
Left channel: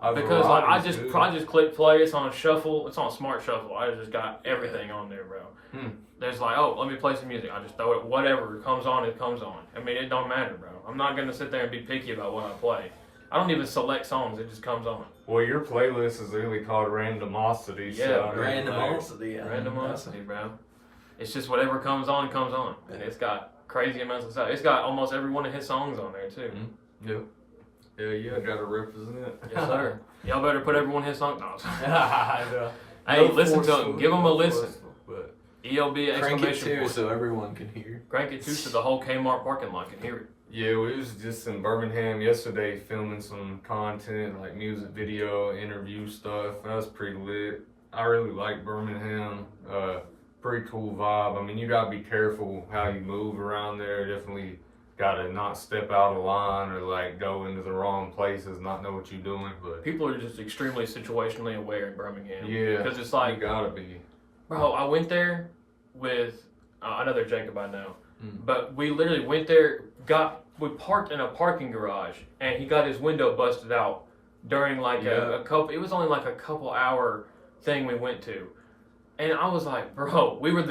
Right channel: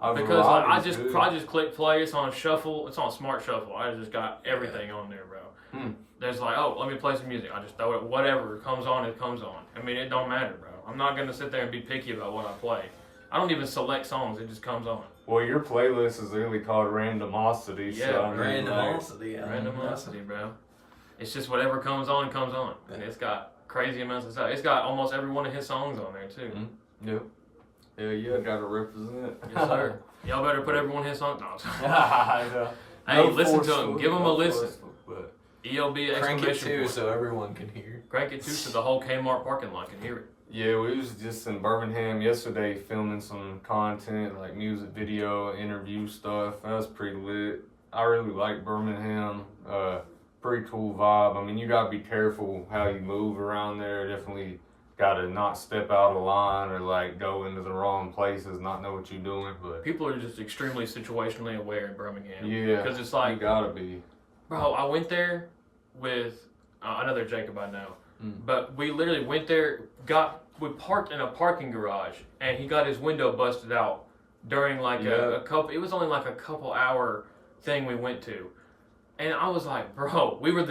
Because like I just too. click play. It's on shuffle. It's on smart shuffle. I just got everything on there, bro. There's like, oh, let me play some music. I just throw it. Whatever comes on, it comes on. I mean, it don't matter, bro. I'm not gonna sit there and be picky about what I play. I don't even select songs. It just comes on. Well, your playlist is really called Randomosity. Yeah, so Randomosity. Yeah. Randomosity, bro. It's just whatever comes on, comes on. And it's got crazy amounts of stuff. It's got almost every one of his songs on there, too. Yep. Yeah, gotta represent. Yes, sir. Y'all better put every one of his songs on. I know. Hey, No listen to forceful, him. Give him a no listen. forceful, but ELB Crank it exclamation too, point. so everyone can hear. Crank it too, so the whole Kmart parking lot can hear it. yeah, we was just in Birmingham yesterday filming some content, like music video, interview stuff. That was pretty lit. I really like Birmingham. Pretty cool vibe. I mean, you gotta be careful how you move around there. Definitely gotta not step out of line or like go into the wrong places, not know what you're doing. But People are just extremely situationally aware in Birmingham. yeah, Because it's you like, gotta be. bro, I went there with another Jacob I know. Mm. But we literally went there, we parked in a parking garage, and he got his window busted out during like a couple, it was only like a couple hour thing we went to. And I was like, bro, we were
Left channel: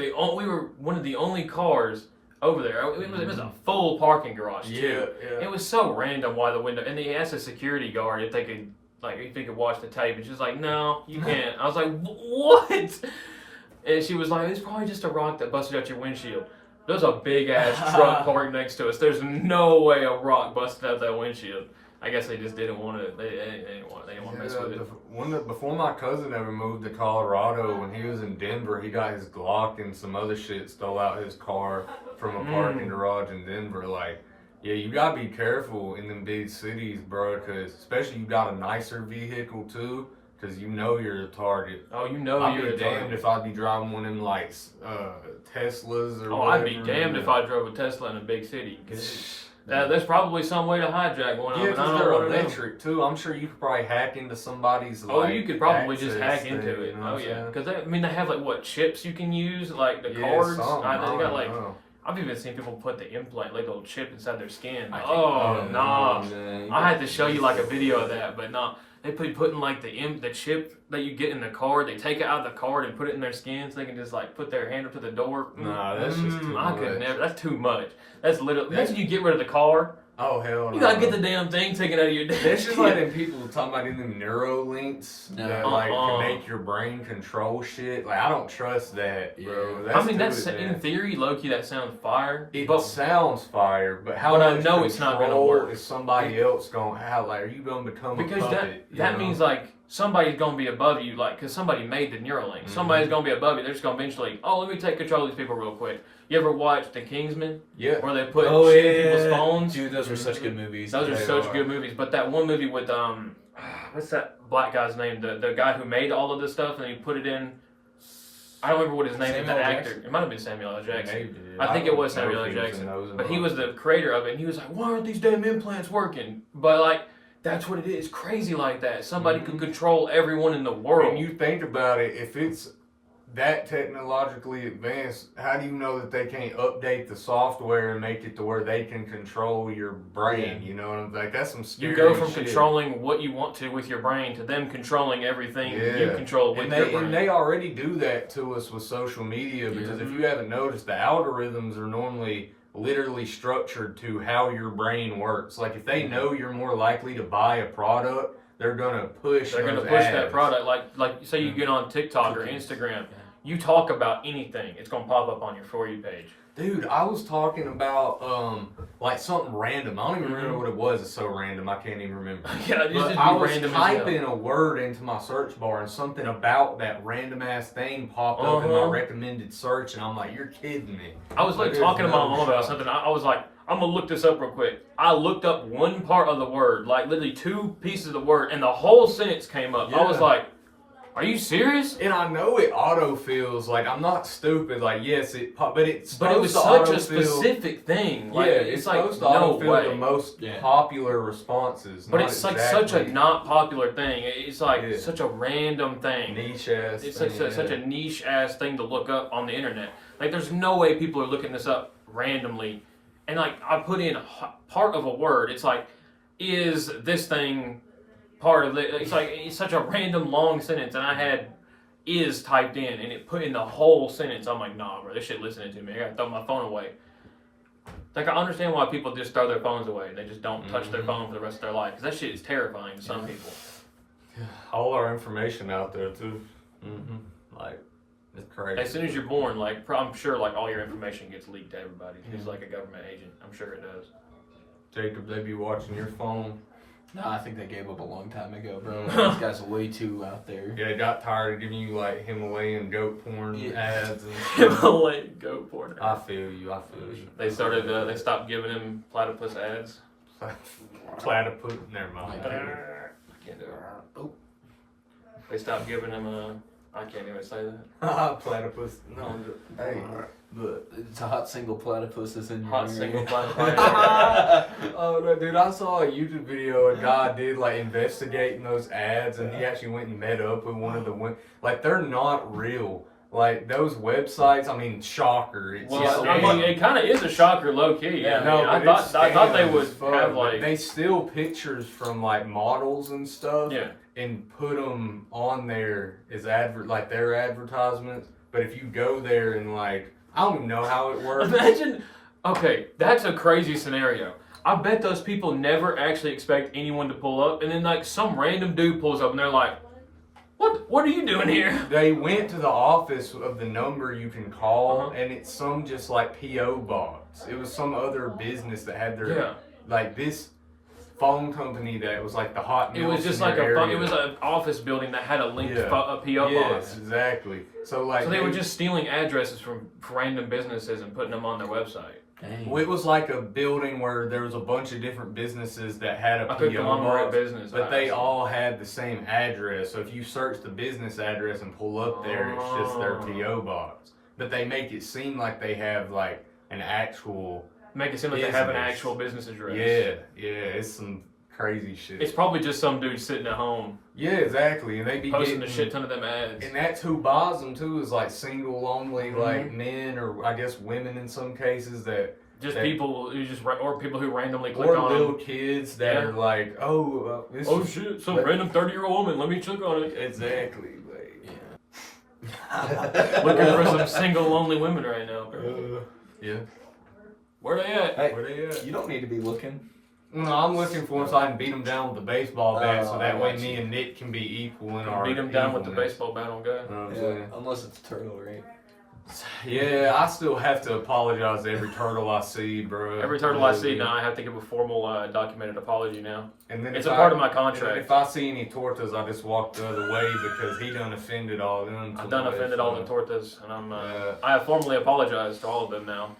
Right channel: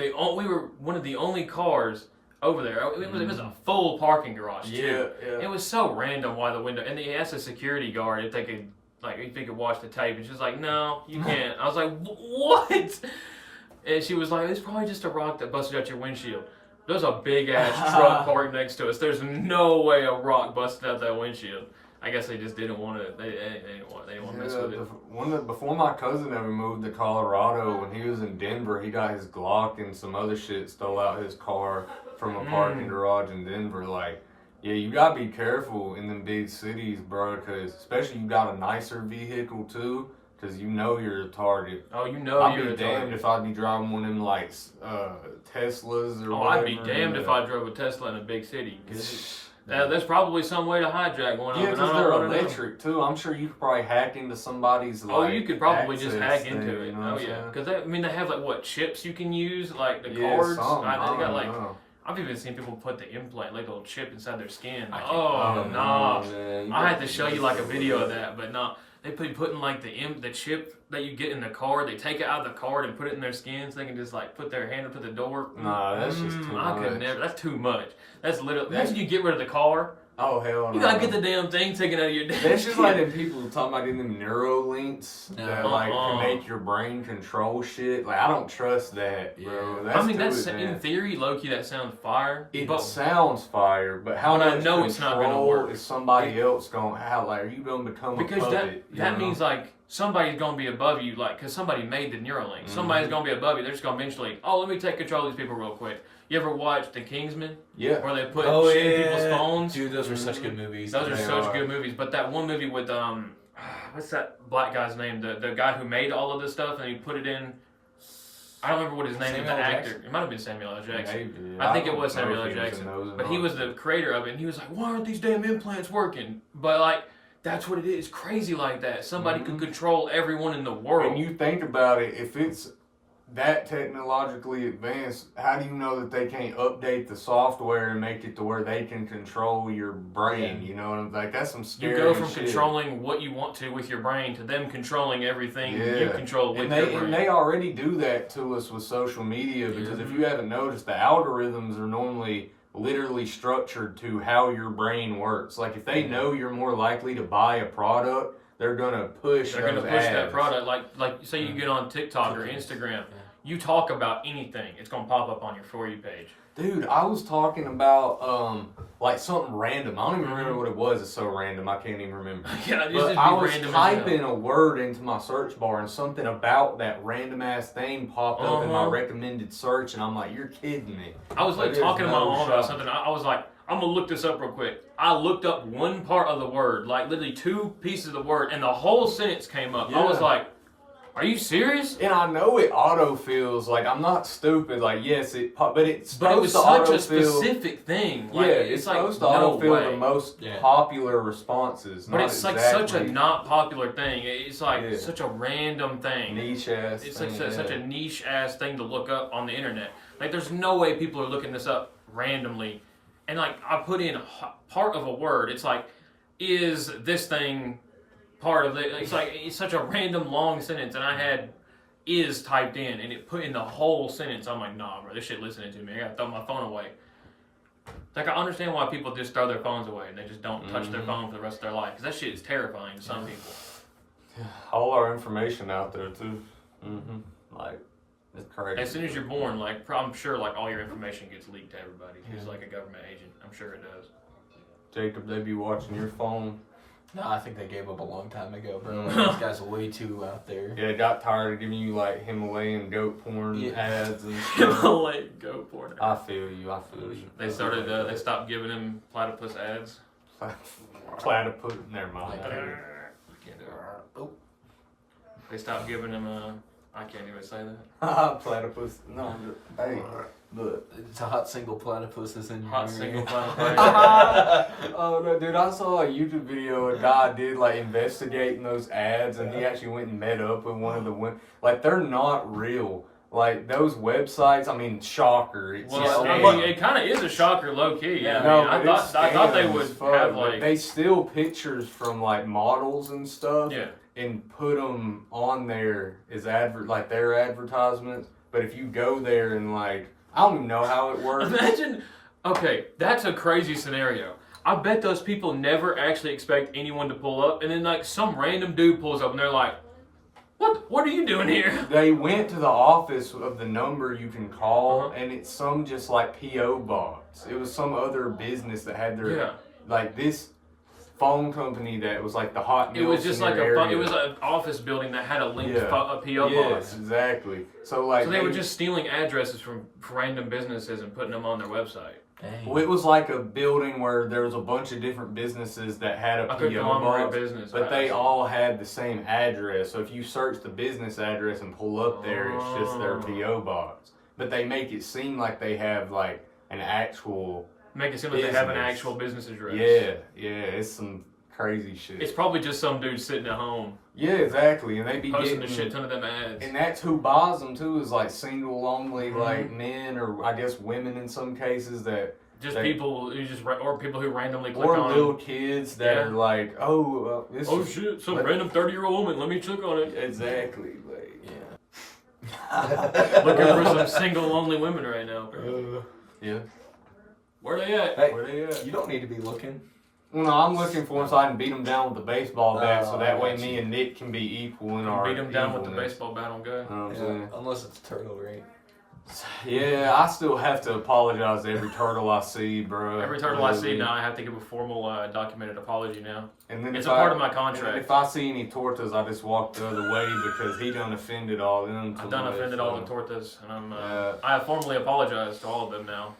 one of the only cars over there. It was a full parking garage too. Yeah. It was so random why the window, and he asked the security guard if they could watch the tape, and she's like, no, you can't. I was like, what? And she was like, it's probably just a rock that busted out your windshield. There's a big ass truck parked next to us. There's no way a rock busted out that windshield. I guess they just didn't want to. They didn't want to mess with it. Before my cousin ever moved to Colorado, when he was in Denver, he got his Glock and some other shit stole out his car from a parking garage in Denver. Like, yeah, you gotta be careful in them big cities, bro, because especially you got a nicer vehicle too, because you know you're a target. Oh, you know I'd you're be a damned target. if I'd be driving one of them like Teslas or. Oh, whatever. I'd be damned if I drove a Tesla in a big city. Cause there's probably some way to hijack one of them, Yeah, and I because don't they're want to know. electric too. I'm sure you could probably hack into somebody's. Oh, like, you could probably just access hack into thing, it. you know Oh what I'm yeah, saying? because they have like what chips you can use, like the Yeah, cards. some, They got don't like know. I've even seen people put the implant, like a little chip inside their skin. I can't- Oh nah, man. I had to show you like a video of that, but no, they putting like the chip that you get in the card. They take it out of the card and put it in their skin, so they can just like put their hand up to the door. Nah, that's just too I could much. never. That's too much. That's literally. Imagine you get rid of the car. Oh hell no. You gotta get the damn thing taken out of your damn That's just like skin. them people talking about them neurolinks that No. like Uh-uh. can make your brain control shit. Like I don't trust that, bro. Yeah. I mean, too that's in advanced. theory, low-key, that sounds fire. It But sounds fire, but how But I much know it's not gonna control work. is somebody else gonna have? Like, are you gonna become because a puppet? that means like somebody's gonna be above you, like because somebody made the Neuralink. Mm-hmm. Somebody's gonna be above you. They're just gonna eventually. Oh, let me take control of these people real quick. You ever watch The Kingsman, yeah. where they put Oh shit in yeah, people's phones? dude, those were such good movies. Those are They such are. good movies. But that one movie with what's that black guy's name? The guy who made all of this stuff and he put it in. I don't remember what his name is. Samuel The L. actor. Jackson? It might have been Samuel L. Jackson. Maybe. I think it don't was know Samuel if L. he was in Jackson, those or but he not. was the creator of it, and he was like, "Why aren't these damn implants working?" But like, that's what it is. Crazy like that. Somebody can control everyone in the When world. you think about it, if it's that technologically advanced, how do you know that they can't update the software and make it to where they can control your brain? You know what I'm like? That's some scary You go from shit. controlling what you want to with your brain to them controlling everything you Yeah. control with and your they, brain. and they already do that to us with social media because if you haven't noticed, the algorithms are normally literally structured to how your brain works. Like if they know you're more likely to buy a product, they're gonna push. They're gonna those push that ads. product. Like say you get on TikTok or Instagram, you talk about anything, it's gonna pop up on your For You page. Dude, I was talking about like something random. I don't even remember what it was. It's so random, I can't even remember. Yeah, it But just I be was random as hell. typing a word into my search bar and something about that random ass thing popped up in my recommended search, and I'm like, "You're kidding me!" I was like There's talking to my no mom about shot. something. I was like, I'm gonna look this up real quick. I looked up one part of the word, like literally 2 pieces of the word, and the whole sentence came up. I was Yeah. like, are you serious? And I know it autofills. Like I'm not stupid. Like yes, but it's But it was supposed such a to specific thing. Like yeah, it's like supposed to no autofill way. the most Yeah. popular responses. But not it's like such a exactly not popular thing. It's like Yeah. such a random thing. niche ass. It's thing, like such yeah. a niche ass thing to look up on the internet. Like there's no way people are looking this up randomly. And like I put in part of a word. It's like, is this thing part of it. It's such a random long sentence, and I had is typed in, and it put in the whole sentence. I'm like, nah, bro, this shit listening to me. I gotta throw my phone away. Like, I understand why people just throw their phones away and they just don't touch their phone for the rest of their life, because that shit is terrifying to some people. All our information out there too. Like, it's crazy. As soon as you're born, like, I'm sure like all your information gets leaked to everybody who's like a government agent. I'm sure it does. Jacob, they be watching your phone. No, I think they gave up a long time ago, bro. These guys are way too out there. Yeah, they got tired of giving you like Himalayan goat porn ads and stuff. Himalayan goat porn ads. I feel you. They started. They stopped giving him platypus ads. Platypus. Never mind. I can't do it. Oh. They stopped giving him I can't even say that. Platypus. No. Hey. Look. It's a hot single platypus is in your Hot area. single platypus. Oh no, dude! I saw a YouTube video. A guy did like investigating those ads, and he actually went and met up with one of the women. Like, they're not real. Like, those websites. I mean, shocker. It's It kind of is a shocker, low key. Yeah, I thought they would have like. They steal pictures from like models and stuff. Yeah. And put them on there as like their advertisements. But if you go there and like, I don't even know how it works. Imagine, okay, that's a crazy scenario. I bet those people never actually expect anyone to pull up, and then like some random dude pulls up and they're like, What are you doing here? They went to the office of the number you can call, and it's some just like P.O. box. It was some other business that had their, like this phone company that was like the hot. It was just like it was an office building that had a linked P.O. box. Yes, exactly. So like, so they were just stealing addresses from random businesses and putting them on their website. Dang. Well, it was like a building where there was a bunch of different businesses that had a P.O. box, business, but they all had the same address. So if you search the business address and pull up there, it's just their P.O. box. But they make it seem like they have like an actual. Make it seem like they have an actual business address. Yeah, it's some crazy shit. It's probably just some dude sitting at home. Yeah, exactly, and they be posting getting a shit ton of them ads. And that's who buys them too, is like single only, like men or I guess women in some cases that. Just people who people who randomly click on them. Or little kids that are like, shit, some random 30-year-old woman, let me click on it. Exactly, like, yeah. Looking for some single lonely women right now. Yeah. Where they at? Hey, where they at? You don't need to be looking. Well, no, I'm looking for them so I can beat them down with the baseball bat, so that way me and Nick can be equal in our. Beat them down with the baseball bat on go. Unless it's a turtle, right? Yeah, I still have to apologize to every turtle I see, bro. Every turtle I see now, I have to give a formal documented apology now. And then it's a part of my contract. If I see any tortas, I just walk the other way because he done offended all them. I've done offended all the tortas, and I have formally apologized to all of them now.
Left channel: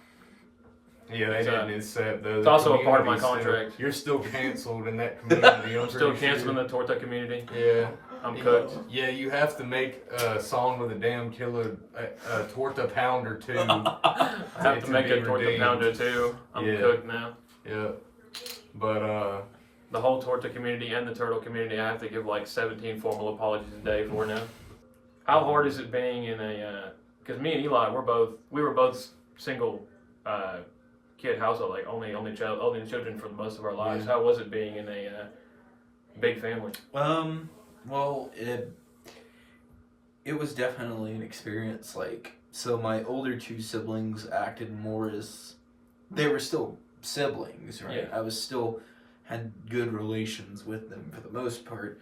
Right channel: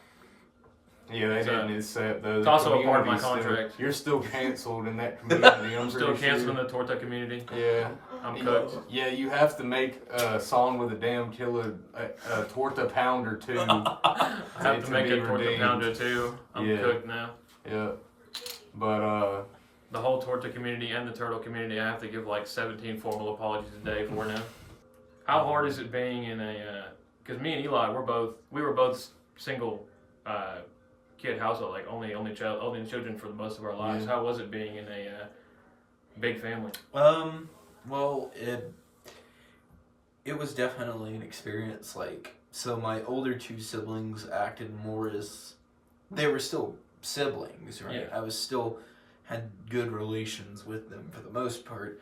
Yeah, they didn't accept those. It's also a part of my contract. You're still canceled in that community. I'm still canceling the torta community. Yeah. I'm cooked. Yeah, you have to make a song with a damn killer, a torta pounder too. I have to make a torta pounder too. I'm cooked now. Yeah. But the whole torta community and the turtle community, I have to give like 17 formal apologies a day for now. How hard is it being in a? Because me and Eli, we were both single. Kid household, like only children for the most of our lives. How was it being in a big family? Well, it was definitely an experience. Like, so my older two siblings acted more as they were still siblings, right? Yeah. I was still had good relations with them for the most part.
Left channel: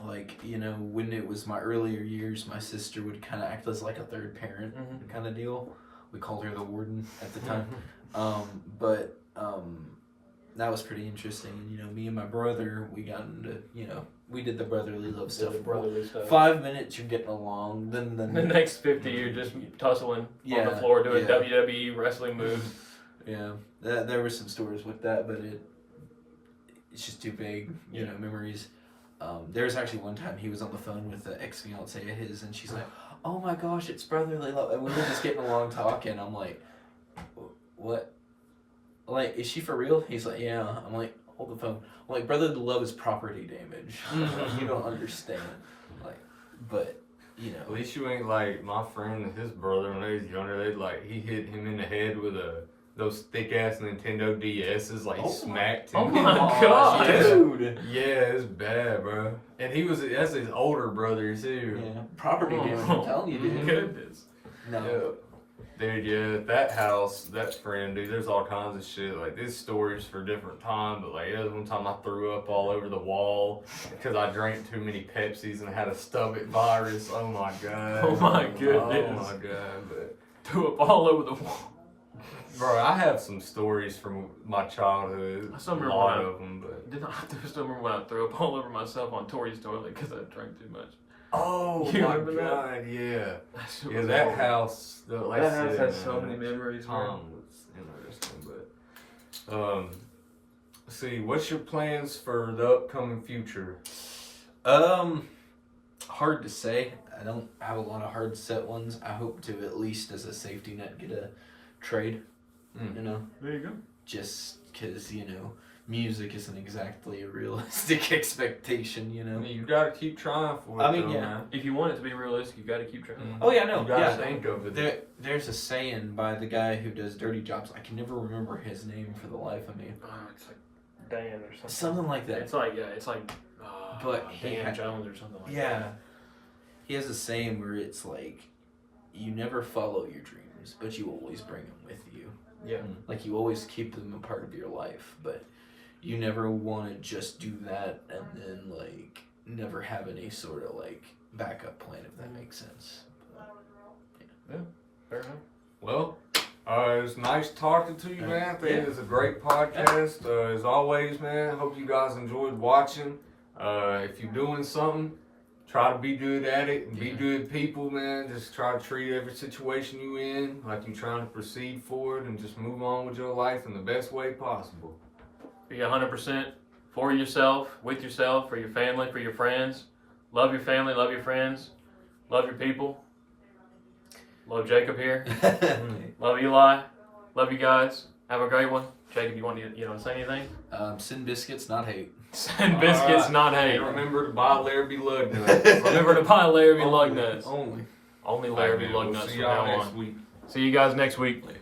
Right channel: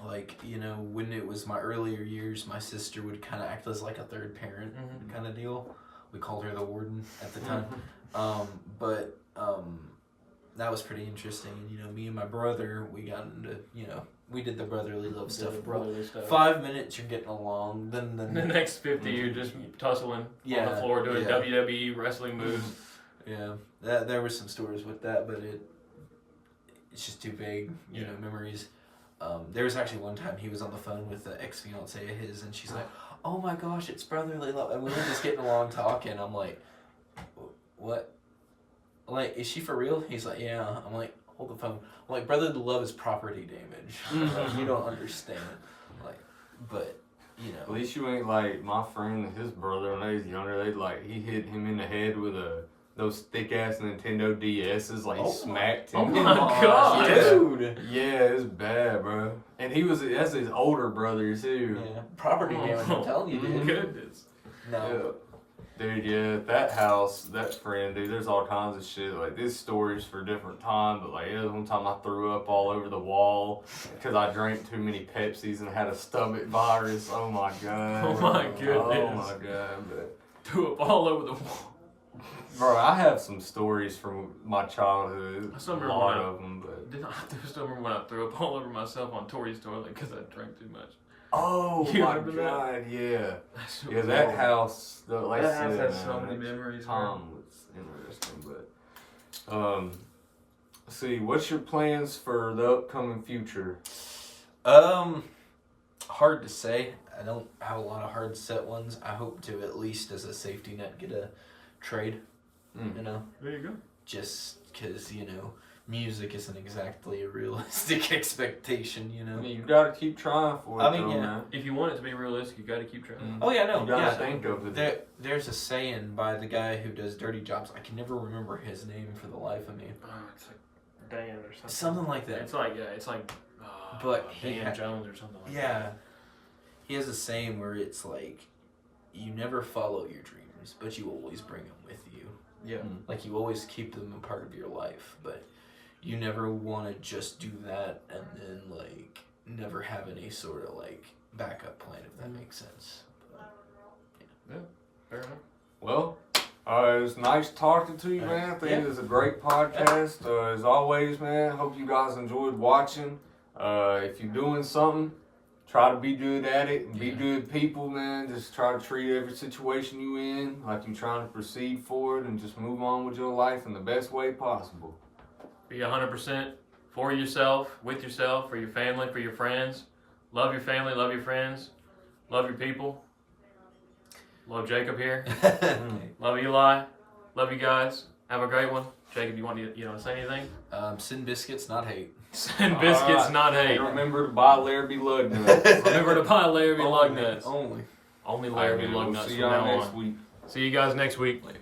Like, you know, when it was my earlier years, my sister would kind of act as like a third parent kind of deal. We called her the warden at the time. But that was pretty interesting. And, you know, me and my brother, we got into, you know, we did the brotherly love stuff. 5 minutes, you're getting along. Then the next 50, you're just tussling on the floor doing WWE wrestling moves. Yeah, there were some stories with that, but it's just too big, you know, memories. There was actually one time he was on the phone with the ex-fiancée of his, and she's like, oh my gosh, it's brotherly love. And we were just getting along talking. I'm like, what? Like, is she for real? He's like, yeah. I'm like, hold the phone. I'm like, brotherly love is property damage. Like, you don't understand. Like, but, you know. At least you ain't like my friend and his brother when they was younger. He hit him in the head with a those thick ass Nintendo DSs. Like, he smacked him. Oh my God. dude. Yeah, it's bad, bro. And that's his older brother too. Yeah, property damage. I'm telling you, dude. Goodness. No. Yeah. Dude, yeah, that house, that friend, dude, there's all kinds of shit. Like, these stories for different time, but like, there was one time I threw up all over the wall because I drank too many Pepsis and I had a stomach virus. Oh my God. Oh my goodness. Oh my God. But, Threw up all over the wall. bro, I have some stories from my childhood. I still A remember lot when I- of them, but. I still remember when I threw up all over myself on Tori's toilet because I drank too much. Oh You my remember that? God, yeah. That shit Yeah, was that horrible. house, That house has so many memories, man. Tom was interesting, but let's see, what's your plans for the upcoming future? Hard to say. I don't have a lot of hard set ones. I hope to at least as a safety net get a trade. You know, There you go. just because music isn't exactly a realistic expectation. You I know. mean, you gotta keep trying for it. I mean, though, yeah. man. If you want it to be realistic, you got to keep trying. Oh yeah, no, You gotta yeah. think of it. There's a saying by the guy who does dirty jobs. I can never remember his name for the life of me. It's like Dan or something. Something like that. It's like But he Dan had- Jones or something like that. Yeah. He has a saying where it's like, you never follow your dreams, but you always bring them with you. Yeah. Like, you always keep them a part of your life, but you never want to just do that and then, like, never have any sort of, like, backup plan, if that makes sense. Fair enough. Well, it was nice talking to you, man. I think Yeah. it was a great podcast. As always, man, hope you guys enjoyed watching. If you're doing something, try to be good at it and be Yeah. good people, man. Just try to treat every situation you in like you're trying to proceed forward and just move on with your life in the best way possible. Be 100% for yourself, with yourself, for your family, for your friends. Love your family, love your friends, love your people. Love Jacob here. Love Eli. Love you guys. Have a great one. Jacob, you want to say anything? Sin biscuits, not hate. Send biscuits, not hate. And remember to buy Larrabee lug nuts. Remember to buy Larrabee lug nuts. Only. Only Larrabee We'll lug nuts see from y'all now next on. week. See you guys next week. Later.